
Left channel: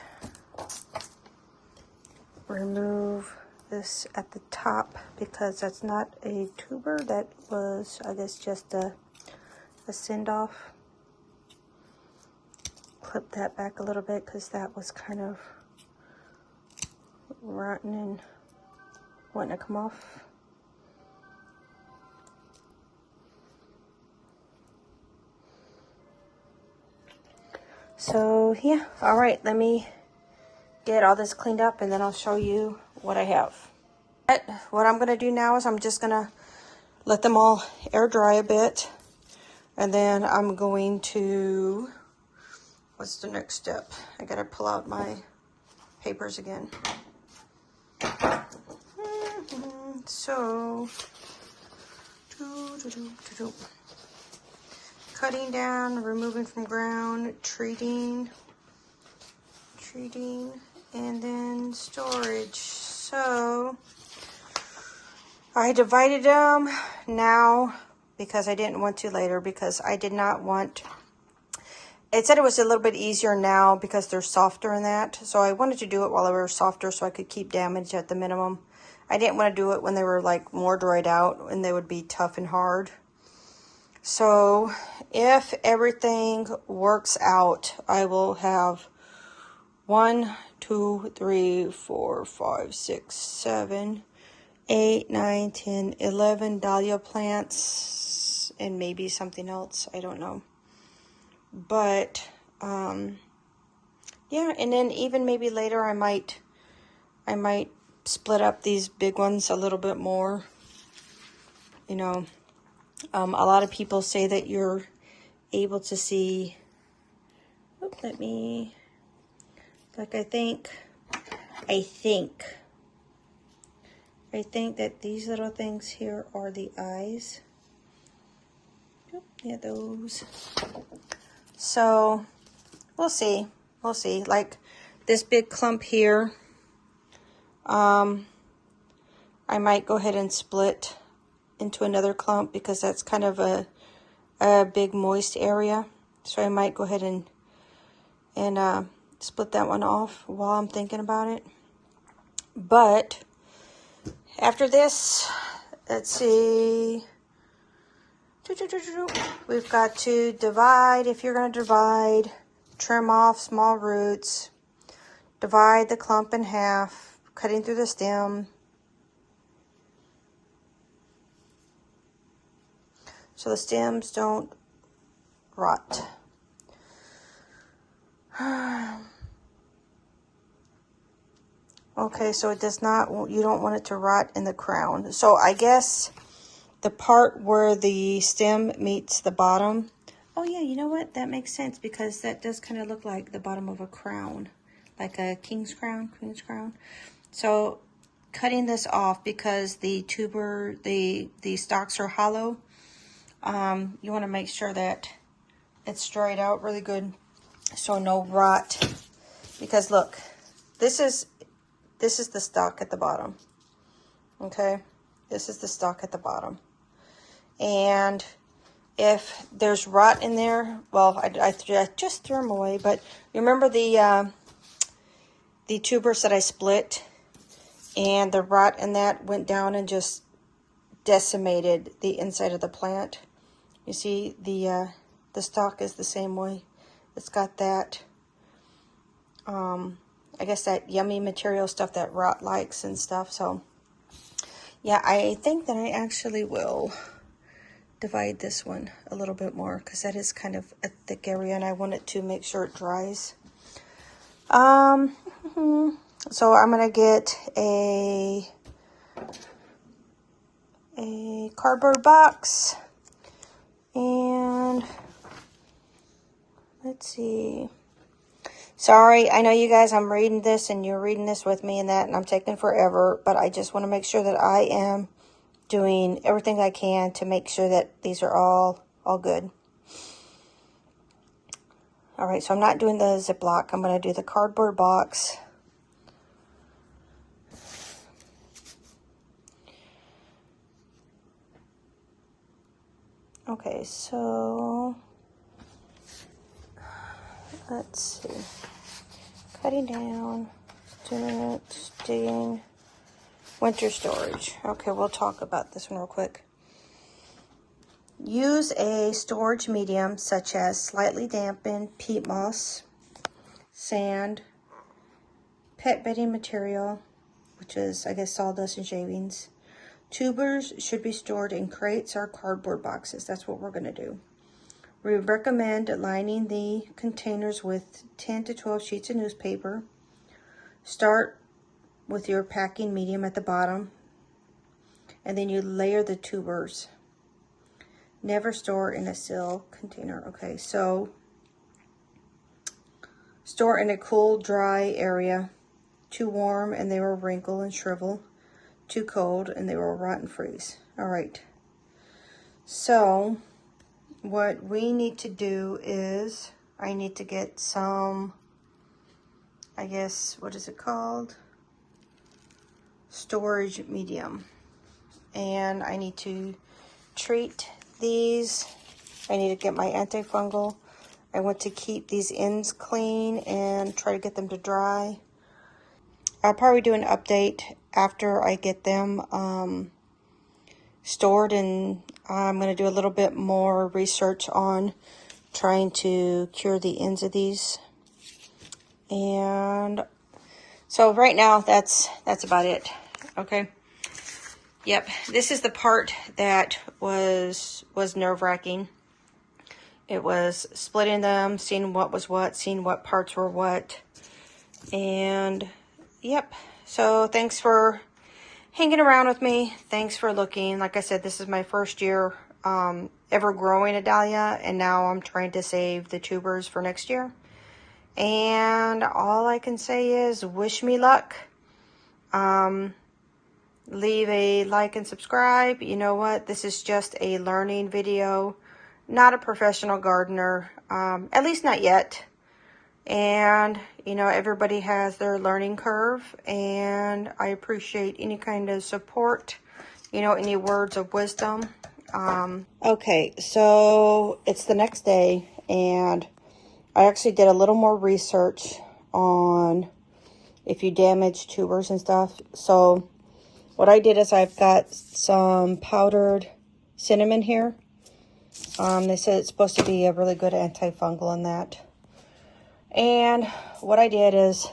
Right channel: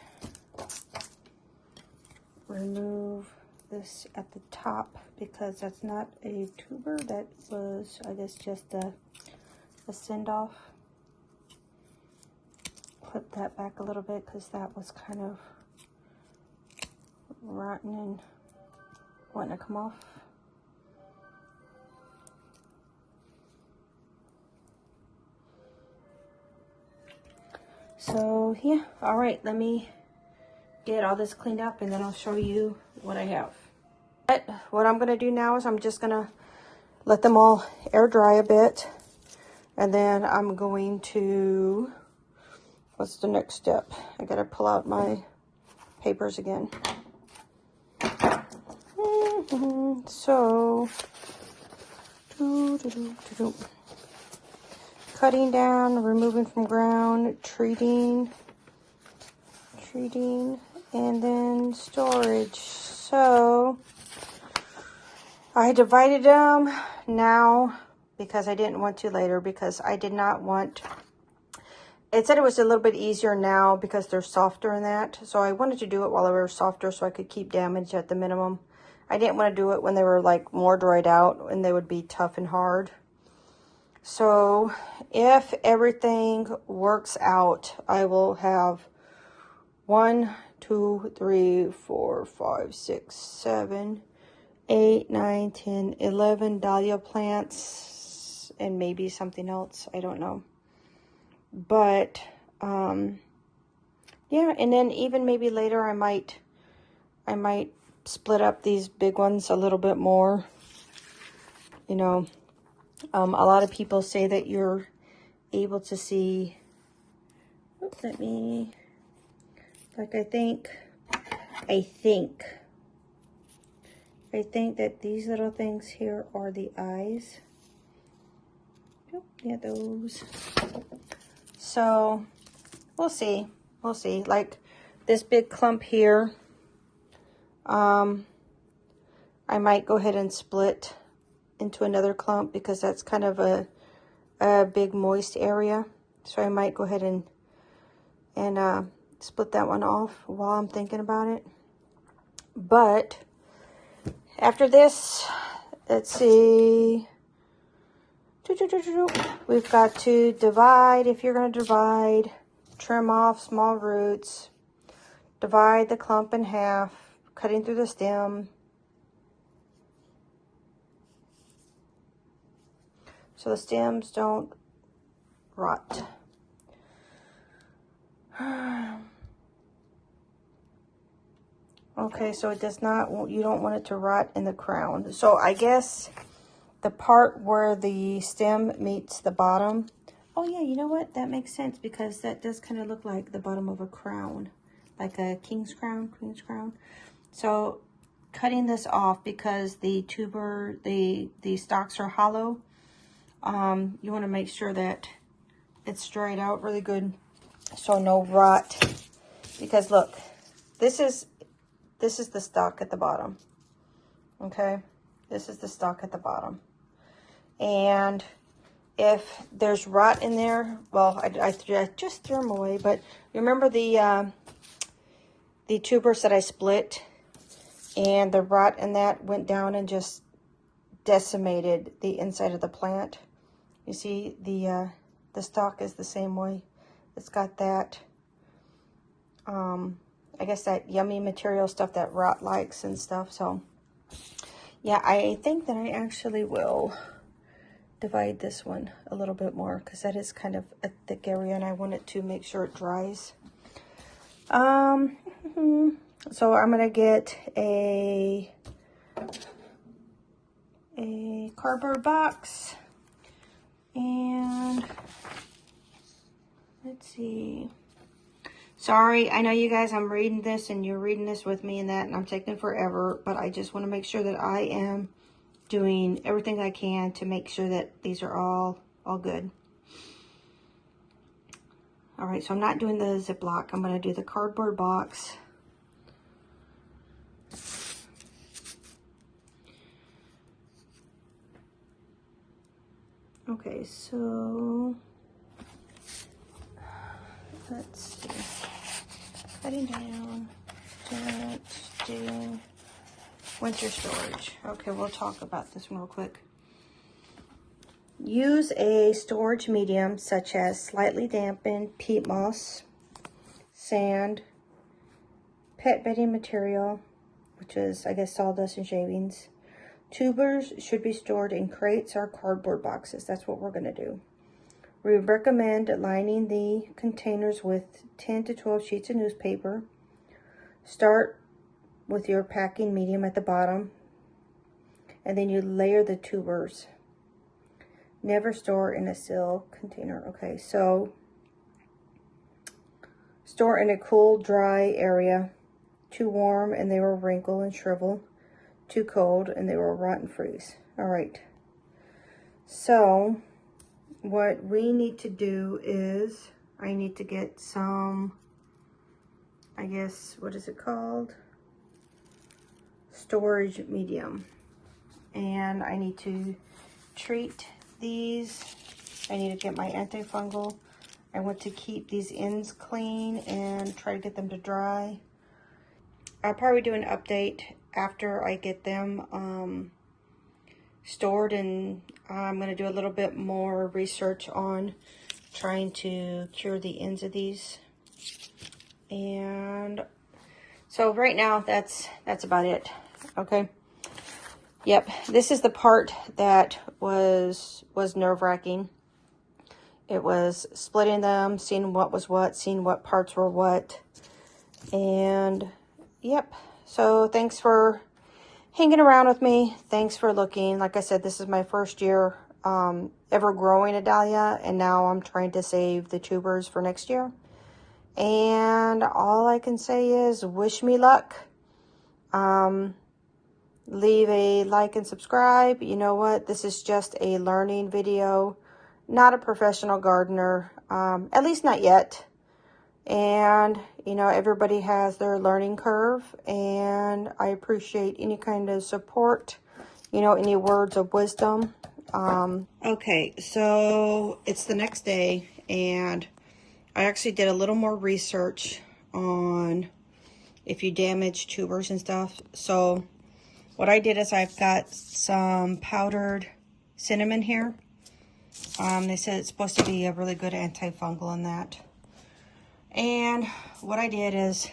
remove this at the top because that's not a tuber. That was, I guess, just a send-off. Clip that back a little bit because that was kind of rotten and wanting to come off. So yeah, all right, let me get all this cleaned up and then I'll show you what I have. What I'm gonna do now is I'm just gonna let them all air dry a bit, and then I'm going to, what's the next step? I gotta pull out my papers again. So, cutting down, removing from ground, treating, and then storage. So I divided them now because I didn't want to later, because I did not want, it said it was a little bit easier now because they're softer in that. So I wanted to do it while they were softer so I could keep damage at the minimum. I didn't want to do it when they were like more dried out and they would be tough and hard. So if everything works out, I will have 1, 2, 3, 4, 5, 6, 7, 8, 9, 10, 11 dahlia plants and maybe something else. I don't know. But yeah, and then even maybe later I might split up these big ones a little bit more. You know, a lot of people say that you're able to see, let me, like I think that these little things here are the eyes. Yeah, those. So we'll see. We'll see. Like this big clump here, I might go ahead and split into another clump because that's kind of a big moist area. So I might go ahead and split that one off while I'm thinking about it. But after this, let's see. We've got to divide. If you're going to divide, trim off small roots. Divide the clump in half, cutting through the stem. So the stems don't rot. Okay, so it does not, you don't want it to rot in the crown. So I guess the part where the stem meets the bottom. Oh yeah, you know what? That makes sense because that does kind of look like the bottom of a crown. Like a king's crown, queen's crown. So cutting this off because the tuber, the stalks are hollow. You want to make sure that it's dried out really good so no rot. Because look, this is the stalk at the bottom. Okay? This is the stalk at the bottom. And if there's rot in there, well, I just threw them away, but remember the tubers that I split, and the rot in that went down and just decimated the inside of the plant. You see, the stalk is the same way. It's got that, I guess that yummy material stuff that rot likes and stuff. So, yeah, I think that I actually will divide this one a little bit more because that is kind of a thick area and I want it to make sure it dries. So I'm going to get a cardboard box and let's see. Sorry, I know you guys, I'm reading this and you're reading this with me and that, and I'm taking forever, but I just want to make sure that I am doing everything I can to make sure that these are all good. All right, so I'm not doing the Ziploc. I'm going to do the cardboard box. Okay, so let's see. Cutting down, doing winter storage. Okay, we'll talk about this one real quick. Use a storage medium such as slightly dampened peat moss, sand, pet bedding material, which is, I guess, sawdust and shavings. Tubers should be stored in crates or cardboard boxes. That's what we're going to do. We recommend lining the containers with 10 to 12 sheets of newspaper. Start with your packing medium at the bottom, and then you layer the tubers. Never store in a sealed container. Okay, so store in a cool, dry area. Too warm and they will wrinkle and shrivel. Too cold and they will rot and freeze. All right. So what we need to do is I need to get some, I guess, what is it called? Storage medium. And I need to treat these. I need to get my antifungal. I want to keep these ends clean and try to get them to dry. I'll probably do an update after I get them stored, and I'm going to do a little bit more research on trying to cure the ends of these. And so right now that's about it. Okay. Yep, this is the part that was nerve-wracking. It was splitting them, seeing what was what, seeing what parts were what. And yep, so thanks for hanging around with me. Thanks for looking. Like I said, this is my first year ever growing a dahlia, and now I'm trying to save the tubers for next year. And all I can say is wish me luck. Leave a like and subscribe. You know what? This is just a learning video, not a professional gardener, at least not yet. And, you know, everybody has their learning curve, and I appreciate any kind of support, you know, any words of wisdom. Okay, so it's the next day, and I actually did a little more research on if you damage tubers and stuff. So what I did is I've got some powdered cinnamon here. They said it's supposed to be a really good antifungal in that. And what I did is,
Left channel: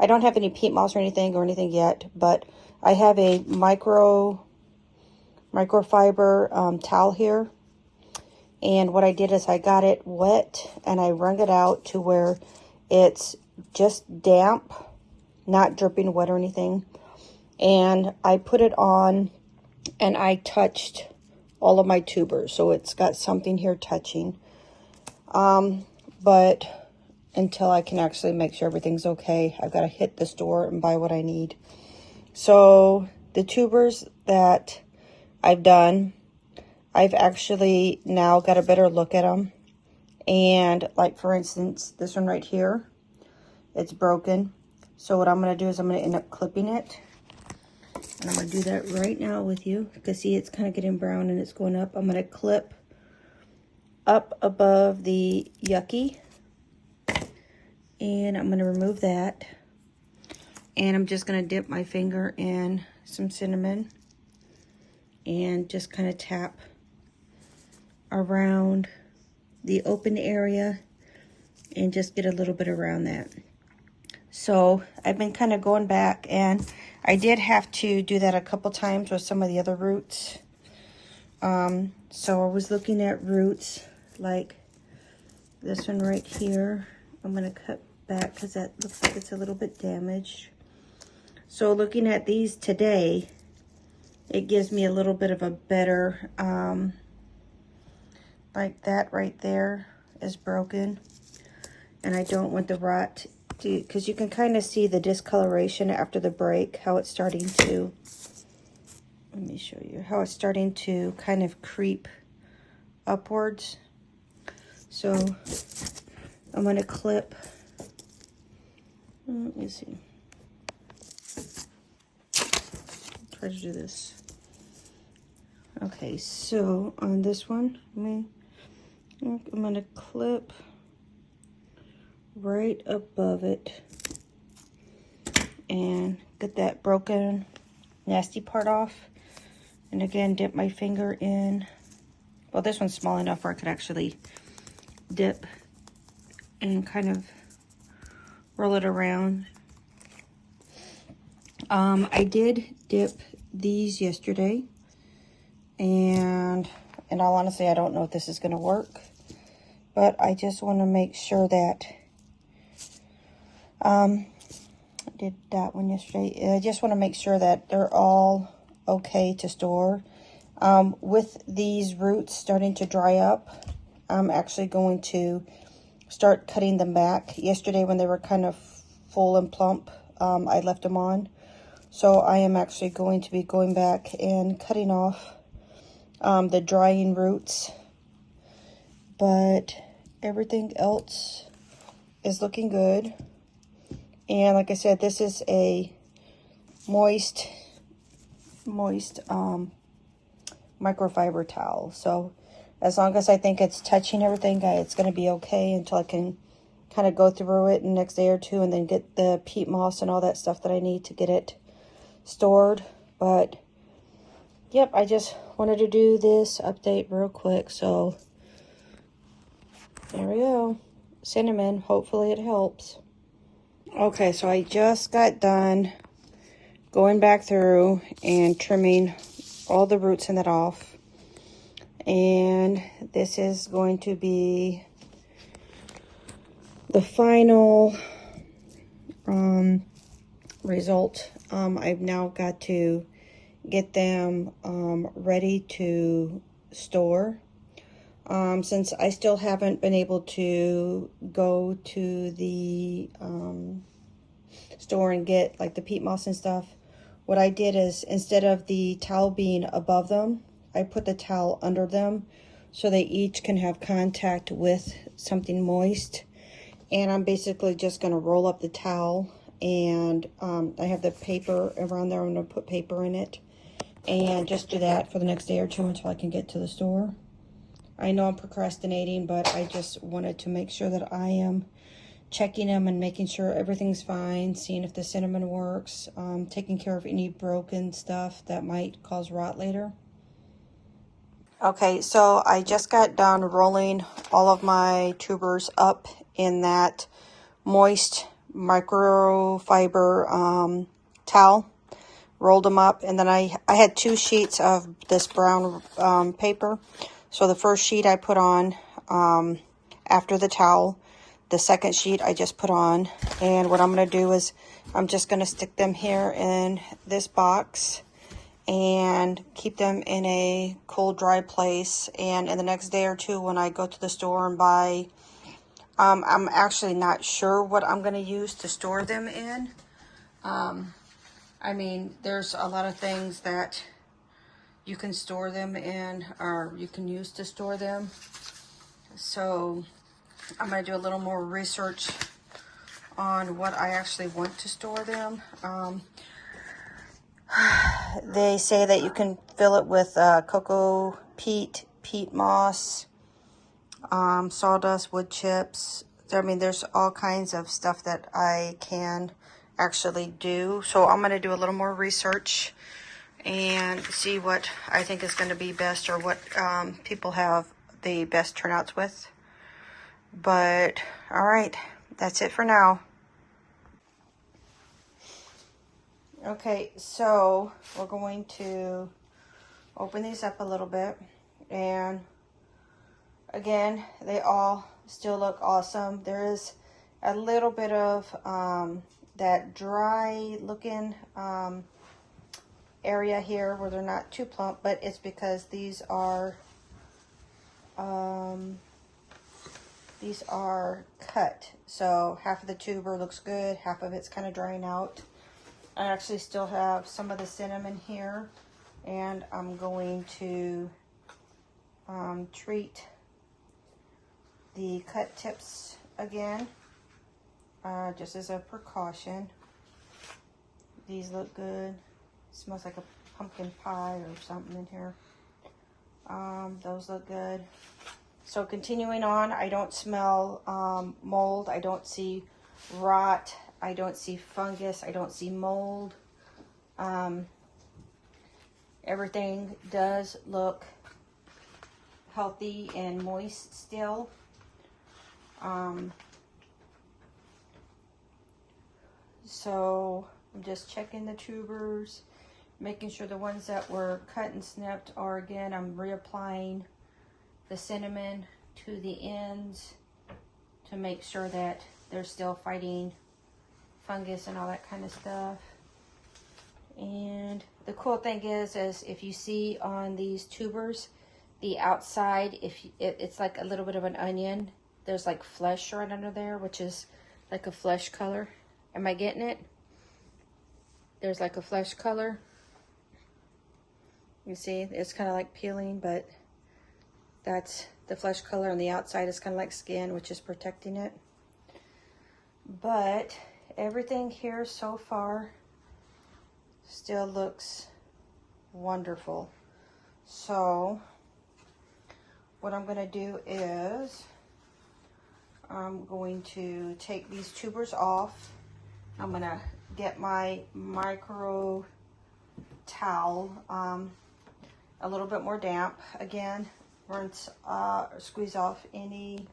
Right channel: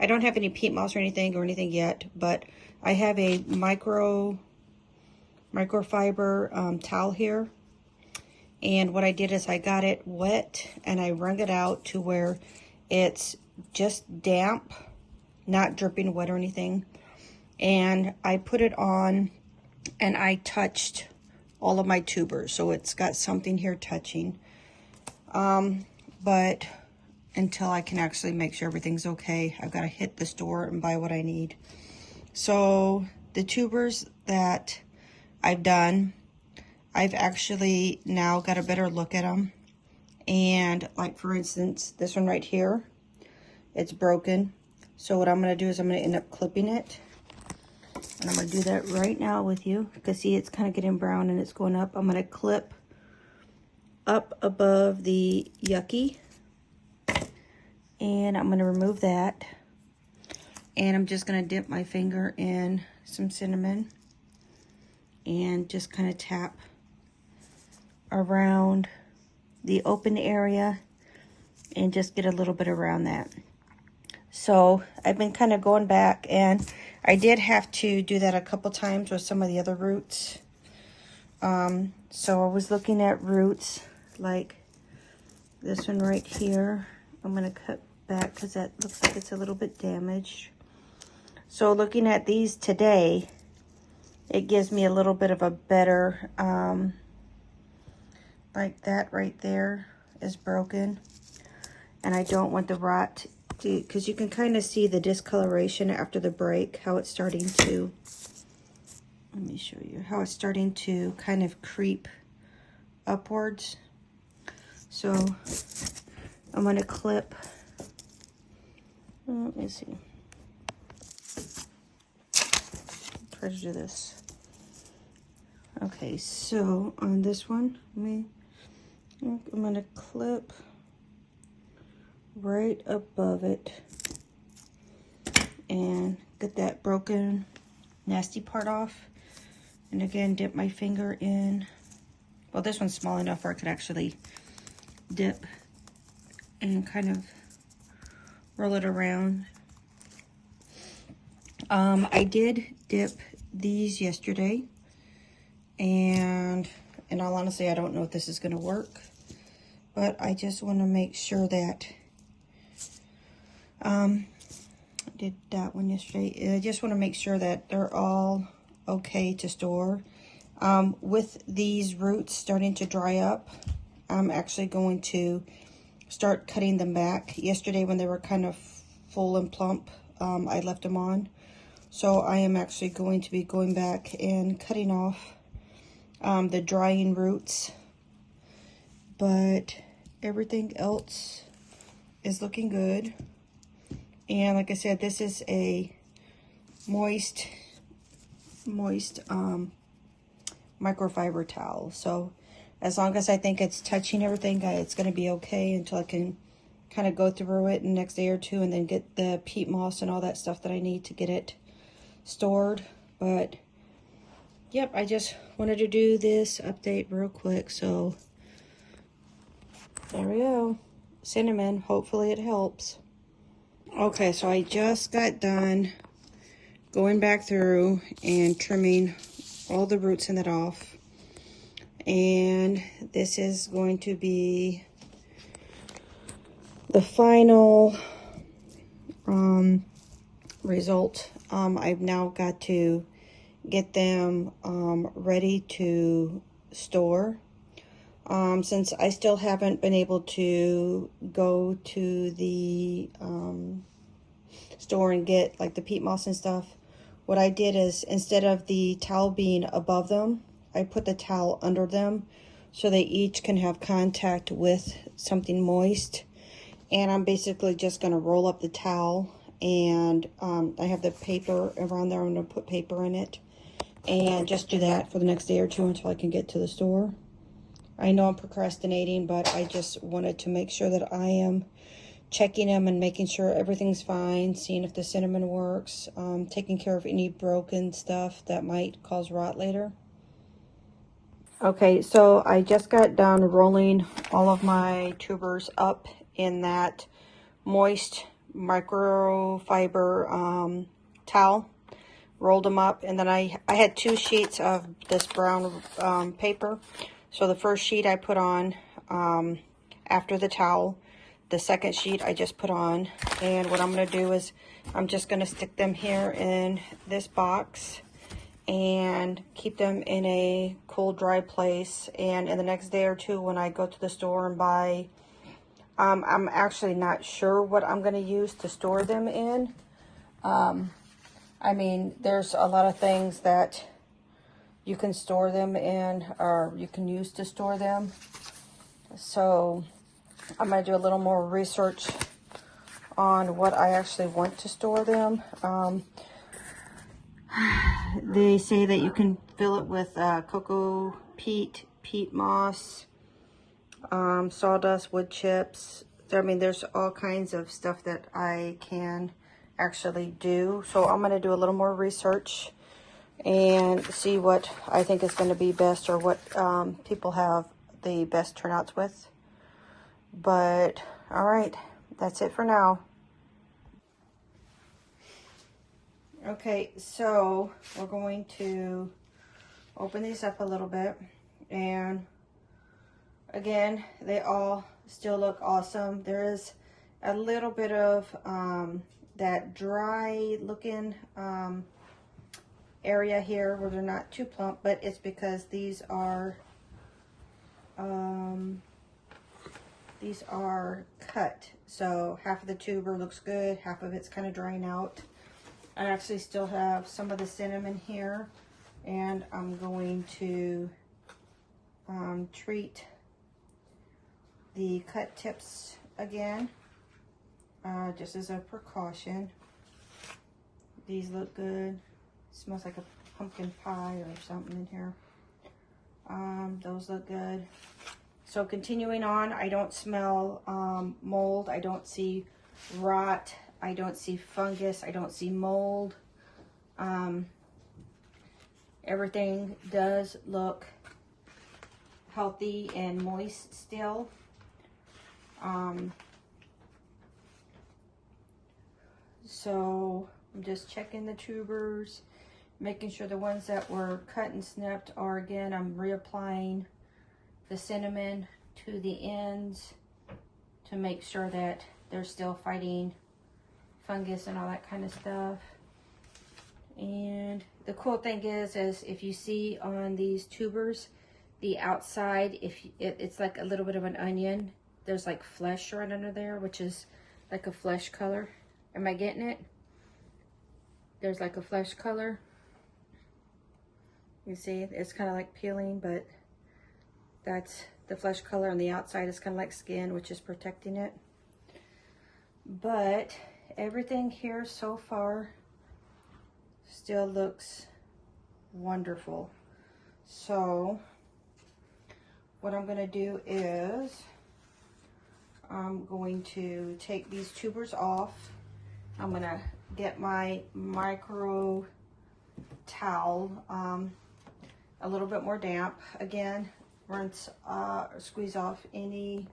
I don't have any peat moss or anything yet, but I have a microfiber towel here. And what I did is I got it wet and I wrung it out to where it's just damp, not dripping wet or anything. And I put it on and I touched all of my tubers. So it's got something here touching. But until I can actually make sure everything's okay, I've got to hit the store and buy what I need. So the tubers that I've done, I've actually now got a better look at them. And like for instance, this one right here, it's broken. So what I'm going to do is I'm going to end up clipping it. And I'm going to do that right now with you. Because see, it's kind of getting brown and it's going up. I'm going to clip up above the yucky. And I'm going to remove that. And I'm just going to dip my finger in some cinnamon. And just kind of tap around the open area. And just get a little bit around that. So I've been kind of going back. And I did have to do that a couple times with some of the other roots. So I was looking at roots like this one right here. I'm going to cut back because that looks like it's a little bit damaged. So looking at these today, it gives me a little bit of a better, like that right there is broken. And I don't want the rot to, because you can kind of see the discoloration after the break, how it's starting to, let me show you, how it's starting to kind of creep upwards. So I'm going to clip, let me see, try to do this. Okay, so on this one, I'm going to clip right above it and get that broken, nasty part off. And again, dip my finger in. Well, this one's small enough where I could actually dip and kind of roll it around. I did dip these yesterday, and in all honesty, I don't know if this is going to work, but I just want to make sure that I did that one yesterday. I just want to make sure that they're all okay to store. With these roots starting to dry up, I'm actually going to start cutting them back. Yesterday when they were kind of full and plump, I left them on. So I am actually going to be going back and cutting off the drying roots. But everything else is looking good. And like I said, this is a moist microfiber towel. So as long as I think it's touching everything, it's going to be okay until I can kind of go through it in the next day or two and then get the peat moss and all that stuff that I need to get it stored. But yep, I just wanted to do this update real quick. So here we go. Cinnamon, hopefully it helps. Okay, so I just got done going back through and trimming all the roots in that off. And this is going to be the final result. I've now got to get them ready to store. Since I still haven't been able to go to the store and get like the peat moss and stuff, what I did is, instead of the towel being above them, I put the towel under them so they each can have contact with something moist. And I'm basically just going to roll up the towel, and I have the paper around there. I'm going to put paper in it and just do that for the next day or two until I can get to the store. I know I'm procrastinating, but I just wanted to make sure that I am checking them and making sure everything's fine, seeing if the cinnamon works, taking care of any broken stuff that might cause rot later. Okay, so I just got done rolling all of my tubers up in that moist microfiber towel. Rolled them up, and then I had 2 sheets of this brown paper. So the first sheet I put on after the towel. The second sheet I just put on, and what I'm going to do is I'm just going to stick them here in this box and keep them in a cool, dry place. And in the next day or two, when I go to the store and buy, I'm actually not sure what I'm going to use to store them in. I mean, there's a lot of things that you can store them in, or you can use to store them. So I'm going to do a little more research on what I actually want to store them. They say that you can fill it with cocoa peat, peat moss, sawdust, wood chips. So, I mean, there's all kinds of stuff that I can actually do. So I'm going to do a little more research and see what I think is going to be best, or what people have the best turnouts with. But all right, that's it for now. Okay, so we're going to open these up a little bit, and again, they all still look awesome. There is a little bit of that dry looking area here where they're not too plump, but it's because these are cut. So half of the tuber looks good, half of it's kind of drying out. I actually still have some of the cinnamon here, and I'm going to treat the cut tips again, just as a precaution. These look good. Smells like a pumpkin pie or something in here. Those look good. So continuing on, I don't smell mold. I don't see rot. I don't see fungus. I don't see mold. Everything does look healthy and moist still. So I'm just checking the tubers, making sure the ones that were cut and snipped are, again, I'm reapplying the cinnamon to the ends to make sure that they're still fighting fungus and all that kind of stuff. And the cool thing is if you see on these tubers, the outside, it's like a little bit of an onion. There's like flesh right under there, which is like a flesh color. Am I getting it? There's like a flesh color. You see, it's kind of like peeling, but that's the flesh color, and the outside is kind of like skin, which is protecting it. But everything here so far still looks wonderful. So what I'm going to do is I'm going to take these tubers off. I'm going to get my micro towel, a little bit more damp. Again, rinse, squeeze off any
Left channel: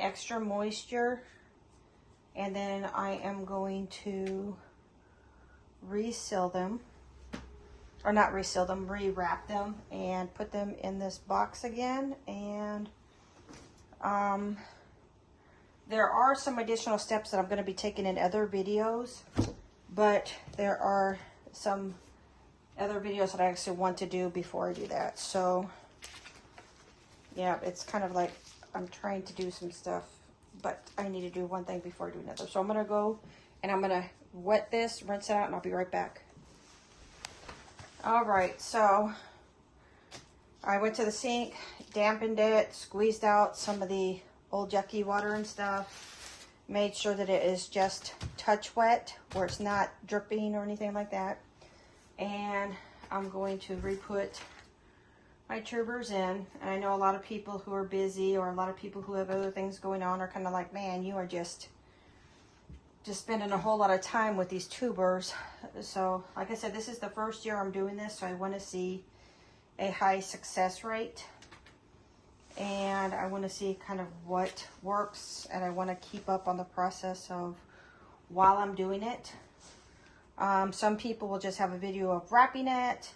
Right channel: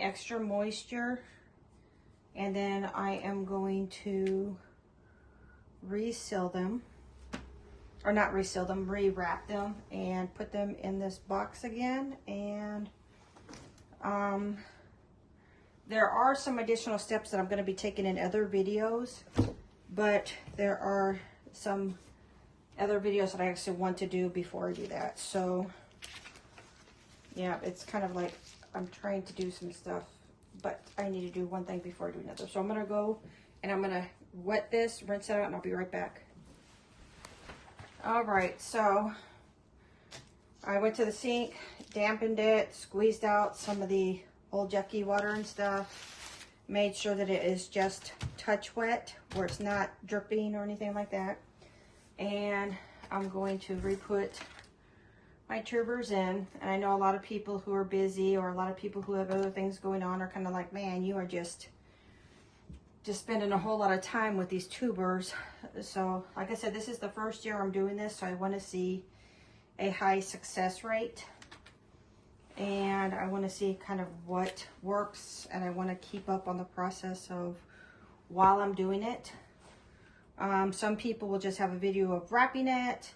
extra moisture, and then I am going to reseal them or not reseal them, rewrap them and put them in this box again. And there are some additional steps that I'm going to be taking in other videos, but there are some other videos that I actually want to do before I do that. So yeah, it's kind of like I'm trying to do some stuff, but I need to do one thing before I do another. So I'm going to go and I'm going to wet this, rinse it out, and I'll be right back. All right, so I went to the sink, dampened it, squeezed out some of the old yucky water and stuff, made sure that it is just touch wet, where it's not dripping or anything like that. And I'm going to re-put my tubers in. And I know a lot of people who are busy, or a lot of people who have other things going on, are kind of like, man, you are just spending a whole lot of time with these tubers. So like I said, this is the first year I'm doing this, so I want to see a high success rate, and I want to see kind of what works, and I want to keep up on the process of while I'm doing it. Some people will just have a video of wrapping it,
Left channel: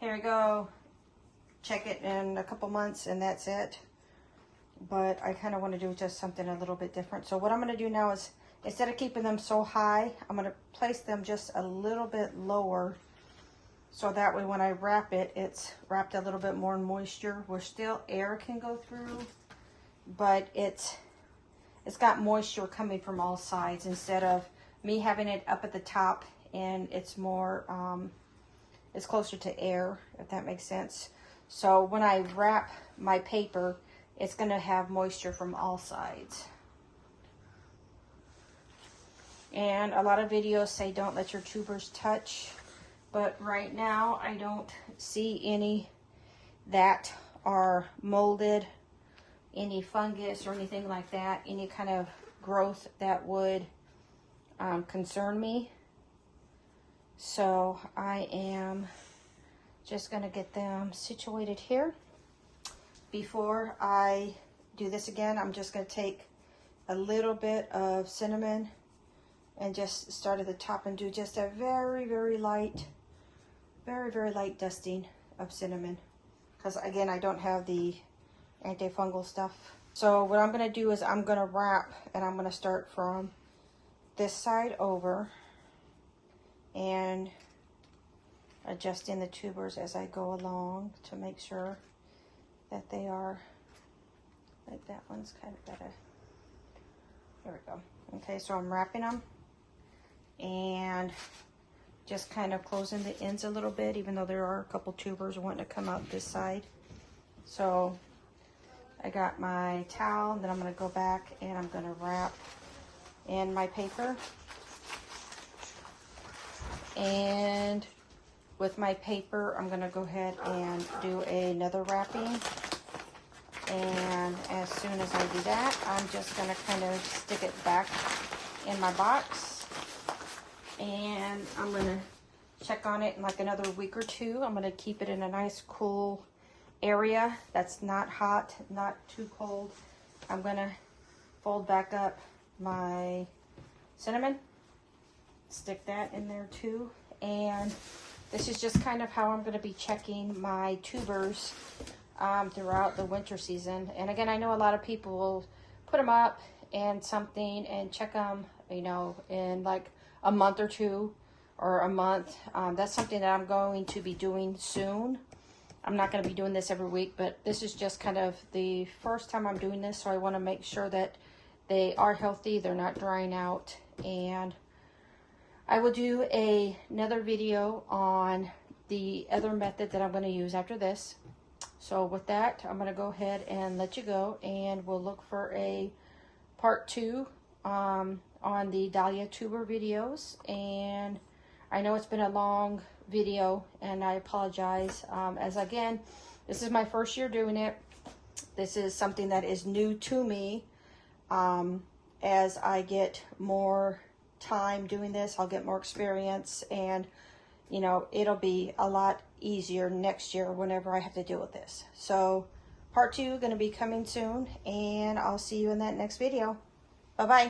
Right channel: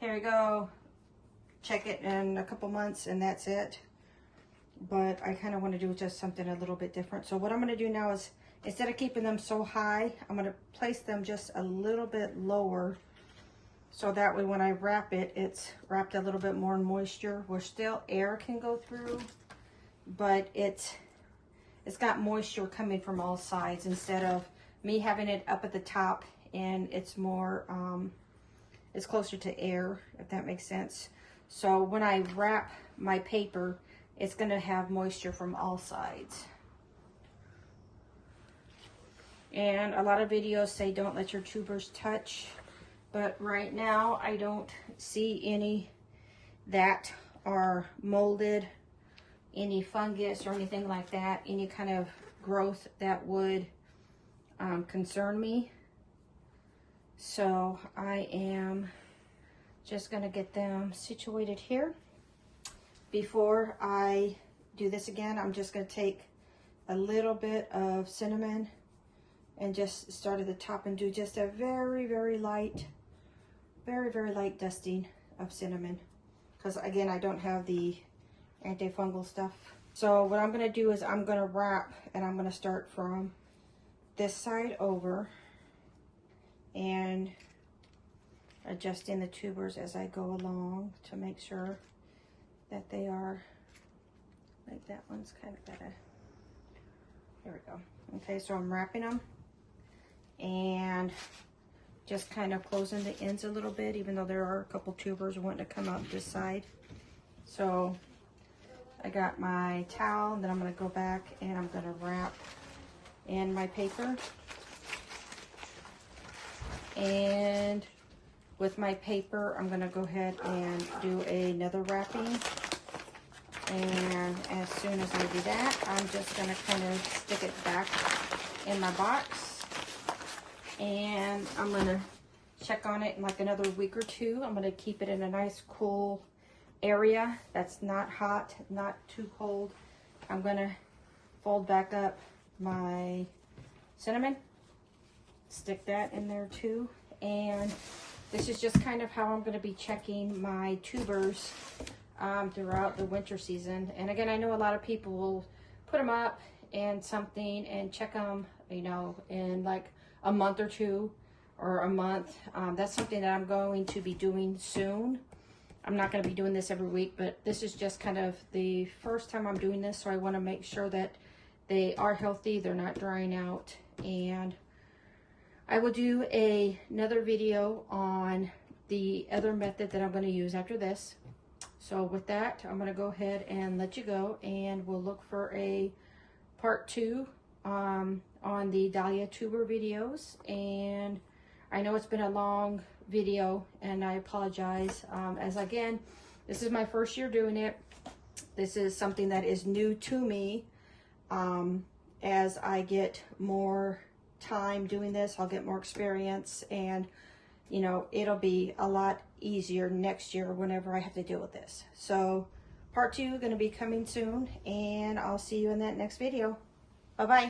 here we go, check it in a couple months, and that's it. But I kind of want to do just something a little bit different. So what I'm going to do now is, instead of keeping them so high, I'm going to place them just a little bit lower, so that way when I wrap it, it's wrapped a little bit more in moisture, where still air can go through, but it's got moisture coming from all sides, instead of me having it up at the top and it's more, it's closer to air, if that makes sense. So when I wrap my paper, it's going to have moisture from all sides. And a lot of videos say don't let your tubers touch, but right now I don't see any that are molded, any fungus or anything like that, any kind of growth that would concern me. So I am just going to get them situated here. Before I do this again, I'm just going to take a little bit of cinnamon and just start at the top and do just a very, very light dusting of cinnamon, because again, I don't have the antifungal stuff. So what I'm going to do is I'm going to wrap, and I'm going to start from this side over and adjusting the tubers as I go along to make sure that they are, like that one's kind of got a, there we go. Okay, so I'm wrapping them and just kind of closing the ends a little bit, even though there are a couple tubers wanting to come out this side. So I got my towel, then I'm going to go back and I'm going to wrap in my paper. And with my paper, I'm going to go ahead and do another wrapping. And as soon as I do that, I'm just going to kind of stick it back in my box. And I'm going to check on it in like another week or two. I'm going to keep it in a nice cool area that's not hot, not too cold. I'm going to fold back up my cinnamon, stick that in there too. And this is just kind of how I'm going to be checking my tubers throughout the winter season. And again, I know a lot of people will put them up and something and check them, you know, in like a month or two or a month. That's something that I'm going to be doing soon. I'm not going to be doing this every week, but this is just kind of the first time I'm doing this, so I want to make sure that they are healthy, they're not drying out. And I will do another video on the other method that I'm going to use after this. So with that, I'm going to go ahead and let you go, and we'll look for a part 2 on the Dahlia Tuber videos. And I know it's been a long video, and I apologize. As again, this is my first year doing it. This is something that is new to me. As I get more time doing this, I'll get more experience, and you know, it'll be a lot easier next year whenever I have to deal with this. So part 2 going to be coming soon, and I'll see you in that next video. Bye-bye.